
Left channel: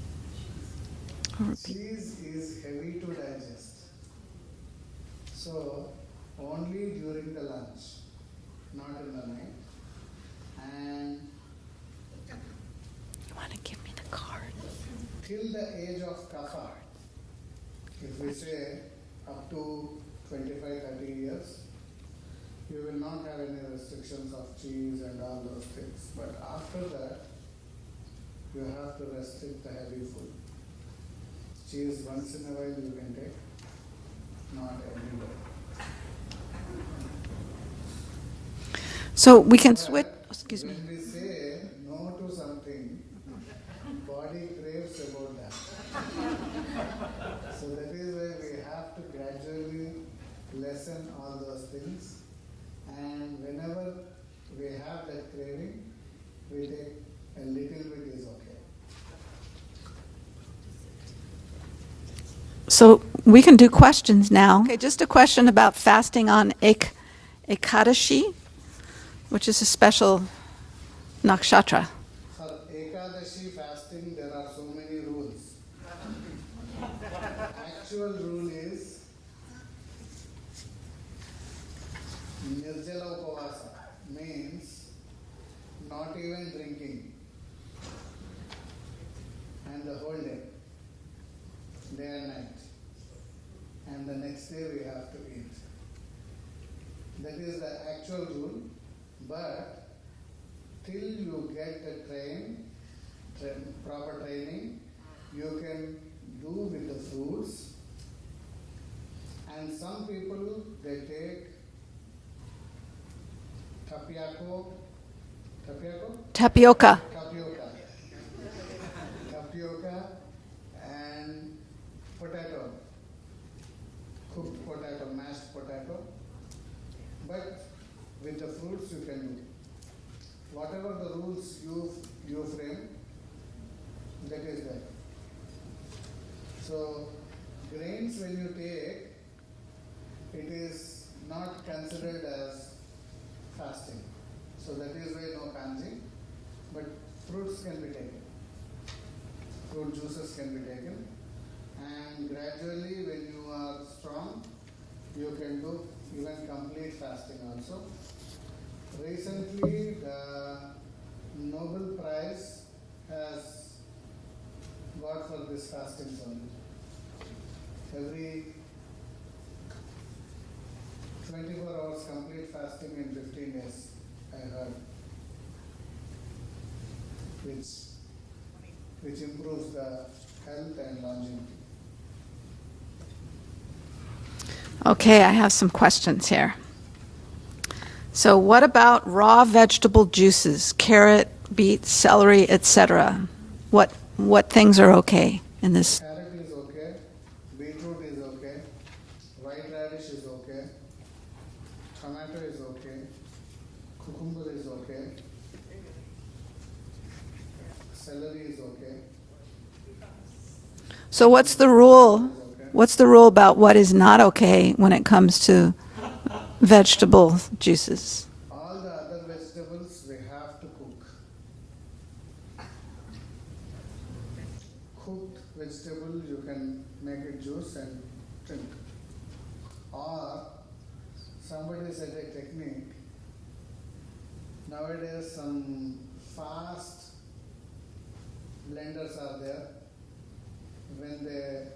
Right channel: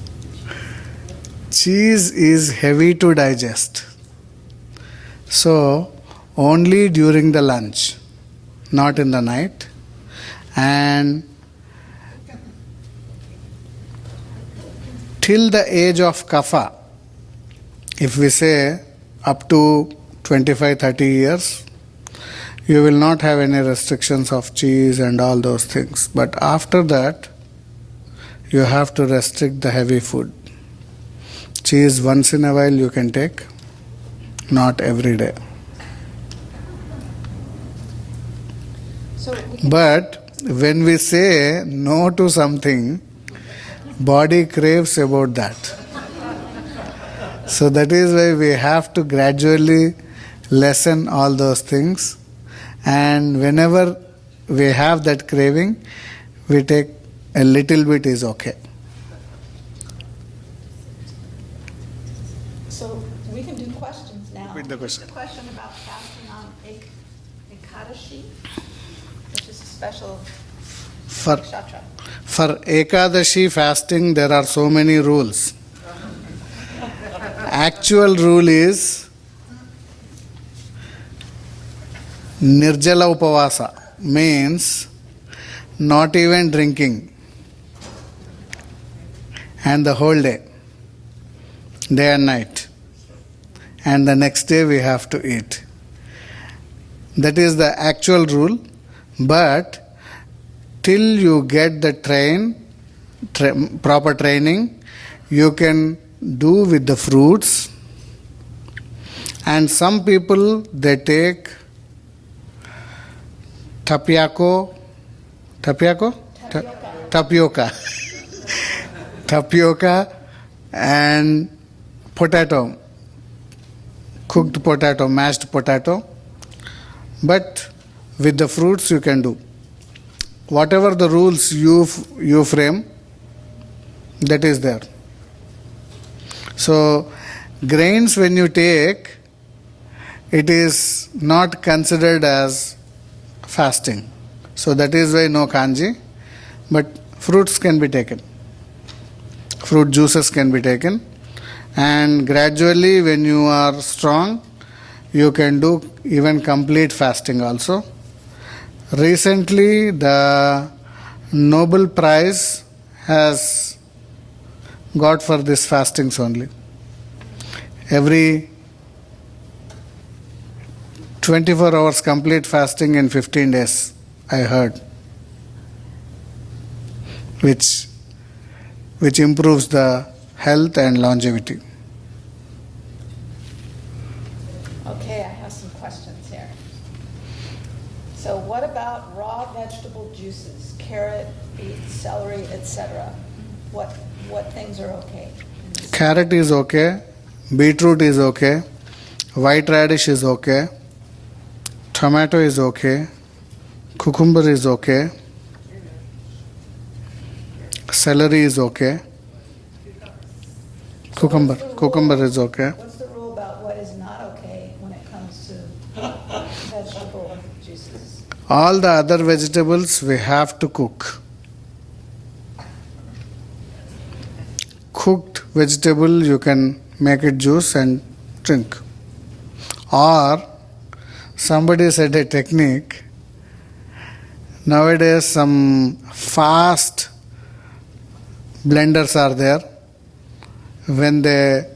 Cheese is heavy to digest. So, only during the lunch, not in the night. And till the age of kapha, if we say up to 25-30 years, you will not have any restrictions of cheese and all those things. But after that, you have to restrict the heavy food. Cheese once in a while you can take, not every day. So we can. But when we say no to something, body craves about that. So that is why we have to gradually lessen all those things. And whenever we have that craving, we take a little bit is okay. So we can do questions now. Okay, just a question about fasting on Ekadashi, which is a special nakshatra. For Ekadashi fasting, there are so many rules. Actual rule is Nirjala Upavasa, means not even drinking, and the whole day and night. And the next day we have to eat. That is the actual rule. But till you get the proper training, you can do with the fruits. And some people, they take tapioca, and potato, cooked potato, mashed potato. But with the fruits you can do. Whatever the rules you frame, that is there. So, grains when you take, it is not considered as fasting. So that is why no kanji, but fruits can be taken. Fruit juices can be taken. And gradually when you are strong, you can do even complete fasting also. Recently, the Nobel Prize has got for this fastings only. Every 24 hours complete fasting in 15 days, I heard, which improves the health and longevity. Okay, I have some questions here. So what about raw vegetable juices, carrot, beet, celery, etc.? What things are okay in this? Carrot is okay, beetroot is okay, white radish is okay, tomato is okay, cucumber is okay, celery is okay. So what's the rule? Cucumber is okay. What's the rule about what is not okay when it comes to vegetable juices? All the other vegetables we have to cook. Cooked vegetable you can make it juice and drink. Or somebody said a technique. Nowadays some fast blenders are there. when they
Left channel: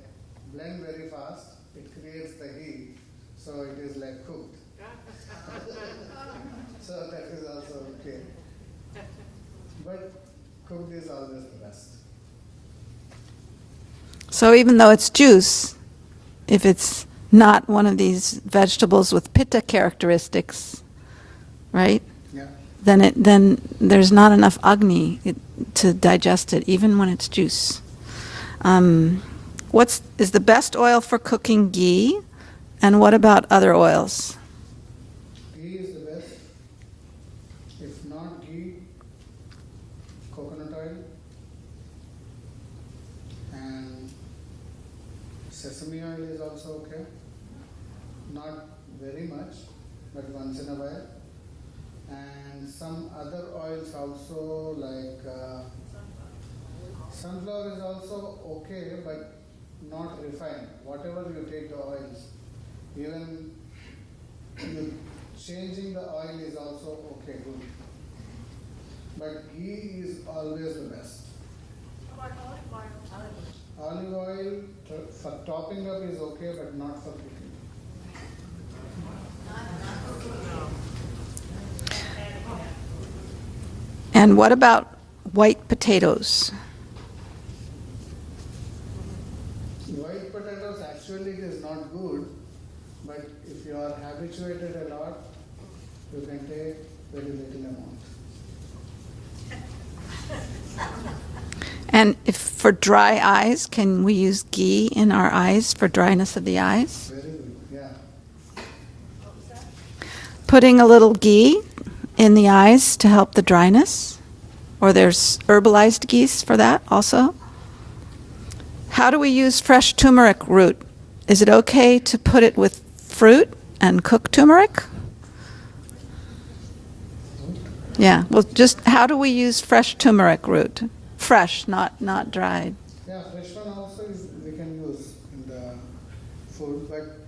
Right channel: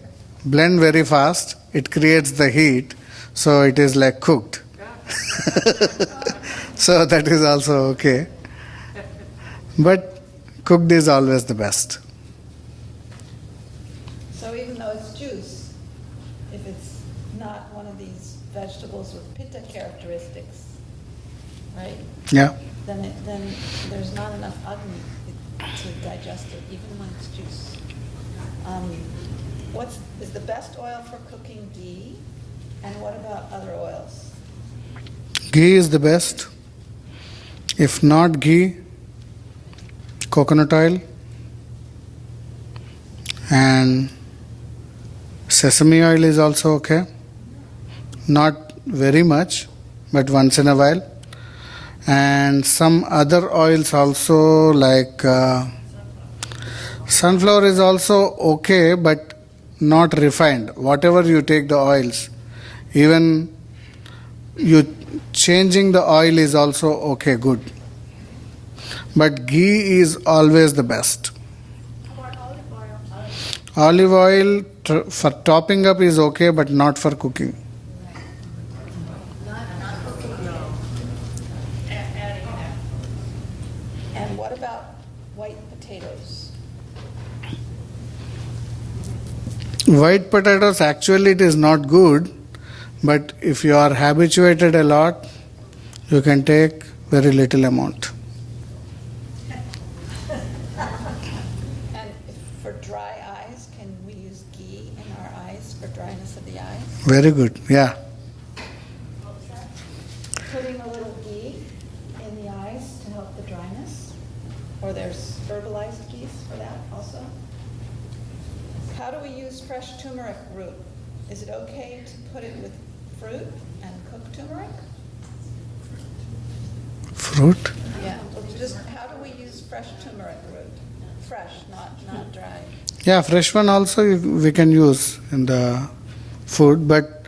blend very fast, it creates the heat, so it is like cooked. So that is also okay. But cooked is always the best. So even though it's juice, if it's not one of these vegetables with pitta characteristics, right? Yeah. Then there's not enough Agni to digest it, even when it's juice. Is the best oil for cooking ghee? And what about other oils? Ghee is the best. If not ghee, coconut oil and sesame oil is also okay. Not very much, but once in a while. And some other oils also, like sunflower is also okay, but not refined. Whatever you take the oils, even you changing the oil is also okay, good. But ghee is always the best. Olive oil for topping up is okay, but not for cooking. And what about white potatoes? White potatoes, actually it is not good, but if you are habituated a lot, you can take very little amount. And if for dry eyes, can we use ghee in our eyes for dryness of the eyes? Very good, yeah. Putting a little ghee in the eyes to help the dryness? Or there's herbalized ghee for that also? How do we use fresh turmeric root? Is it okay to put it with fruit and cook turmeric? Fruit? Yeah, well, just how do we use fresh turmeric root? Fresh, not dried. Yeah, fresh one also we can use in the food, but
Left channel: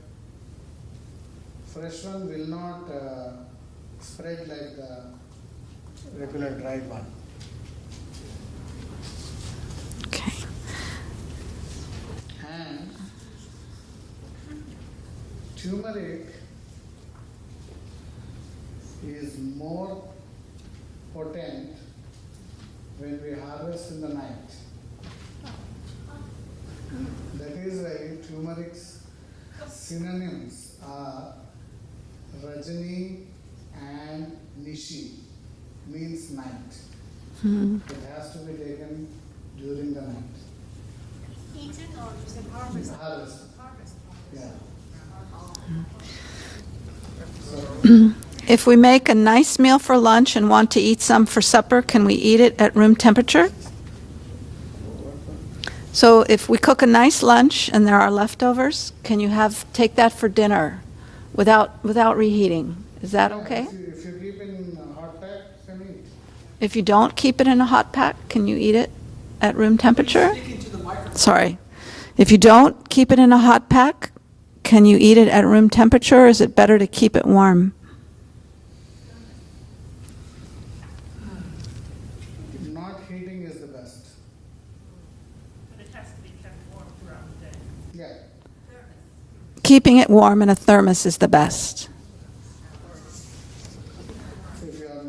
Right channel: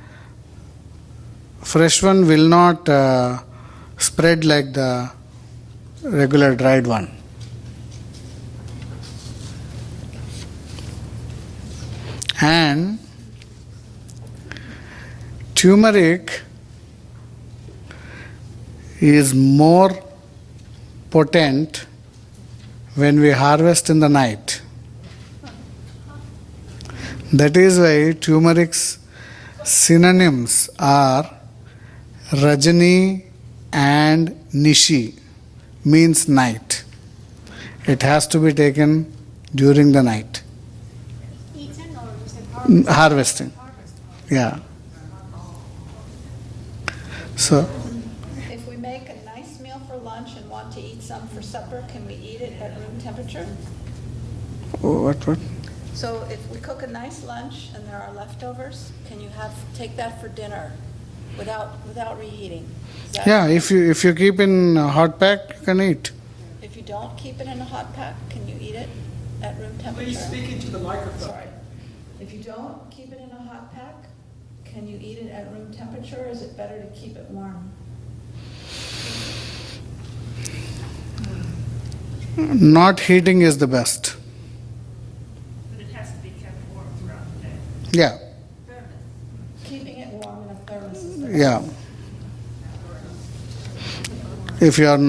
fresh one will not spread like the regular dried one. Okay. And turmeric is more potent when we harvest in the night. That is why turmeric's synonyms are Rajani and Nishi, means night. It has to be taken during the night. Harvesting. Yeah. So, If we make a nice meal for lunch and want to eat some for supper, can we eat it at room temperature? what? So if we cook a nice lunch and there are leftovers, can you take that for dinner without reheating? Is that Yeah, okay? if you keep in a hot pack, you can eat. If you don't keep it in a hot pack, can you eat it at room temperature? Sorry. If you don't keep it in a hot pack, can you eat it at room temperature, or is it better to keep it warm? Not heating is the best. But it has to be kept warm throughout the day. Yeah. Keeping it warm in a thermos is the Yeah. best. If you have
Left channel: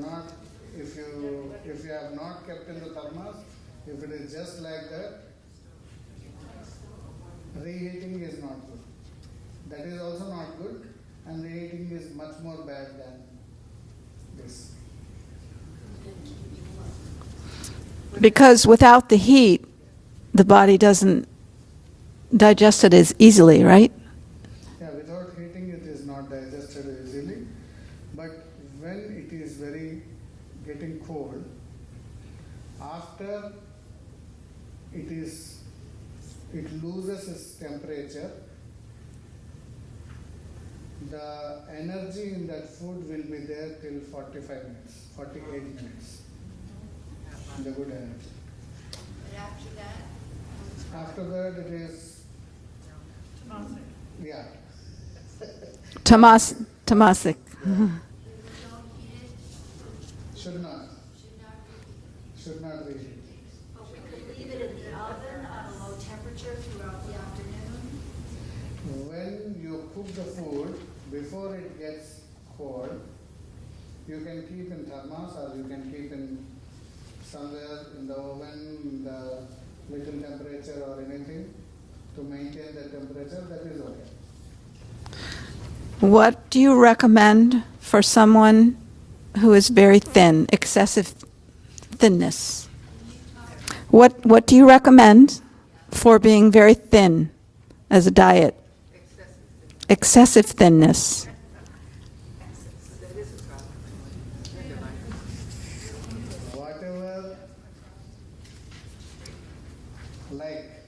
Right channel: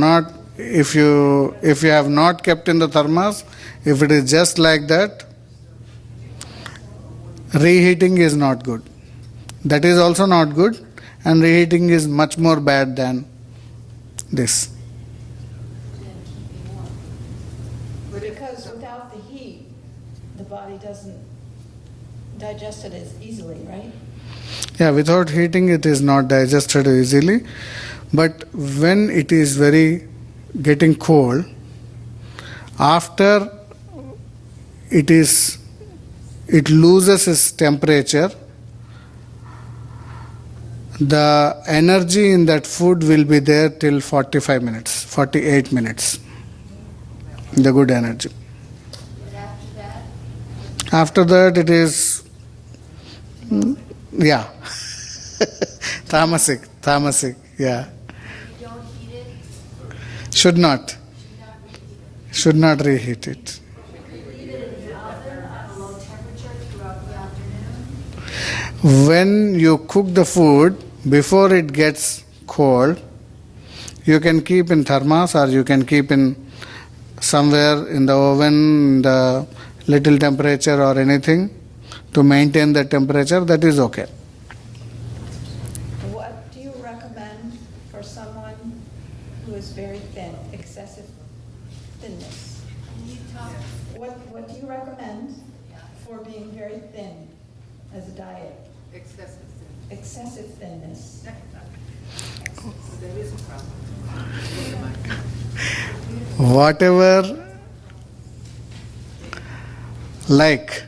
not kept in the thermos, if it is just like that, reheating is not good. That is also not good, and reheating is much more bad than this. Because without the heat, the body doesn't digest it as easily, right? Yeah, without heating it is not digested easily, but when it is very getting cold, after it loses its temperature, the energy in that food will be there till 45 minutes, 48 minutes. The good energy. After that it is, yeah. Tamasic. Tamasic, yeah. Should not reheat it. When you cook the food, before it gets cold, you can keep in thermos or you can keep in somewhere in the oven, in the little temperature or anything to maintain the temperature, that is okay. What do you recommend for someone who is very thin, excessive thinness? What do you recommend for being very thin as a diet? Excessive thinness. Whatever, like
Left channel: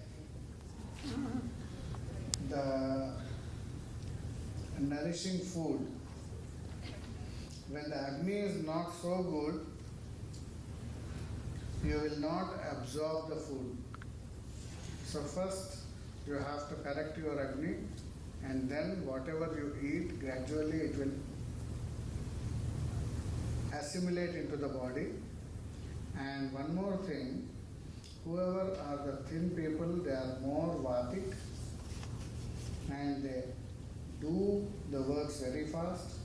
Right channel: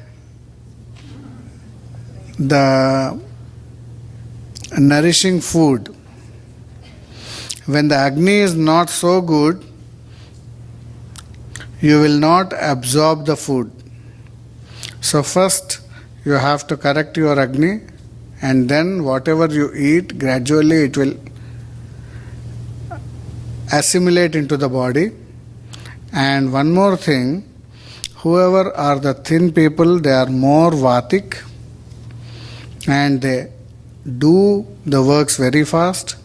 the nourishing food, when the Agni is not so good, you will not absorb the food. So first you have to correct your Agni, and then whatever you eat, gradually it will assimilate into the body. And one more thing, whoever are the thin people, they are more vatic and they do the works very fast.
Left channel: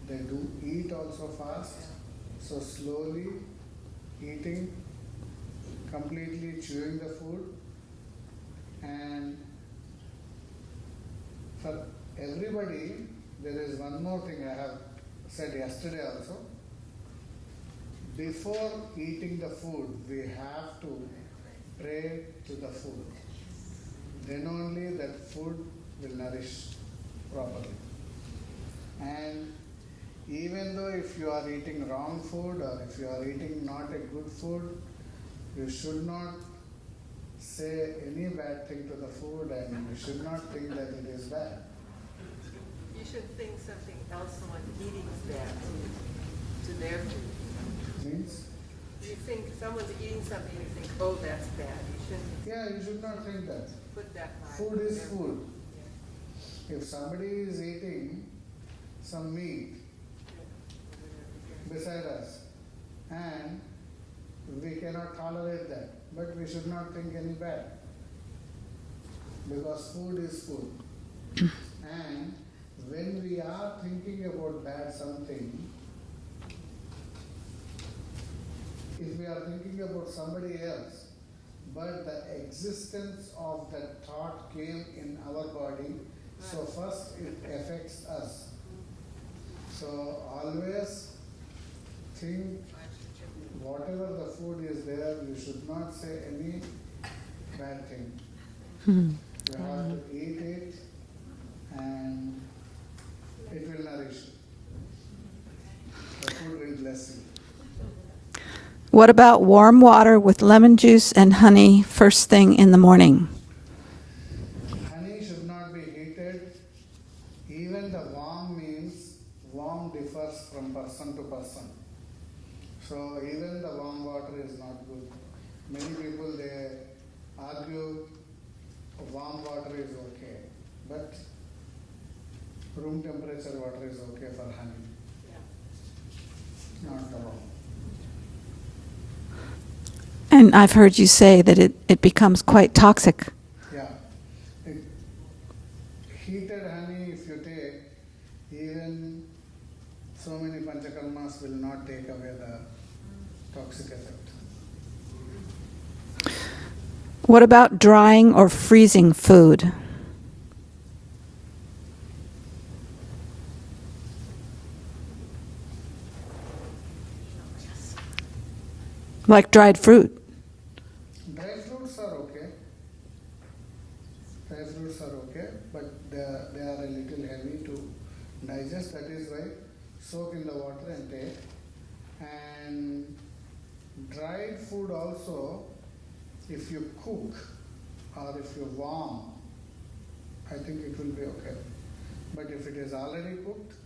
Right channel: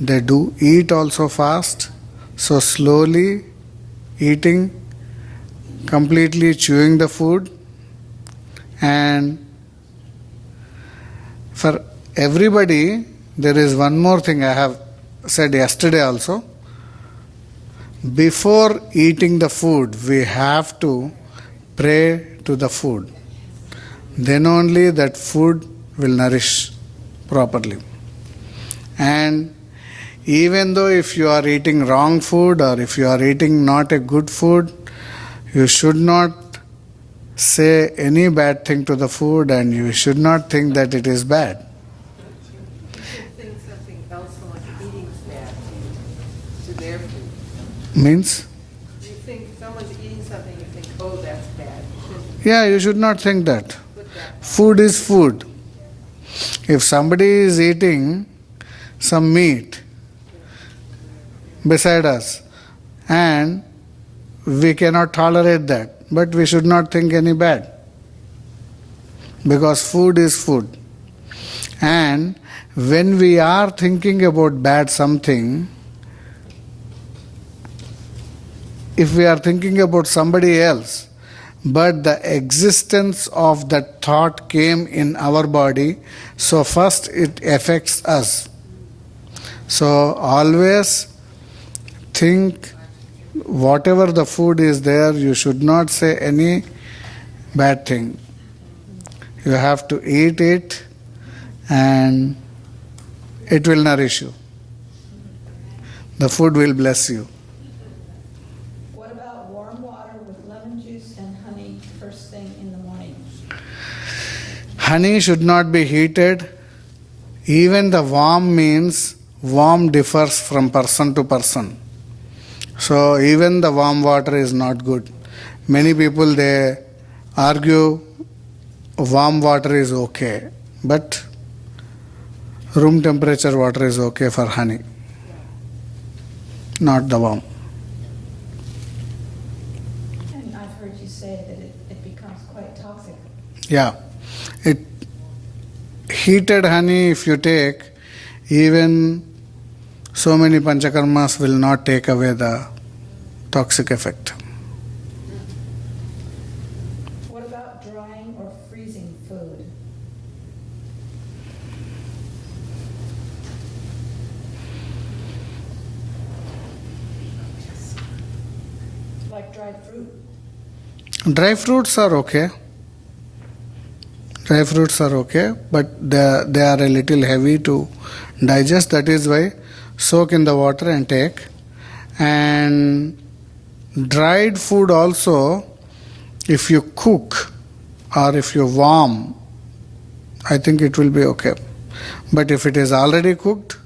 They do eat also fast. So slowly eating, completely chewing the food. And for everybody, there is one more thing I have said yesterday also. Before eating the food, we have to pray to the food. Then only that food will nourish properly. And even though if you are eating wrong food or if you are eating not a good food, you should not say any bad thing to the food and you should not think that it is bad. You should think something else someone's eating is bad to their food. Means? You think someone's eating something, you think, oh, that's bad. You shouldn't Yeah, you should not think that. put that. Food is food. If somebody is eating some meat beside us and we cannot tolerate that, but we should not think any bad. Because food is food. And when we are thinking about bad something, if we are thinking about somebody else, but the existence of that thought came in our body, so first it affects us. So always think whatever the food is there, you should not say any bad thing. You have to eat it and it will nourish you. The food will bless you. What about warm water with lemon juice and honey first thing in the morning? Honey should not be heated. Even the warm means warm differs from person to person. So even the warm water is not good. Many people, they argue warm water is okay, but room temperature water is okay for honey, not the warm. And I've heard you say that it becomes quite toxic. Yeah. Heated honey, if you take, even so many panchakarmas will not take away the toxic effect. What about drying or freezing food? Like dried fruit. Dry fruits are okay. Dry fruits are okay, but they are a little heavy to digest. That is why soak in the water and take. And dried food also, if you cook or if you warm, I think it will be okay. But if it is already cooked,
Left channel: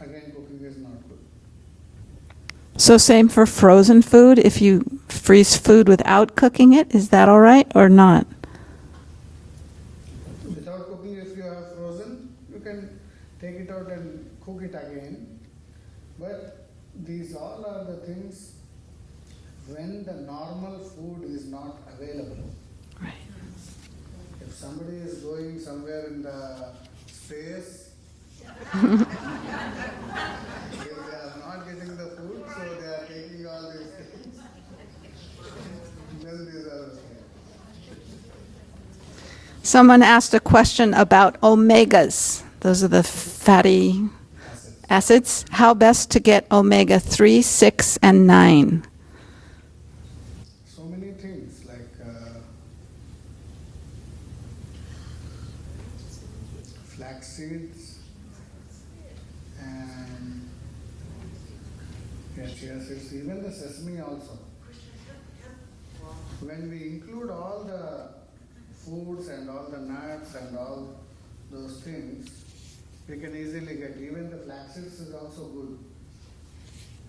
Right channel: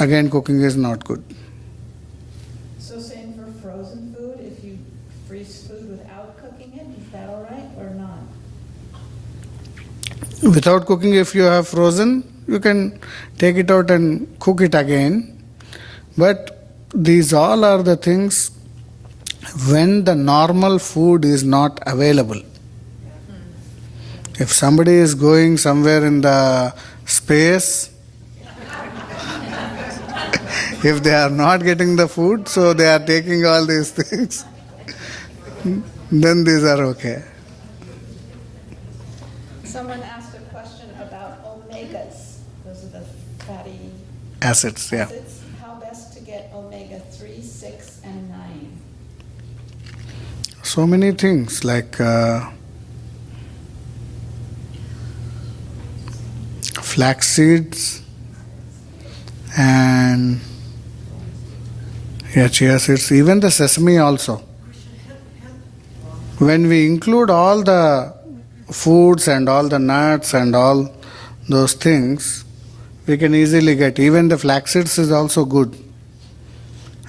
again cooking is not good. So same for frozen food. If you freeze food without cooking it, is that all right or not? Without cooking, if you have frozen, you can take it out and cook it again. But these all are the things when the normal food is not available. If somebody is going somewhere in the space, if they are not getting the food, so they are taking all these things, then these are okay. Someone asked a question about omegas. Those are the fatty Acids. yeah. acids. How best to get omega 3, 6, and 9? So many things like flax seeds and chia seeds, even the sesame also. When we include all the foods and all the nuts and all those things, we can easily get. Even the flax seeds is also good.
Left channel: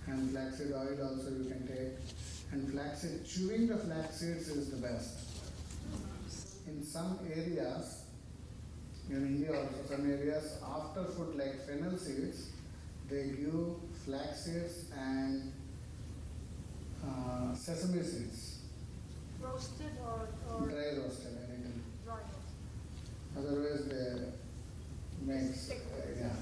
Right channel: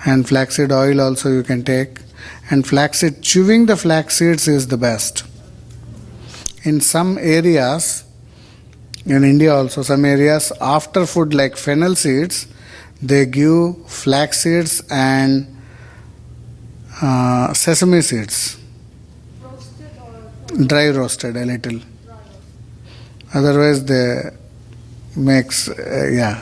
And flaxseed oil also you can take. And flaxseed, chewing the flax seeds is the best. In some areas, in India also, some areas, after food like fennel seeds, they give flax seeds and sesame seeds. Dry roasted a little. Otherwise they makes, yeah.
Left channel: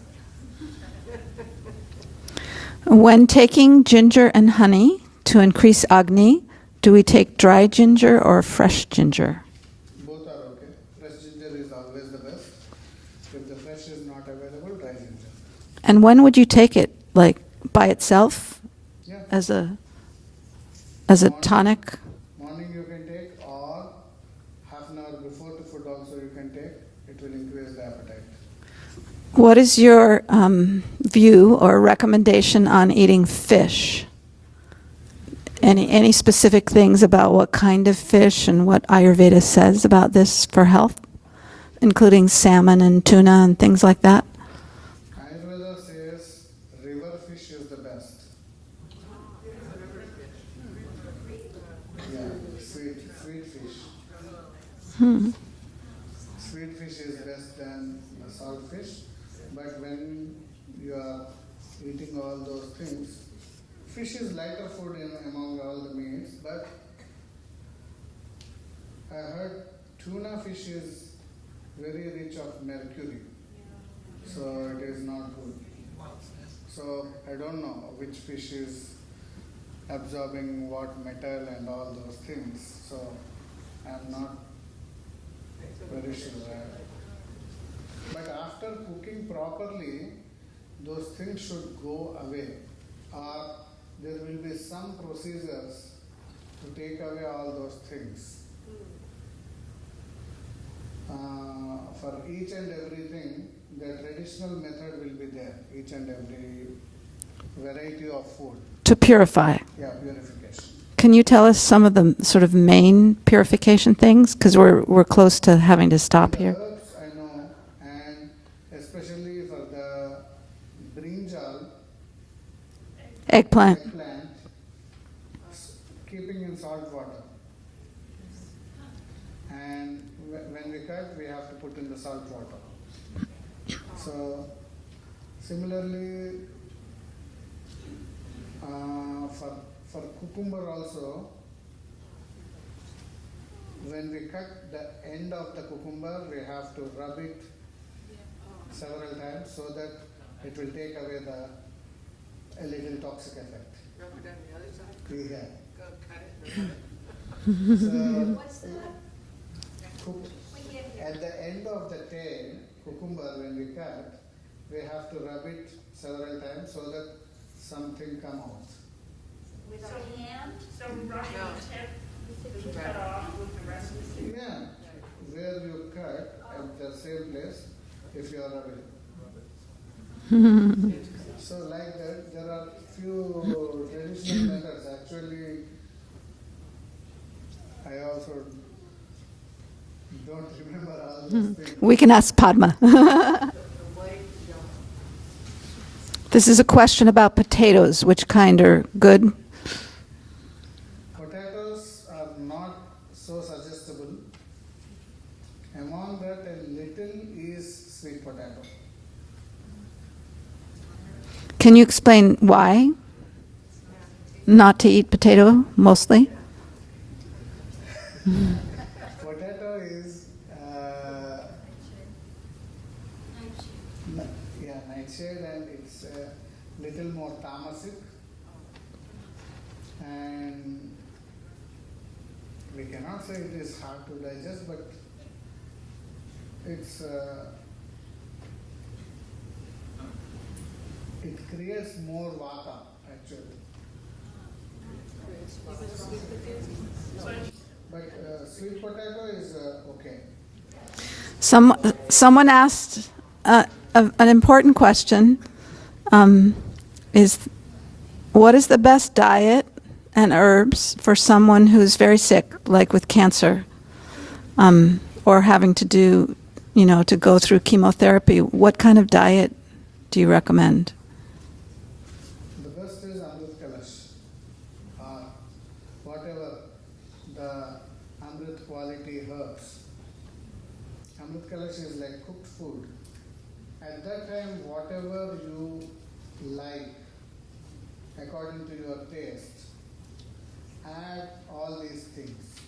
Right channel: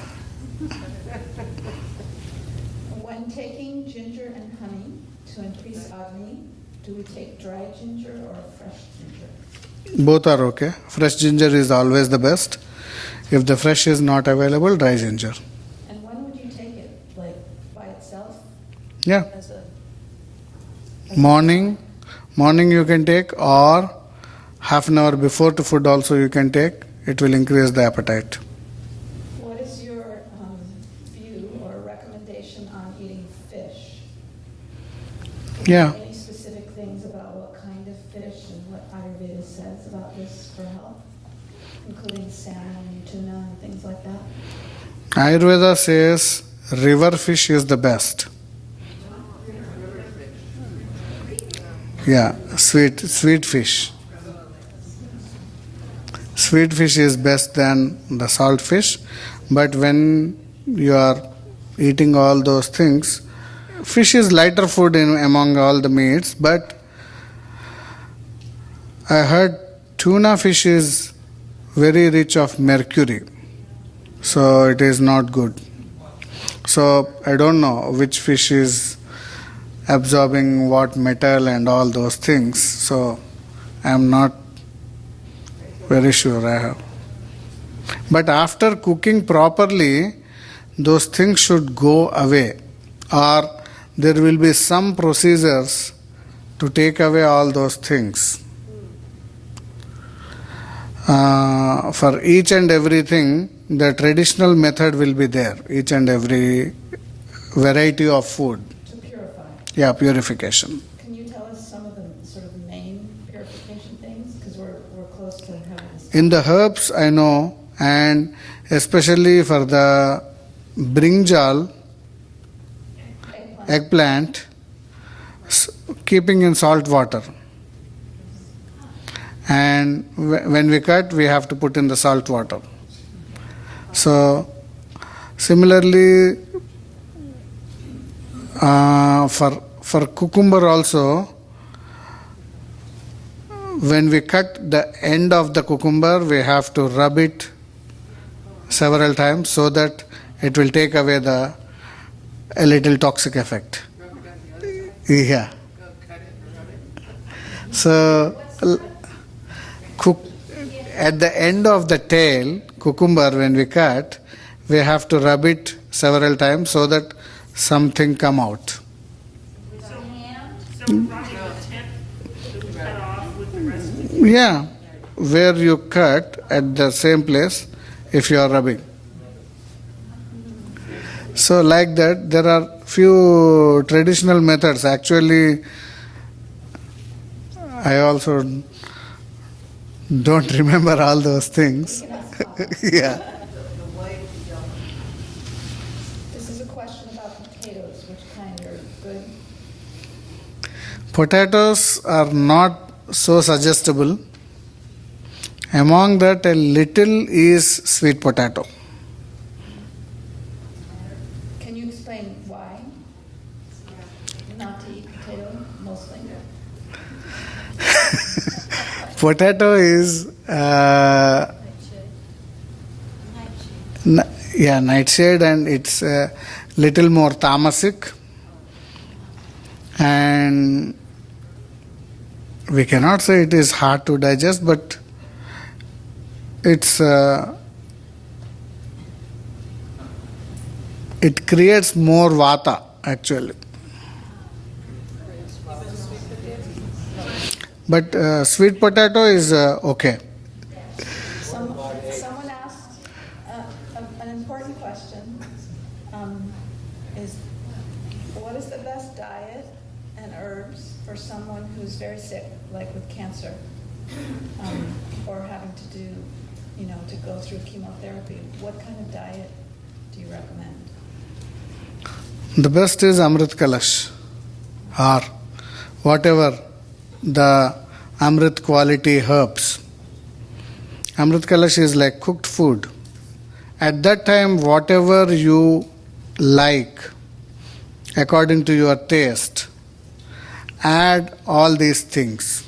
When taking ginger and honey to increase Agni, do we take dry ginger or fresh ginger? Both are okay. Fresh ginger is always the best. If the fresh is not available, dry ginger. And when would you take it? Like by itself Yeah. as a Morning. tonic? Morning you can take, or half an hour before to food also you can take. It will increase the appetite. What is your view or recommendation on eating fish? Any specific things about what kind of fish and what Ayurveda says about this for health, including salmon and tuna and things like that? Ayurveda says river fish is the best. Yeah, sweet fish. Sweet fish is best than the salt fish, but when you are eating all those things, fish is lighter food among all the meats, but I heard tuna fish is very rich of mercury, so it is not good. So I don't know which fish is absorbing what metal and all those things, so I am not very sure I have. But after cooking properly, those things should go away, or there will be some procedures to take away all those things. For each and everything, the traditional method will be there, each and every variety of food. To purify. Yeah, purification. Can you tell us some of the sort of main purification things? Because we're close to having to stop. In the here. herbs, I know, and especially for the brinjal, eggplant, keeping in salt water. And when we cut, we have to put in the salt water. So, similarly, for cucumber also, when we cut the end of the cucumber, we have to rub it several times so that it will take away a little toxic effect. Yeah. So, at the end of the tail, cucumber, when we cut, we have to rub it several times so that something come out. Yeah, where you cut at the same place if you are rubbing. So like that, there are few traditional methods. Actually, I also don't remember all those things. We can ask Padma. This is a question about potatoes. Which kind are good? Potatoes are not so suggestible. Among that, a little is sweet potato. Can you explain why not to eat potato mostly? Potato is Nightshade, and it's a little more tamasic, and we cannot say it is hard to digest, but it's it creates more vata actually. But sweet potato is okay. Someone asked an important question, is what is the best diet and herbs for someone who's very sick, like with cancer, or having to do, to go through chemotherapy? What kind of diet do you recommend? The best is Amrit Kalash, or whatever the Amrit quality herbs. Amrit Kalash is like cooked food. At that time, whatever you like, according to your taste, add all these things.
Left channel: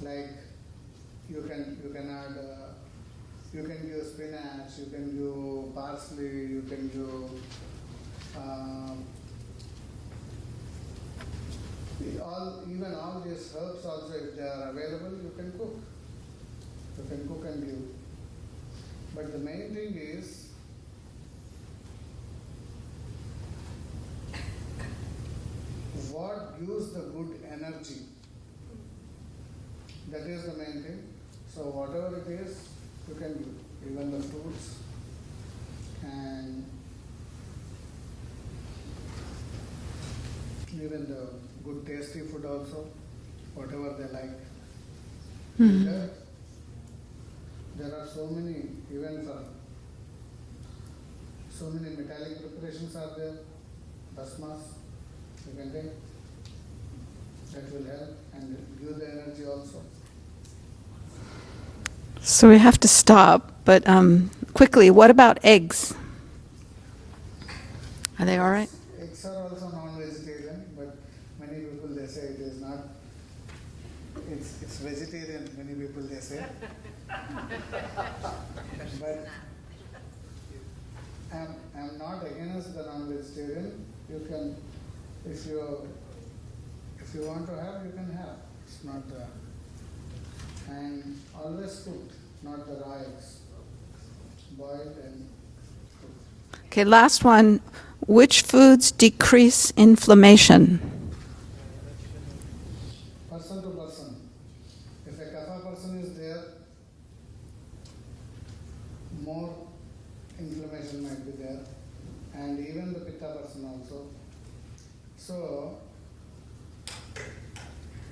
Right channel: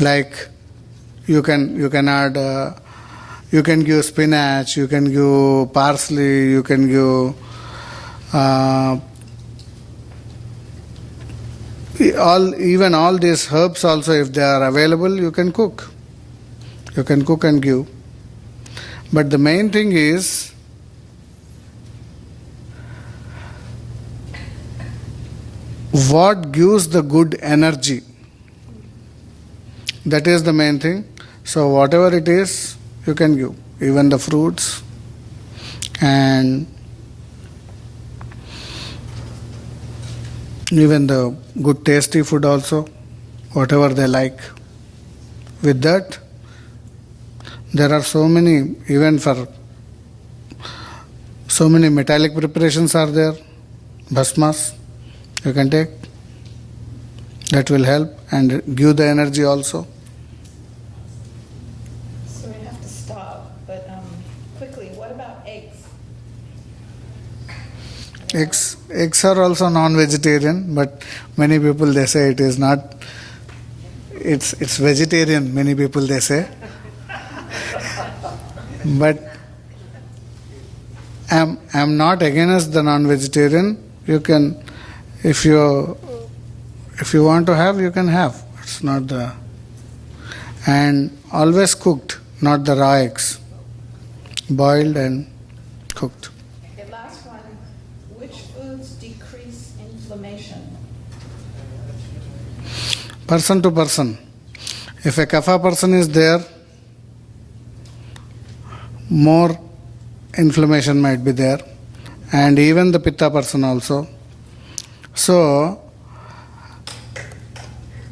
Like you can add, you can give spinach, you can give parsley, you can give even all these herbs also, if they are available, you can cook. You can cook and give. But the main thing is what gives the good energy. That is the main thing. So whatever it is, you can give. Even the fruits and even the good tasty food also, whatever they like. With that, there are so many, even for so many metallic preparations are there, bhasmas you can take. That will help and give the energy also. So we have to stop, but quickly, what about eggs? Are they all right? Eggs are also non-vegetarian, but many people they say it is not. It's vegetarian. Many people they say, but I'm not against the non-vegetarian. You can, if you want to have, you can have. It's not the, and always cooked, not the raw eggs, boiled and cooked. Okay, last one. Which foods decrease inflammation? Person to person. If a kapha person is there, more inflammation might be there, and even the pitta person also. So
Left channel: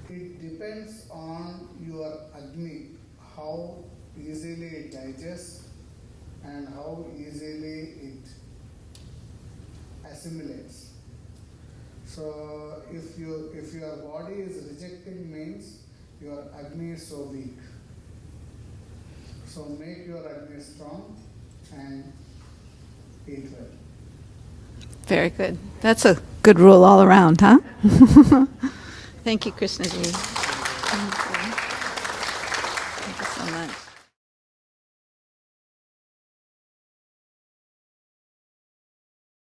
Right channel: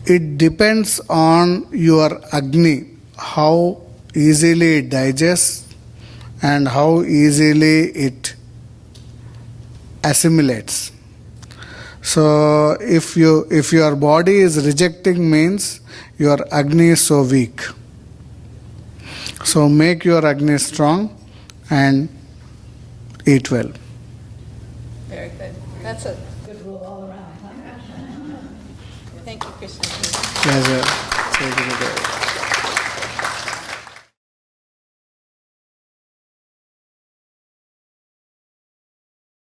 it depends on your Agni, how easily it digests and how easily it assimilates. So if your body is rejecting, means your Agni is so weak. So make your Agni strong and eat well. Very good. That's a good rule all around, huh? Thank you, Krishna. Pleasure.